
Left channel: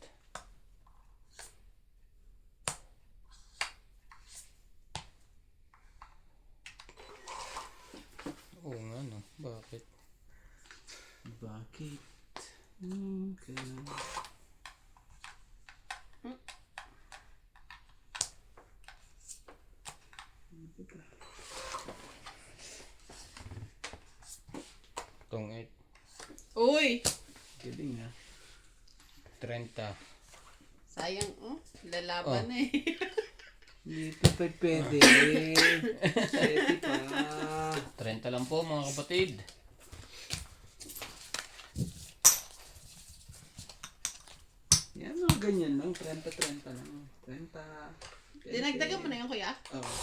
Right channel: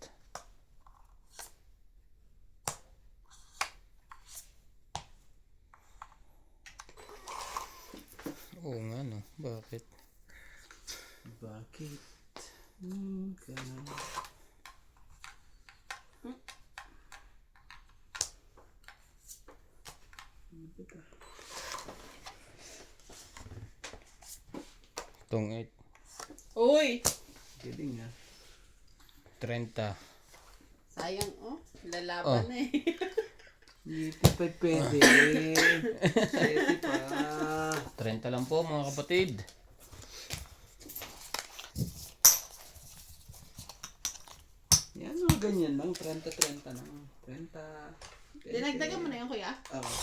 Oo nga no. Bakit? Bakit? Ganun. Tong 8. Uy! Galing na. 30. Sayang oh. Lalaban Oh. eh. Hindi pa tayo pwede. Pwede pa. 30 lang po mga kapatid. Yan o, ganyan lang. 30-30 lang. 30. Dinagdagan mo na yun kuya? Oo.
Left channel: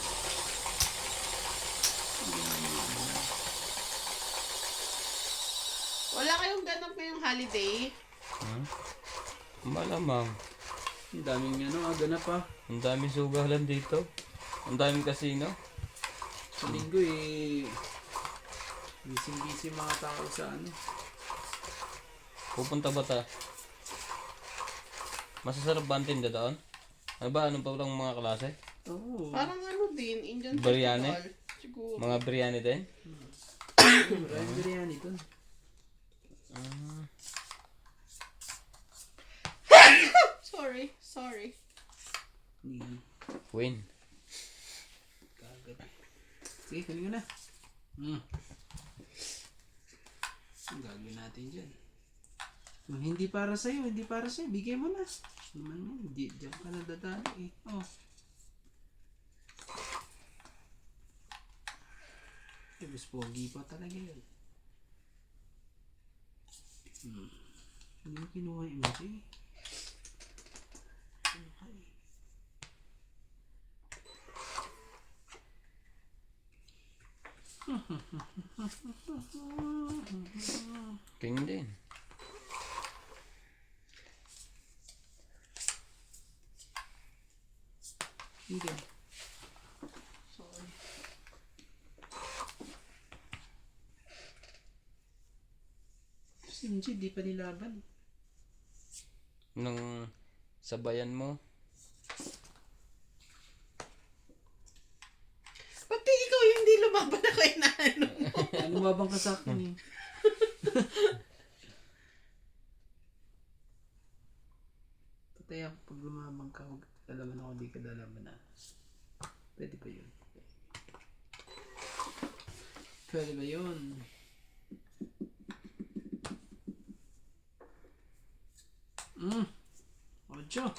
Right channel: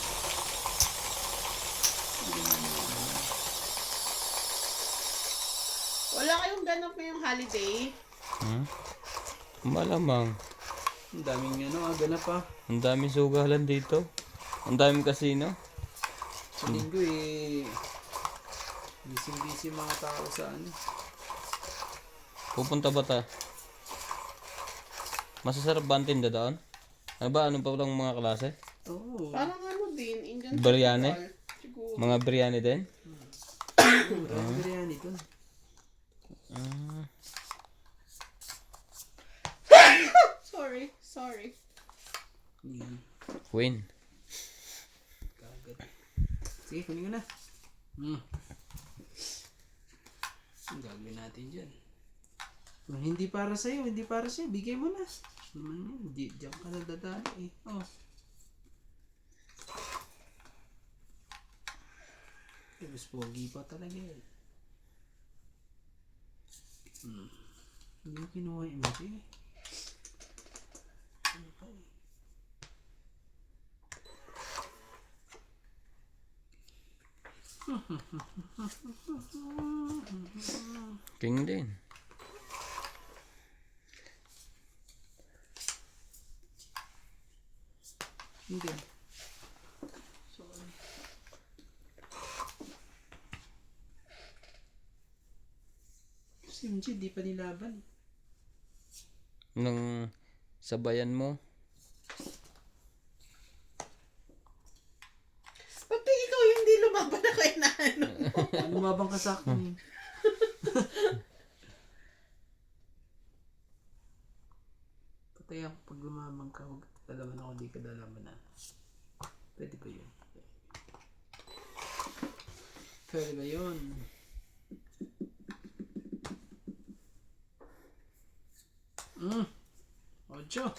Wala kayong ganap ngayong holiday? Malamang. Ang daming ano, ganap pa. Ang daming sugalan dito. Ang daming kasino. Sa linggo eh. Busy mga tao sa ano. Pupunta ba tayo? Masasarap ba ang tinda doon? Ano ba? Ano pa lang mga klase? Oo. Parang ano din, Indian Biryani? festival. Siguro. Mga biryani din? Maraming biryani dun. Sorry. Queen. Kagad. Sige, kunin ko na. Ang gagawin natin dyan. Kung hindi para sa'yo, bigay mo na. Naman yan, hindi, diyan ka na dadali eh. Oh. Mas pogi pa talaga yun. Hindi mo kinuha yung MJ. Ano ka eh? King din. Hindi. Si MJ, di pa nilaban. Nung sabayan mo. Pati ikaw yung hindi lumaban na kay naano mo. Ano mabang ka sa akin eh? Patay ako pag lumabang ka. Huwag lalaman ako, di ka lalaman na. Pwede ba yun? Pwede ba yun? Ocho.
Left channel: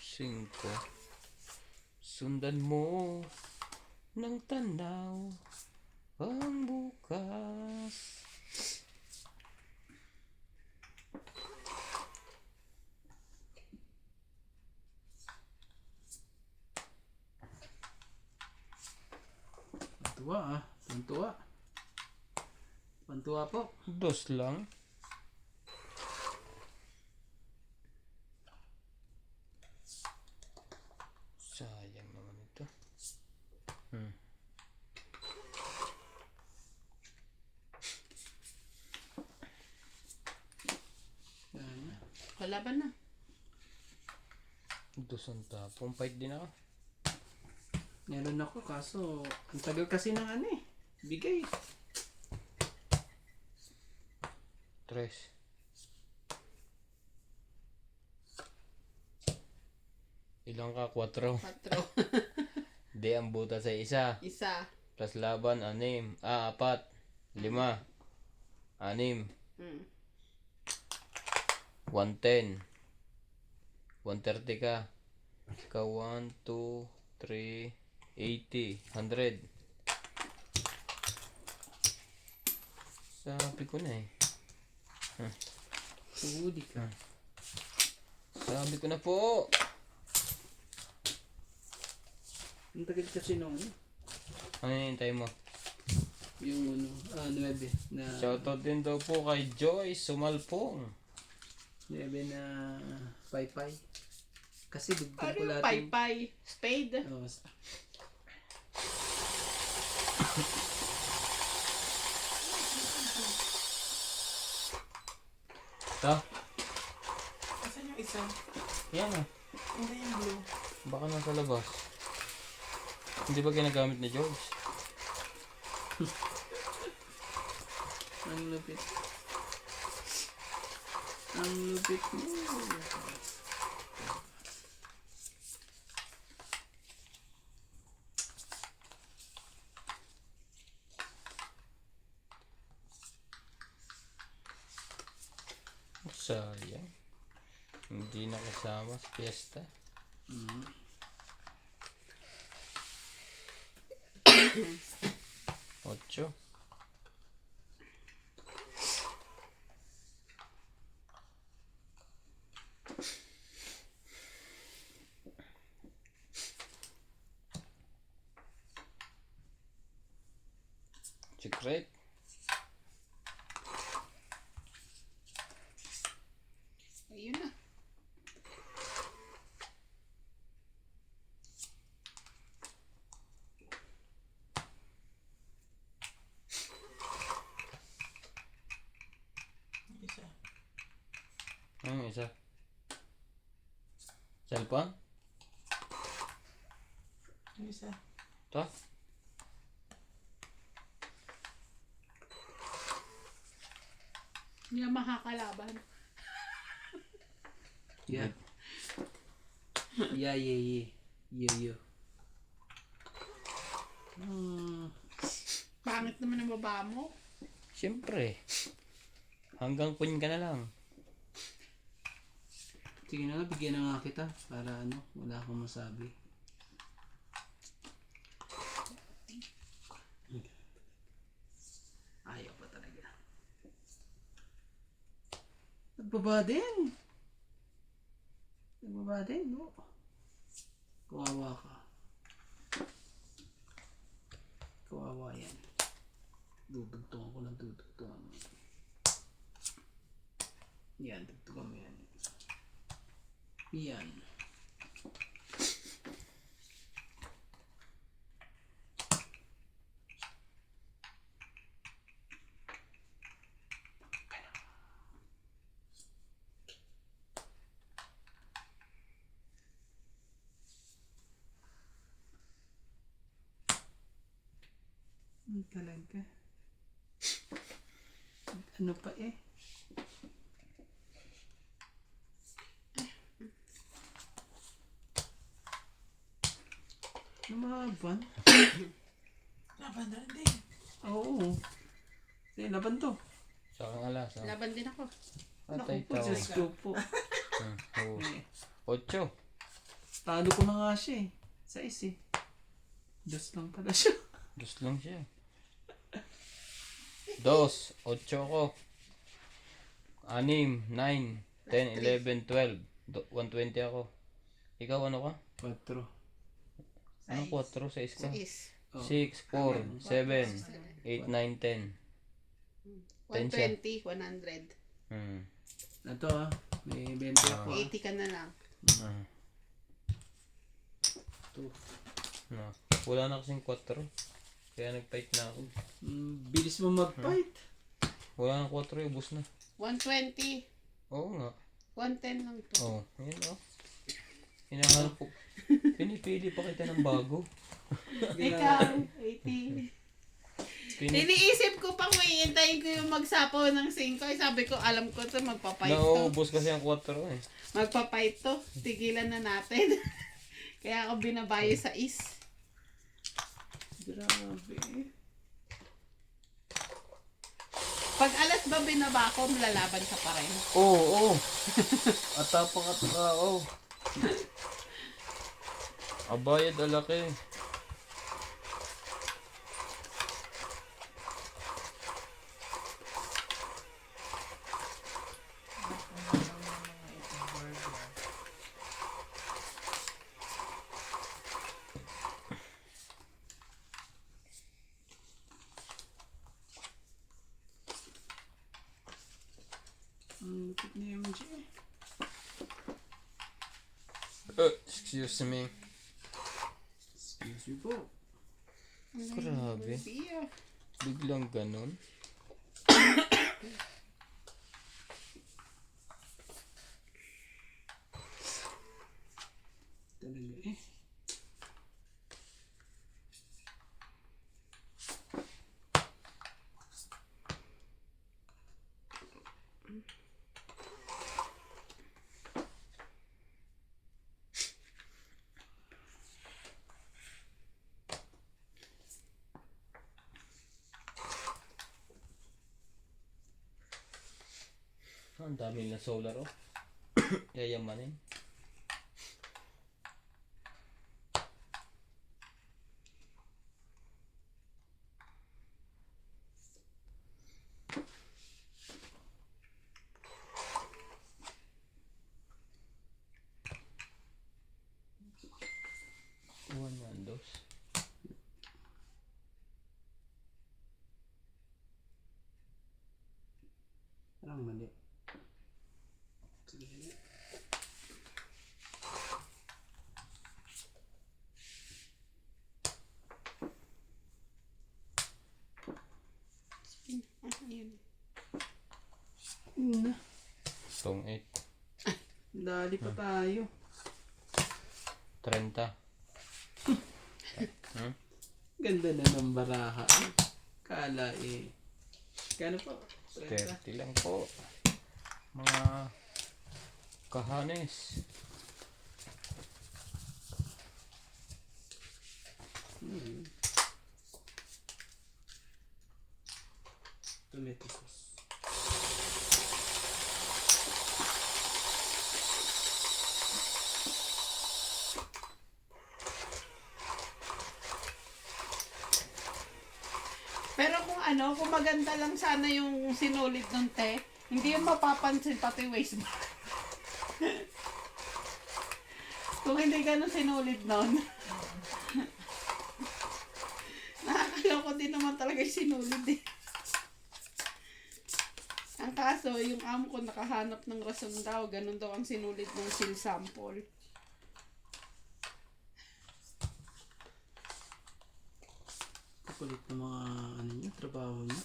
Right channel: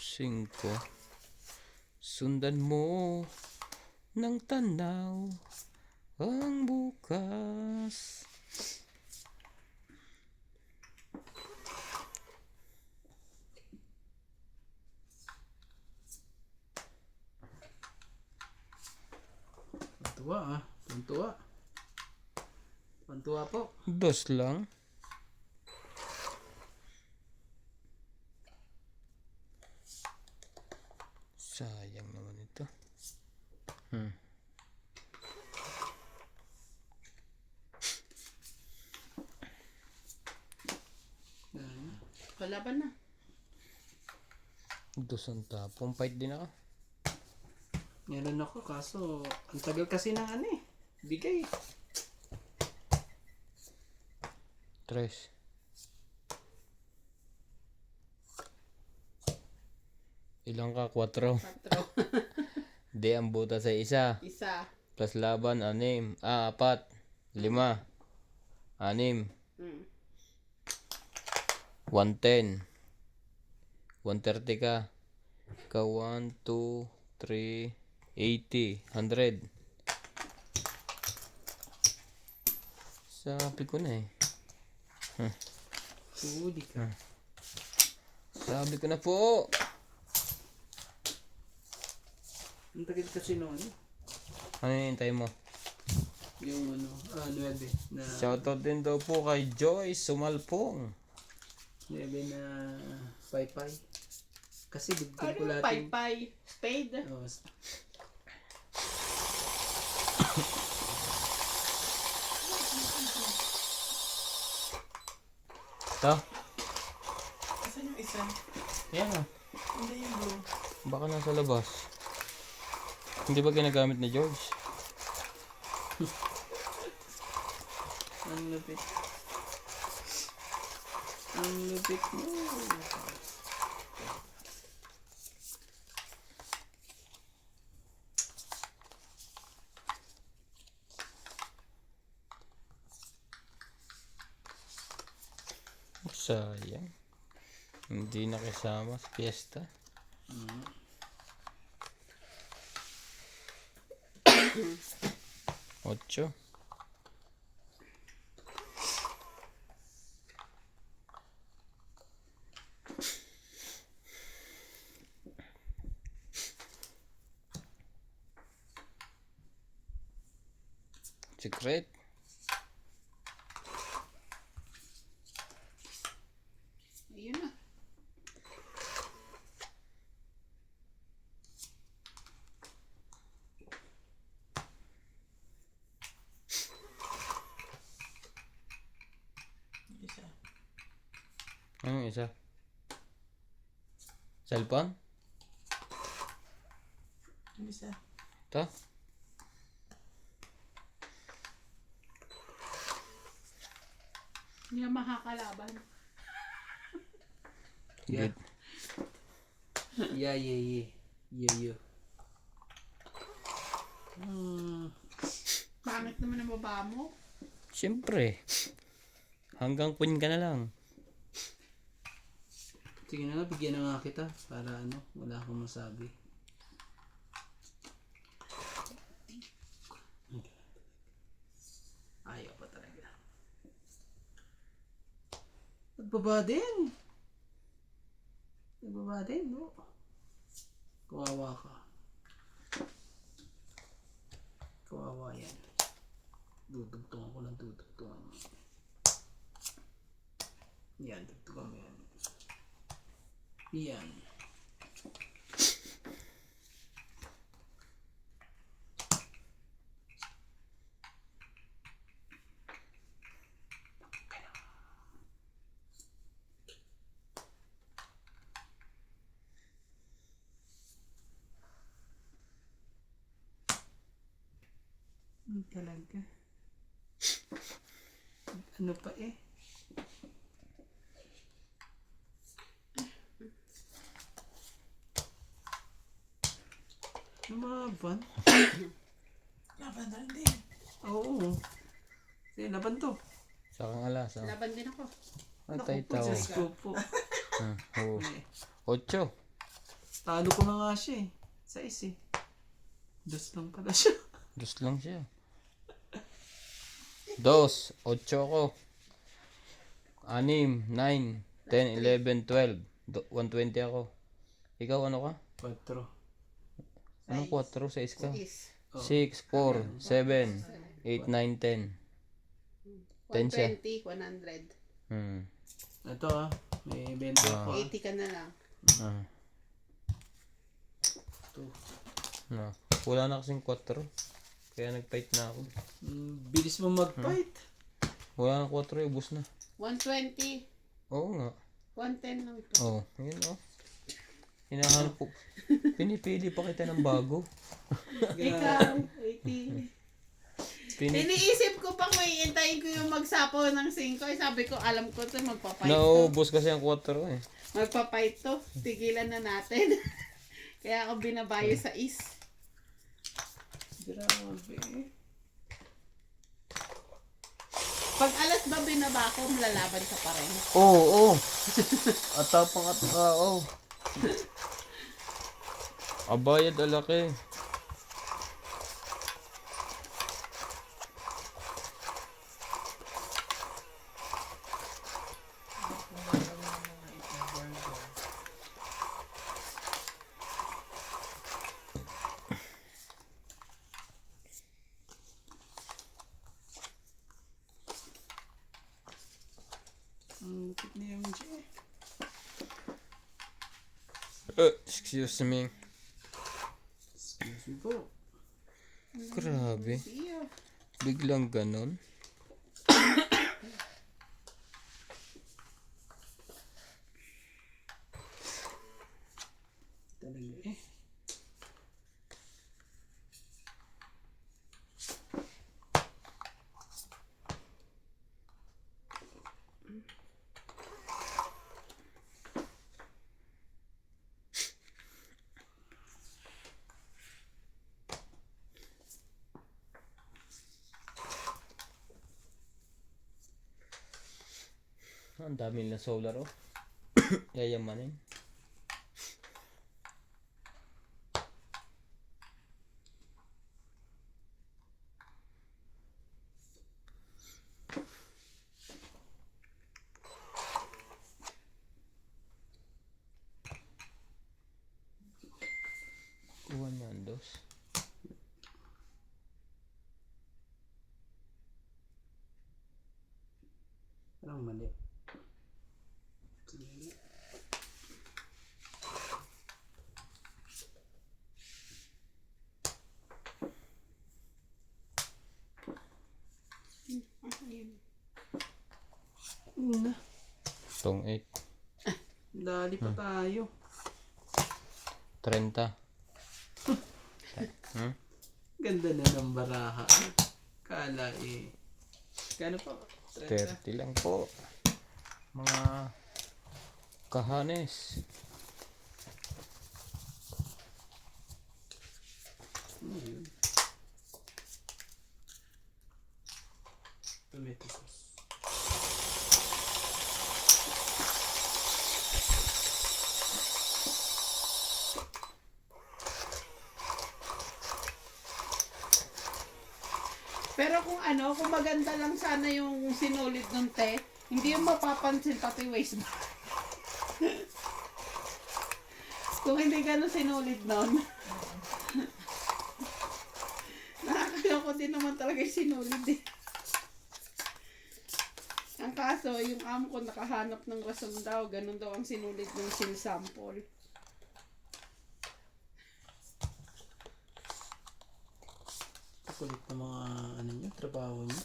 Singko. Sundan mo ng tanaw ang bukas. Pantuwa ah. Pantuwa. Pantuwa po. 2 lang. Sayang naman ito. Yan. Lalaban na. 2 ang tapong. Fight din ako. Meron ako kaso ang tagal kasi ng ano eh. Bigay. 3. Ilang ka? 4. 4. Di ang butas ay isa. Isa. Plus laban, 6. 4. 5. 6. Mm. 110. 130 ka. Ikaw 1, 2, 3, 80. 100. Sabi ko na eh. Huli ka. Sabi ko na po. Ang tagal kasi noon. Ano hinihintay mo? Yung 9 na Shoutout din daw po kay Joyce Sumalpong. 9 na paypay. Kasi dugtong ko Ano lahat yung... paypay? Spade? Oh, Ito? Asan yung isa? Yan ah. Hindi yung blue. Baka nasa labas. Hindi ba ginagamit ni George? ang lupit. Ang lupit mo. Sayang. Hindi nakasama sa fiesta. Mm. 8. Secret. Ayun na. Isa. Ano yung isa? Cellphone? Yung isa. Ito? Hindi na makakalaban. Yeah. Yeah. Yo. Pangit naman ang baba mo. Siyempre. Hanggang queen ka na lang. Sige na nga, bigyan na nga kita para wala akong masabi. Ayaw pa talaga. Nagbaba din, no? Kawawa ka. Kawawa yan. Dudugtungan ko lang, dudugtungan mo. Yan, dugtungan mo yan. Yan. Talaga. Ano pa eh? Lumaban? Laban na rin din. Oo. Sige, laban to. Sakang alas. Laban din ako. Atay Naku po, tao. Diyos ko po. Oo. Eh, 8. talo ko na nga siya eh. 6 eh. 2 lang pala siya. Dos lang siya. 2. 8 ako. 6, 9, 10, 11, 12. 120 ako. Ikaw ano ka? 4. Ano 4? 6 ka? Is. 6, 4, 7, 8, 9, 10. 10 siya. 120, 100. Ito may 20 ako 80 ka na lang. No. Wala na kasing 4. Kaya nag-fight na ako. Bilis mo mag-fight. Wala na 4, ubus na. 120, Oo nga. 110 lang to. Oo, ayun o. Hinahanap ko. Pinipili pa kita ng bago. Ikaw, 80. Iniisip ko pang maiintayin ko yung magsapo ng 5. Sabi ko, alam ko to magpapait to. Naubos kasi ang 4 eh. Magpapait to. Tigilan na natin. Kaya ako binabayo sa is. Grabe. Pag alas ba binaba ko, lalaban ka pa rin. Oo. At tapang at tao. Abayad alaki. Ang lupit ni MJ. Excuse me. Excuse me po. Grabe. Iya. Biglang ganon. Talaga eh. Ang dami na solar oh. Yayamanin. Kuha niyan dos. Parang mali. Sige. Ayun. Na. Tong 8. Dali pa tayo. 30. Hmm? Ganda na ng baraha. Kala eh. Kano po? 30 lang po. Mga kahanes. Tomato sauce. Pero kung maganda lang sana yung sinulid nun, te, hindi yung mapapansin pati waist bar. Kung hindi ganun sinulid nun. Nakakala ko din naman talaga yung sinulid eh. Ang kaso, yung amo ko nakahanap ng rason daw, ganun daw ang sinulid ng seal sample. Kulit ng mga ano nyo, trabaho nyo.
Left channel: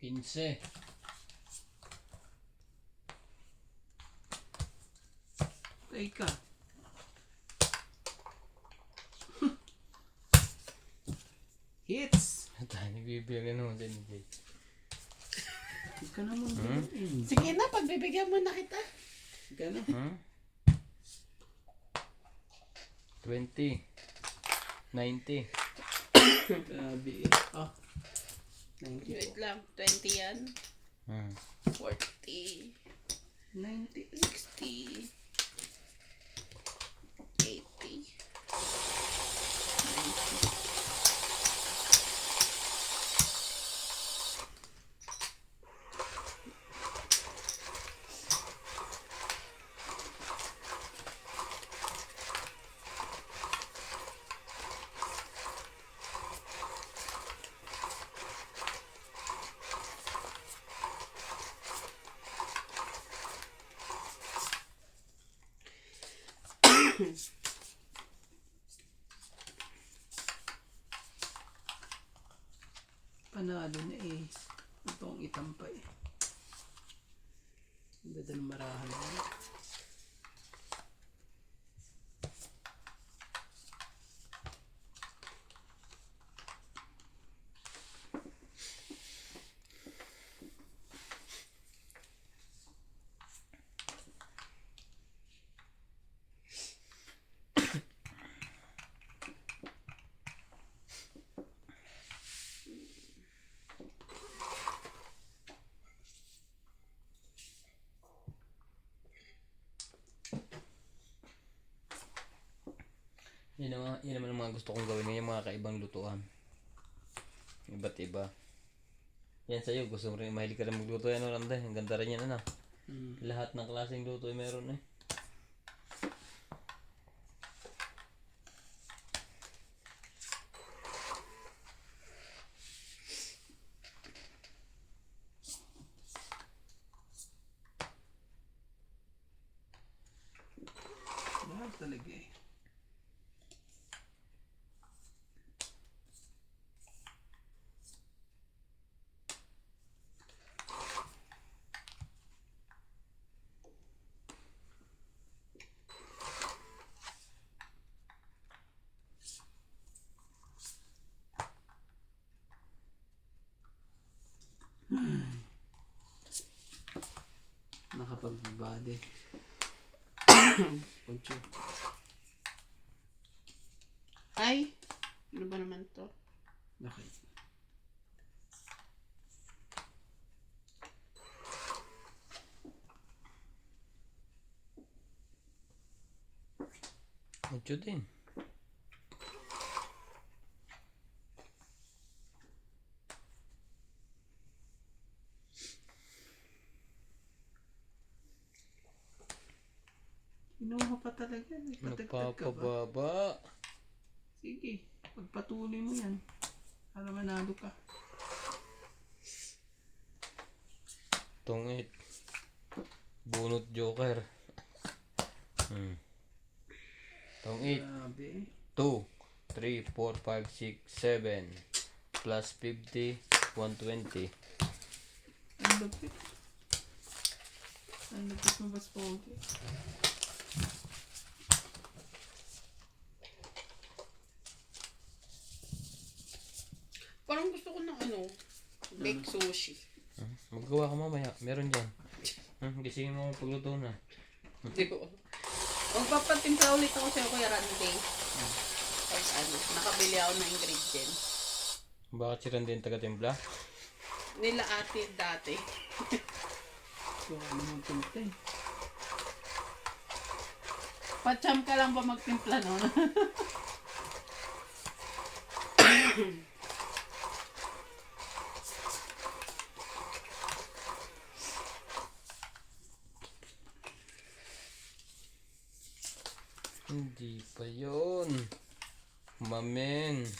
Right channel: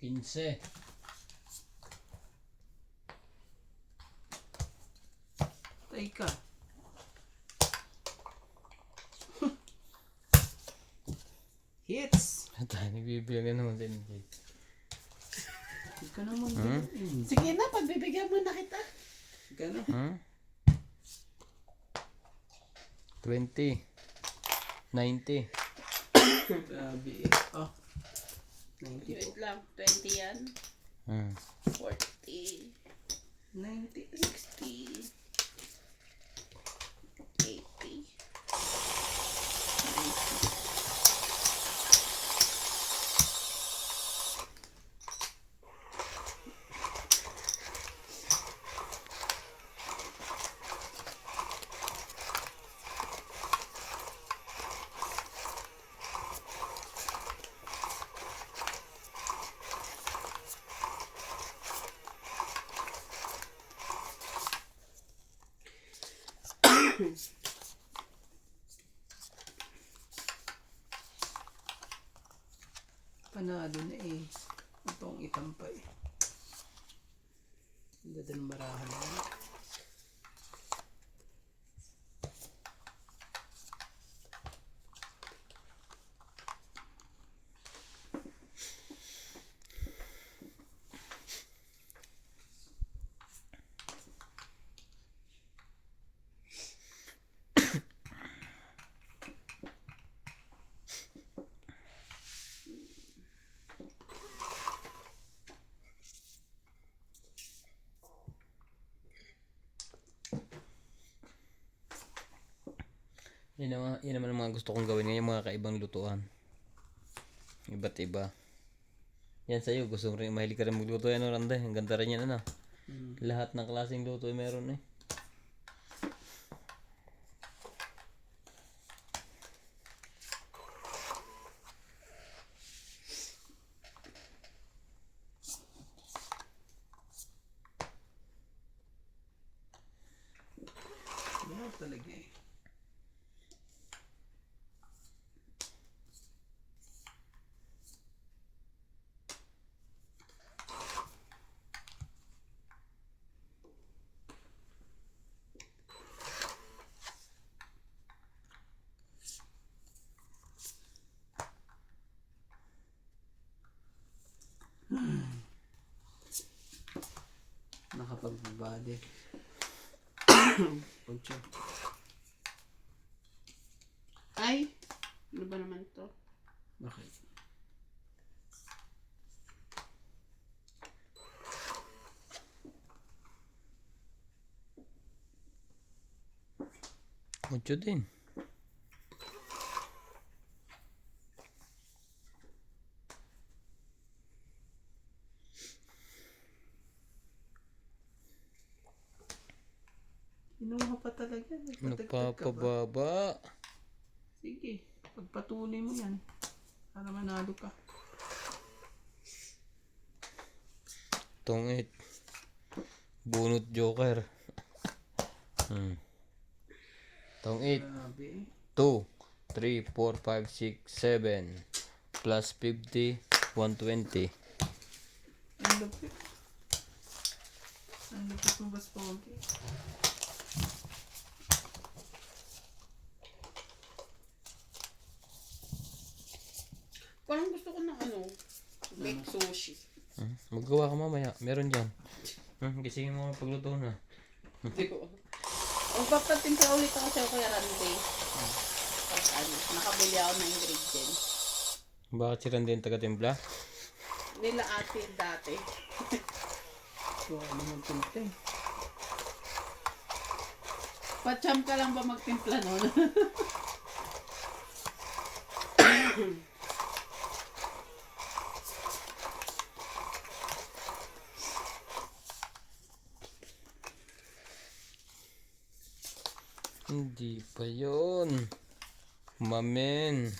Pinse. Teka. Hits! Dahil bibigyan naman din. Huwag ka naman gawin. Sige na, pagbibigyan mo na kita. Gano? Hmm? 20. 90. Grabe eh. Oh. 90 Wait po. lang, 20 yan. Hmm. 40, 90. 60, 80, 90. Panalo na eh. Itong itampay. Ang dadal marahan na. Yun naman ang mga gusto kong gawin ngayon, mga kaibang lutuan. Iba't iba. Yan sa'yo, gusto mo rin, mahilig ka rin magluto yan, Randa. Ang ganda rin yan, ano. Lahat ng klaseng luto ay meron eh. Mahal talaga eh. Nakapagbabade. Ocho. Ay, ano ba naman to? Bakit? Mucho din. Inuha pa talaga. Nagpatagtag ka ba? Nagpapababa. Sige. Pagpatuloy mo yan. Para manalo ka. Tungit. Bunot joker. Tungit. Grabe. 2, 3, 4, 5, 6, 7. Plus 50, 120. Ang lupit. Ang lupit mo, Boss Pogi. Parang gusto ko ng ano, baked sushi. Maggawa ka mamaya. Meron dyan. Gisingin mo pagluto na. Di ko. Magpapatimpla ulit ako sa'yo kay Randy. Pag ano, nakabili ako ng ingredients. Bakit si Randy yung taga-timpla? Nila ate dati. So, ano mong timpla eh. Pacham ka lang ba magtimpla nun? Hindi pa yun. Mamen.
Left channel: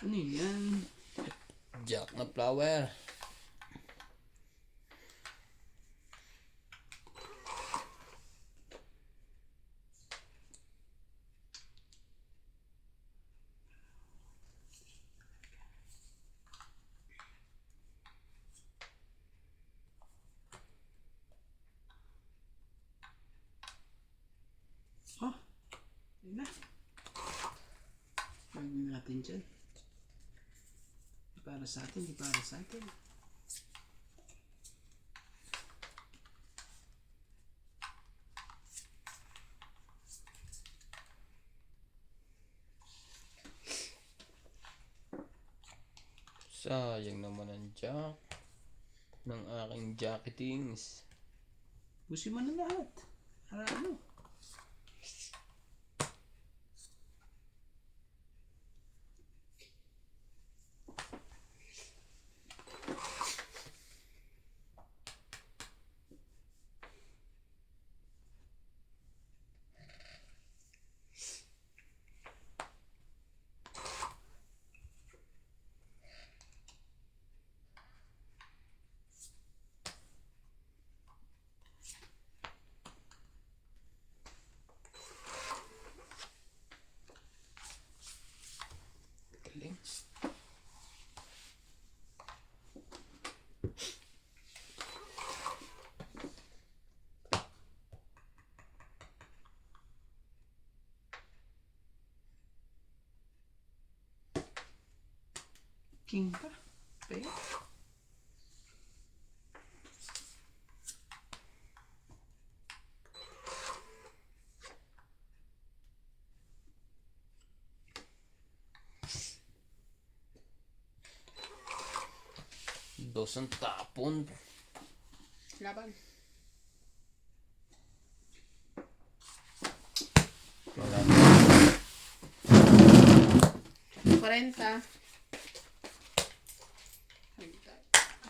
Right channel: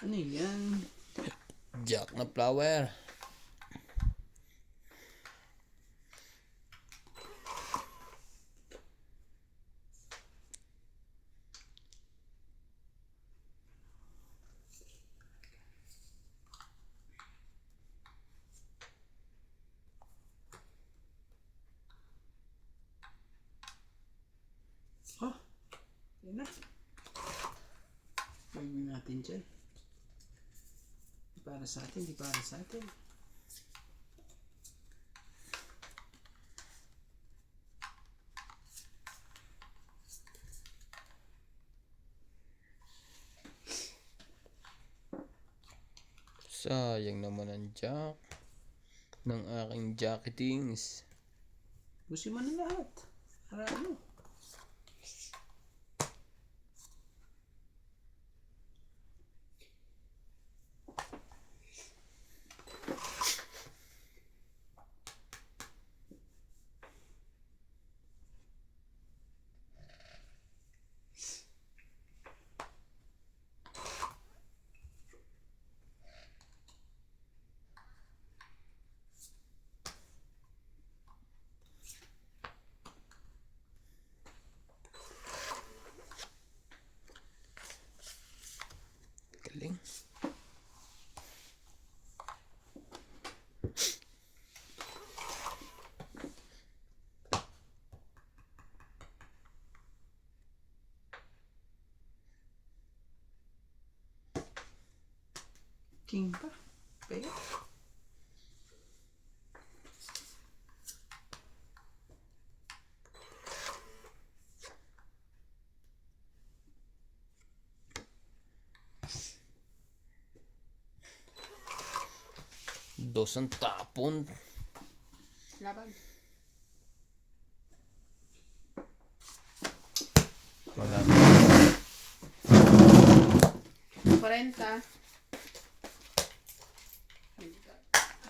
Ano yan? Jack na flower. Oh, yun na. Gagawin natin dyan. Di para sa atin, di para sa atin. Sayang naman ang jack ng aking jacketings. Busin mo na lahat. Para ano? Galing. King pa. Kaya. Dos ang tapon. Laban. Wala. 40.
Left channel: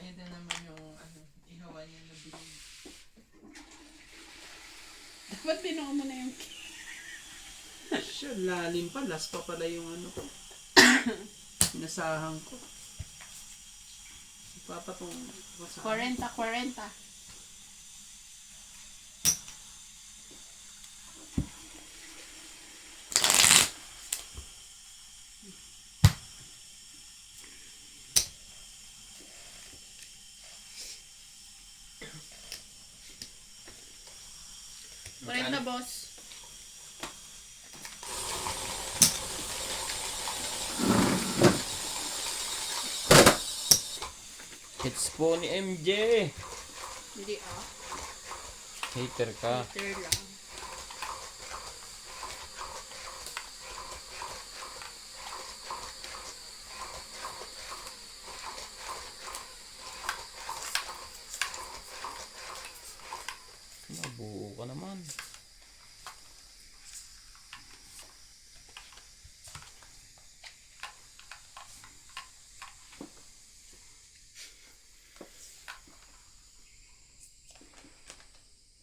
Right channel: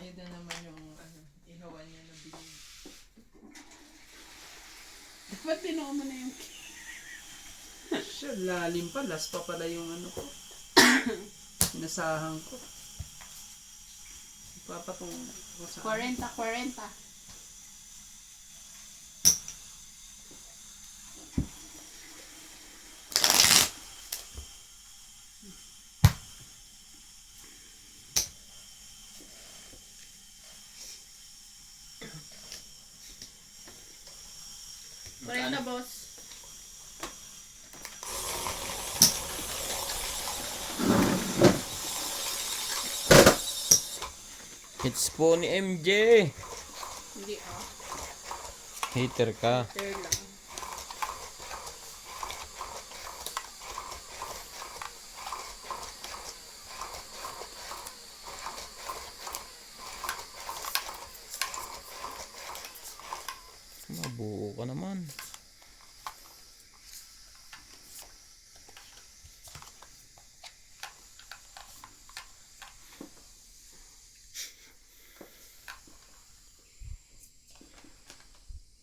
Ayun na naman yung ano, ihawan niya na bilhin. Dapat tinuo mo na yung Siya, lalim pa. Last pa pala yung ano ko. Inasahan ko. Ipapatong ko sa... 40. Na boss. Hits po ni MJ. Hindi ah. Hater ka. There lang. Nabuo ka naman.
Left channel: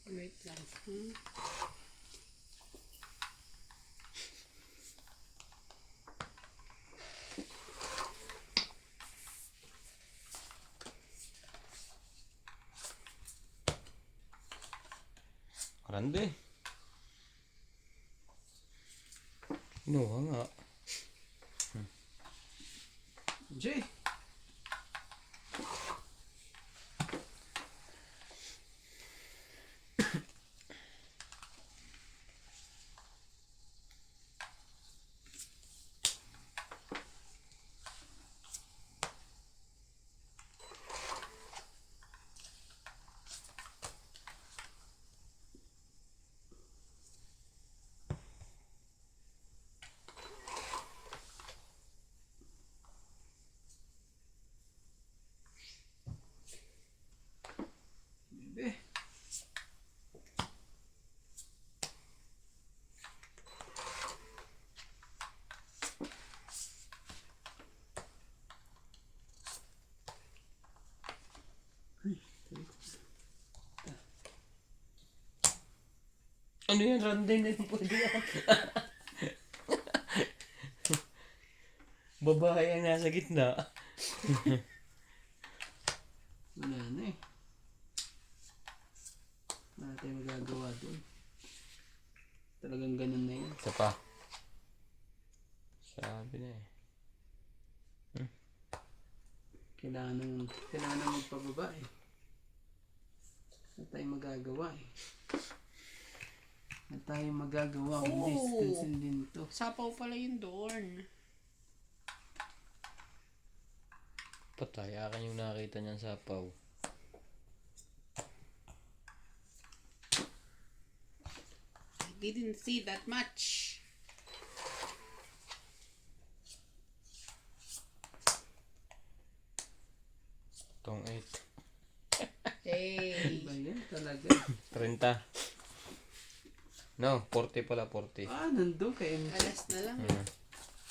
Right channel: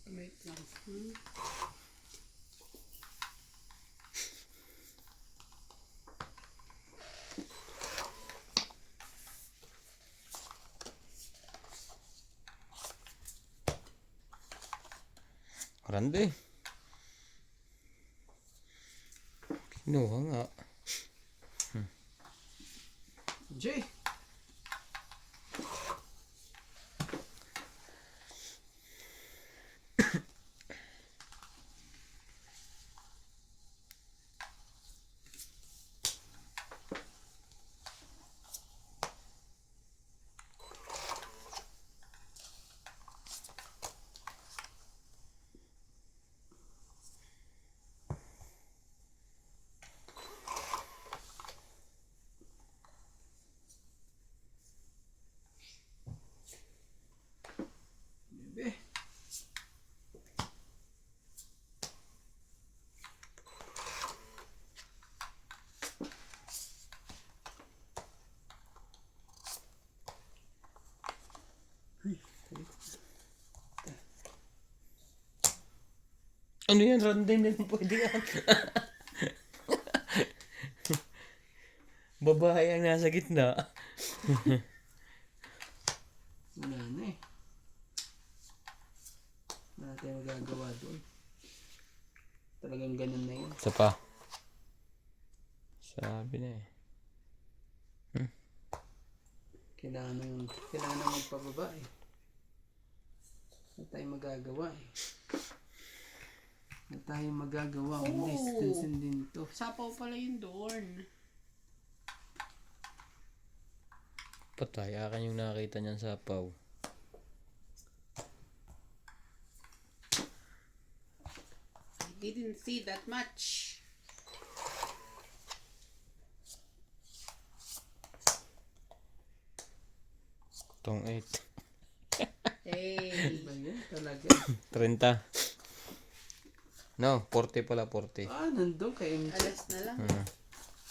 Wait lang. Grande. Kinuha nga. Jay! Bebe. Ano yan? Random na pwede yan. Babae ang nasa gitna. Wala na eh. Wala tayong magagawa doon. Talagang ganun na yun. Isa pa. Sabi na eh. Kailangan na magpababa eh. Wala tayong magagawa eh. Wala tayong magagawa. Hindi, stinsin din to. Sapaw pala yung dorn. Patay. Akin yung nakita niyan sa paw. I didn't see that much. Tong 8. Hey. Ba yan talaga? 30. No, 40 pala, 40. Ah, nandun kay MJ. Alas na lang.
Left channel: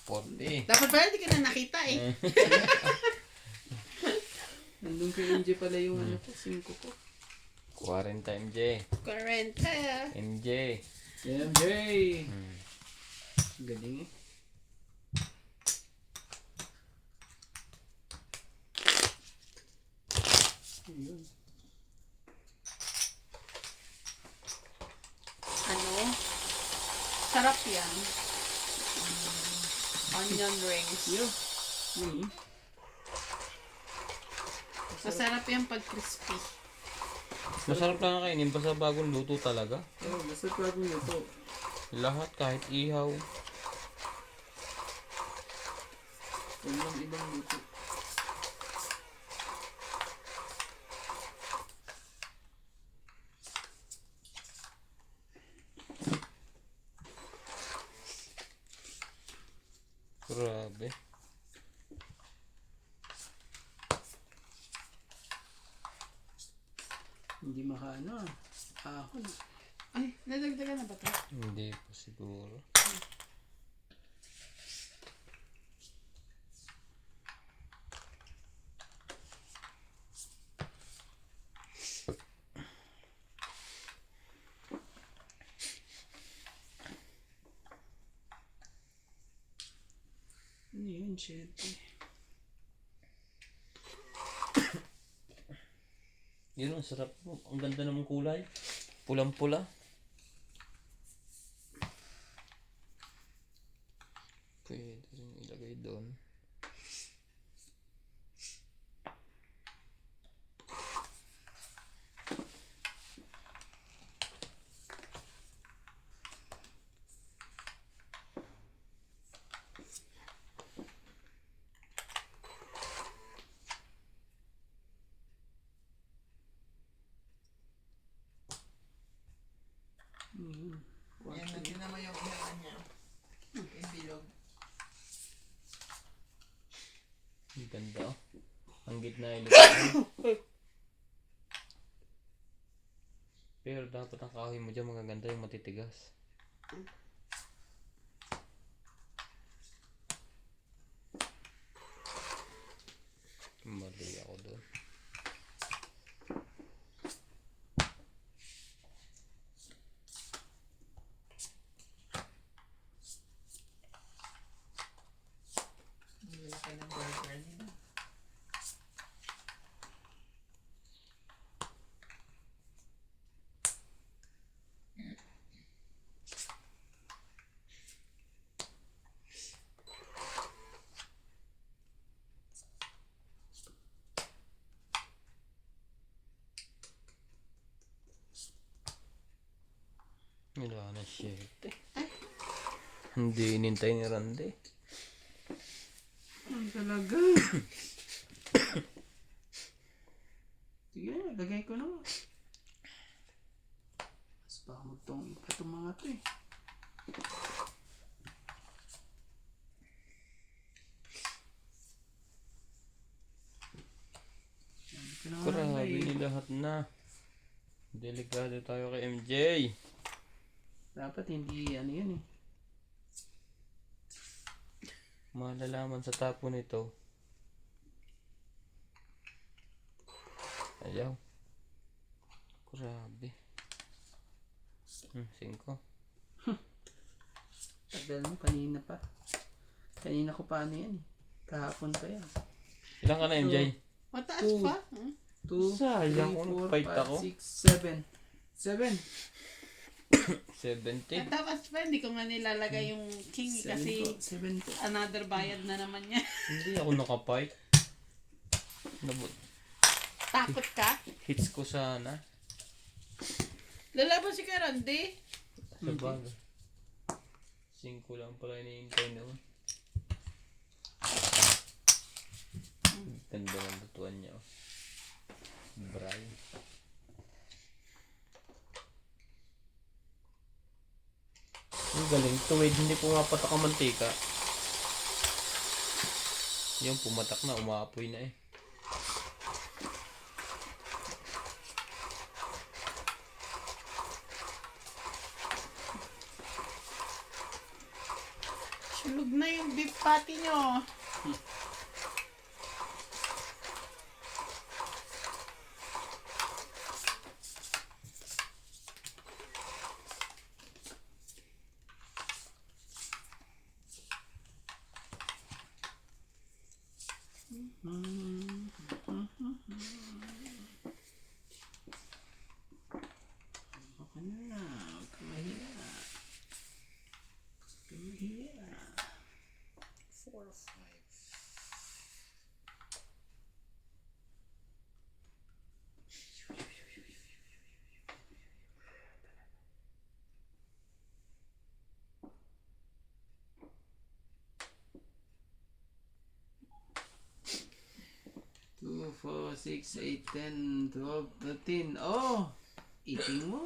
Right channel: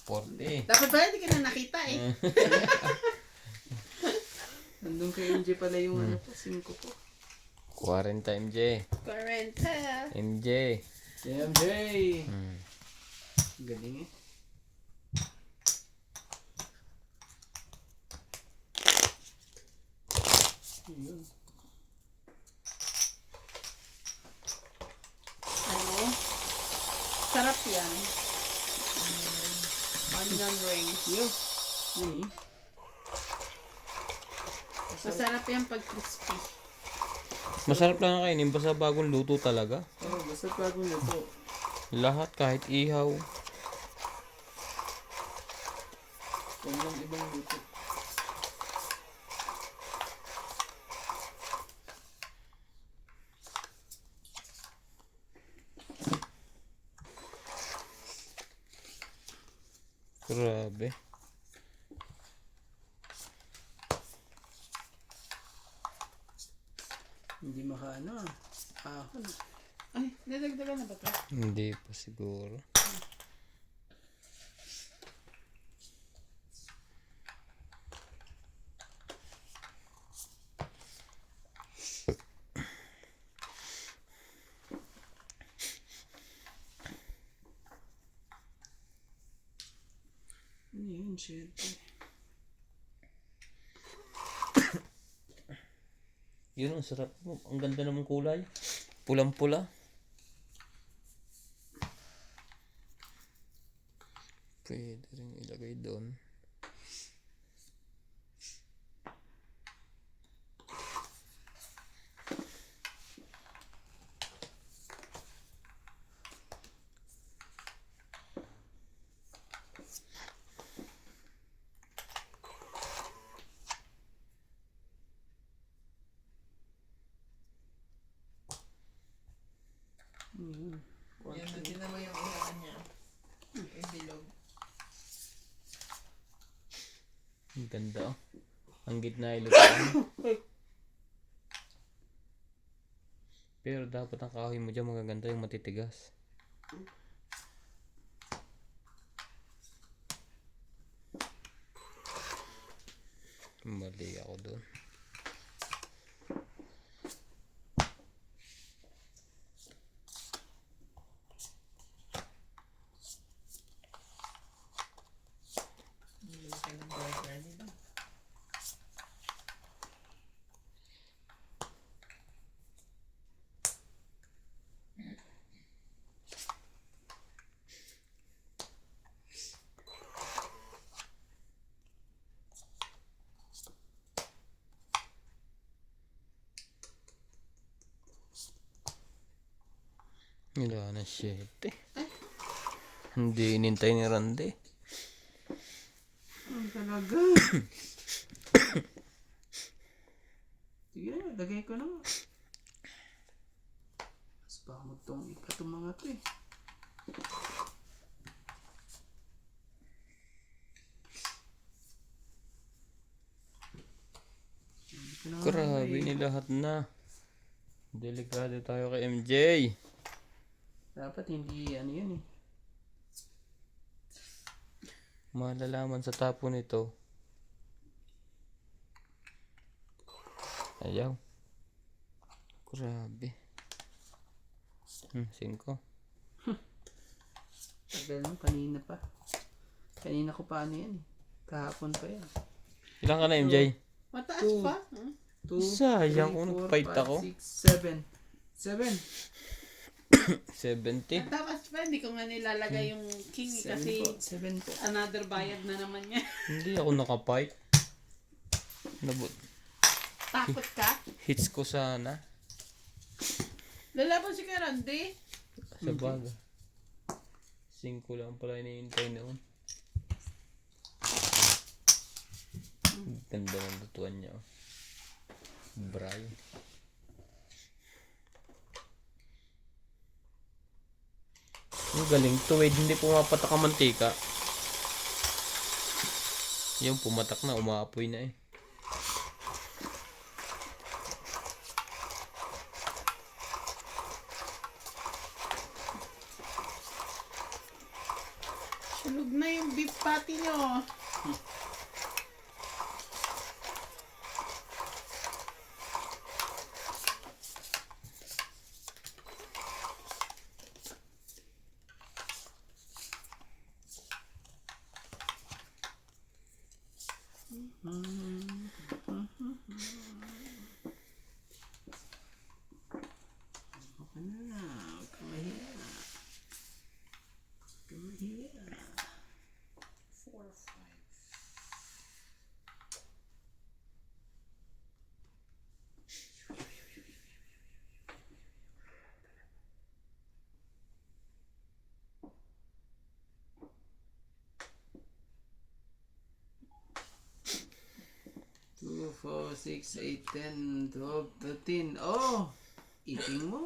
40. Dapat pala hindi ka na nakita eh. Nandun kay MJ pala yung ano ko, 5 ko. 40 MJ. 40. MJ. MJ! Galing eh. Ayun. Ano? Sarap yan. Onion rings. Yo, Masarap yung pag crispy. Masarap lang kainin basta bagong luto talaga. Oh, basta bagong luto. Lahat kahit ihaw. Kung lang ibang luto. Grabe. Hindi makaano ah. Ahon. Ay, nadagdagan na ba ito? Hindi pa siguro. Ano yun, shit. Yun ang sarap po. Ang ganda naman kulay. Pulang-pula. Pwede rin ilagay doon. Yan, natin mo yung ihawan niya. Yung bilog. Ang ganda oh. Ang gitna ilagay. Pero dapat ang kahoy mo dyan magaganda yung matitigas. Mali ako doon. Laki ng burger nila. Wala na shit eh. Hindi inintay ni Randy. Ang talaga. Sige na, lagay ko na. Mas baka magtong ipa itong mga to eh. Sabi ko na nga Grabe eh. ni lahat na. Delikado tayo kay MJ. Dapat hindi ano yan eh. Malalaman sa tapo nito. Ayaw. Grabe. 5. Tagal mo, kanina pa. Kanina ko pa ano yan eh. Kahapon pa yan. Ilan ka na MJ? Mataas Two. pa? Huh? 2, Sayang ko, nag-fight ako. 6, 7. 70. At tapos pa, hindi ko nga nilalagay yung king kasi 7 po. another bayad na naman niya. Hindi ako nakapipe. Takot ka? Hits ko sana. Lalaban si Karandi. Sa bagay. 5 lang pala iniintay noon. Ganda ng lutuan niya. Oh. Bray. Ang galing. Tuwid, hindi pumapatak ang mantika. Yung pumatak na, umaapoy na eh. Sunog na yung beef patty nyo. Okay na. Huwag kang mahiya. Huwag kang mahiya. 4 or 5. 4, 6, 8, 10, 12, 13. Oh! Eating mo.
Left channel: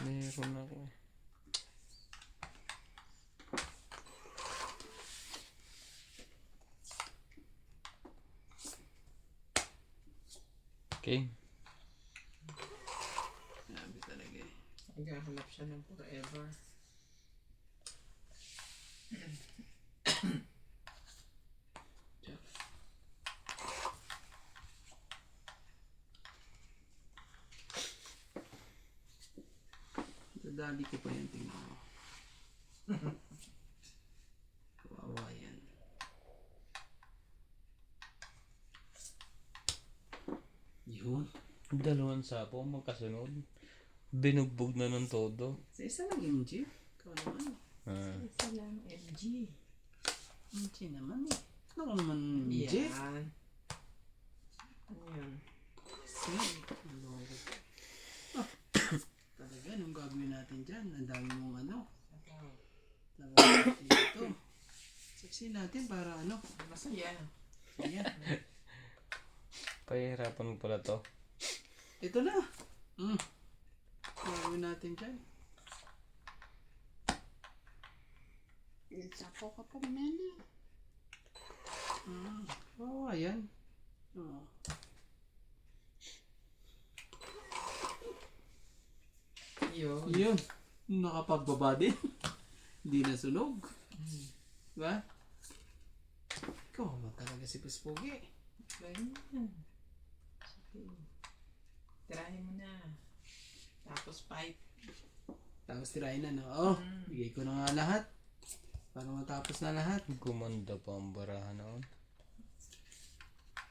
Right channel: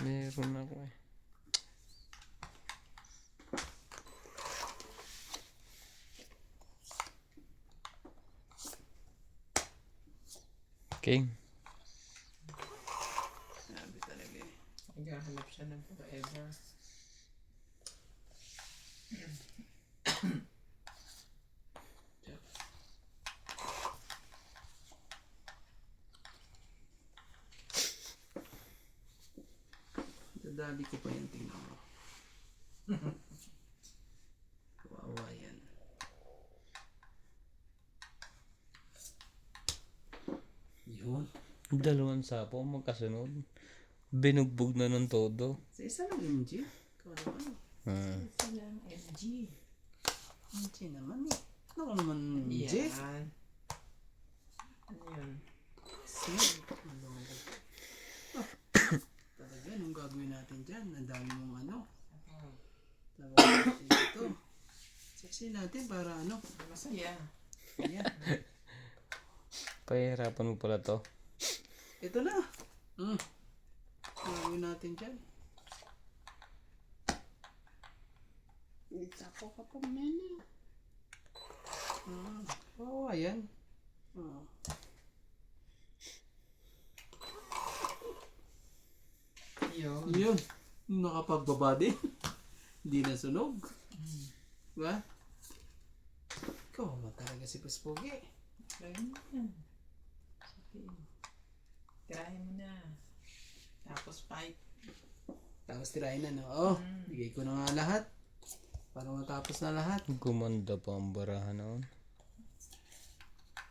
Meron ako eh. Okay. Sabi talaga eh. Naghahanap siya ng forever. Dadali ko pa yan, tingnan mo. Kawawa yan. Yun. Dalawang sapo magkasunod. Binugbog na ng todo. Sa isa lang MG. Ikaw naman. Silang MG. MG naman eh. Ano naman MG? Yan. Ano yun? Sige. Talaga, anong gagawin natin dyan? Ang dami mong ano. Lagay natin dito. Saksi natin para ano. Masaya. Ayan. Pahihirapan mo pala to. Ito na. Gagawin natin dyan. Ako ka pa mena. Oh, ayan. Oh. Yun. Yun. Nakapagbaba din. Hindi na sunog. Diba? Ikaw naman talaga si Puspogi. Ayun na. Sige. Tirahin mo na. Tapos fight. Tapos tirahin na, no? Oh, bigay ko na nga lahat. Para matapos na lahat. Gumanda pa ang barahan noon.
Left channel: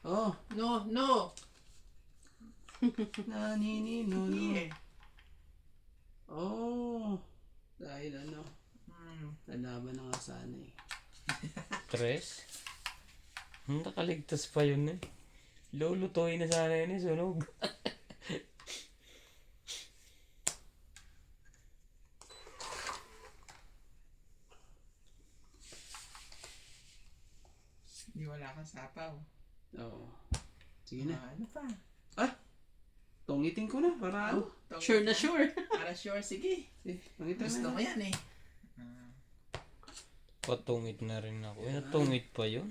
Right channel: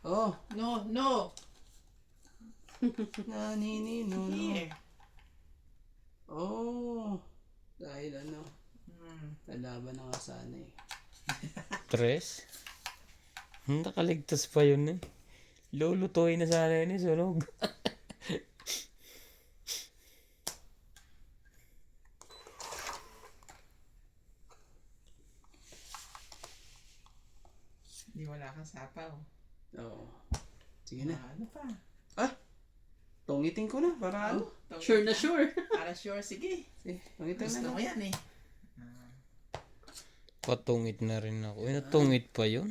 Oh, No, no! naninino, no? Here. Oh, dahil ano, Hmm. lalaban na nga sana eh. Tres? Nakaligtas pa yun eh. Lulutuin na sana yun eh, sunog. Di wala kang sapaw. Oo. Sige na. Ano pa? Tungitin ko na para ano. Sure na sure. Para sure, sige. Sige, tungitin Gusto na. ko yan eh. Patungit na rin ako. Eh, natungit pa yun?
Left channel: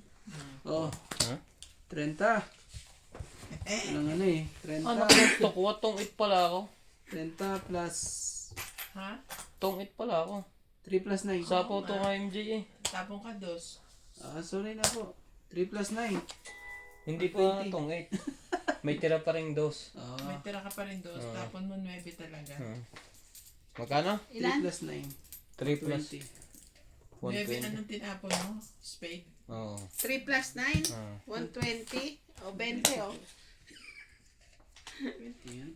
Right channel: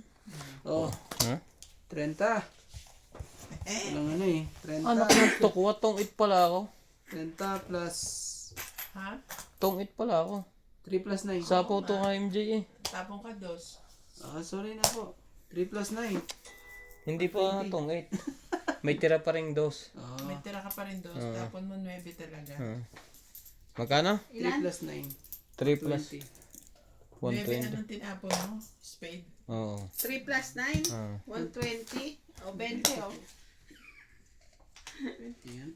Oh, Ha? 30. Walang ano eh. 30. Ano ko kuha? Tungit pala ako. 30 plus Ha? Tungit pala ako. 3 plus 9. Sa photo nga MJ eh. Tapong ka dos. Sorry na po. 3 plus 9. Hindi po nga tungit. May tira pa rin dos. May tira ka pa rin dos. Tapon mo 9 talaga. Magkano? 3 plus 9. 3 plus 9 120. anong tinapon mo? Spade. Oo. 3 plus 9, Ah. 120. O 20 oh. Ayan,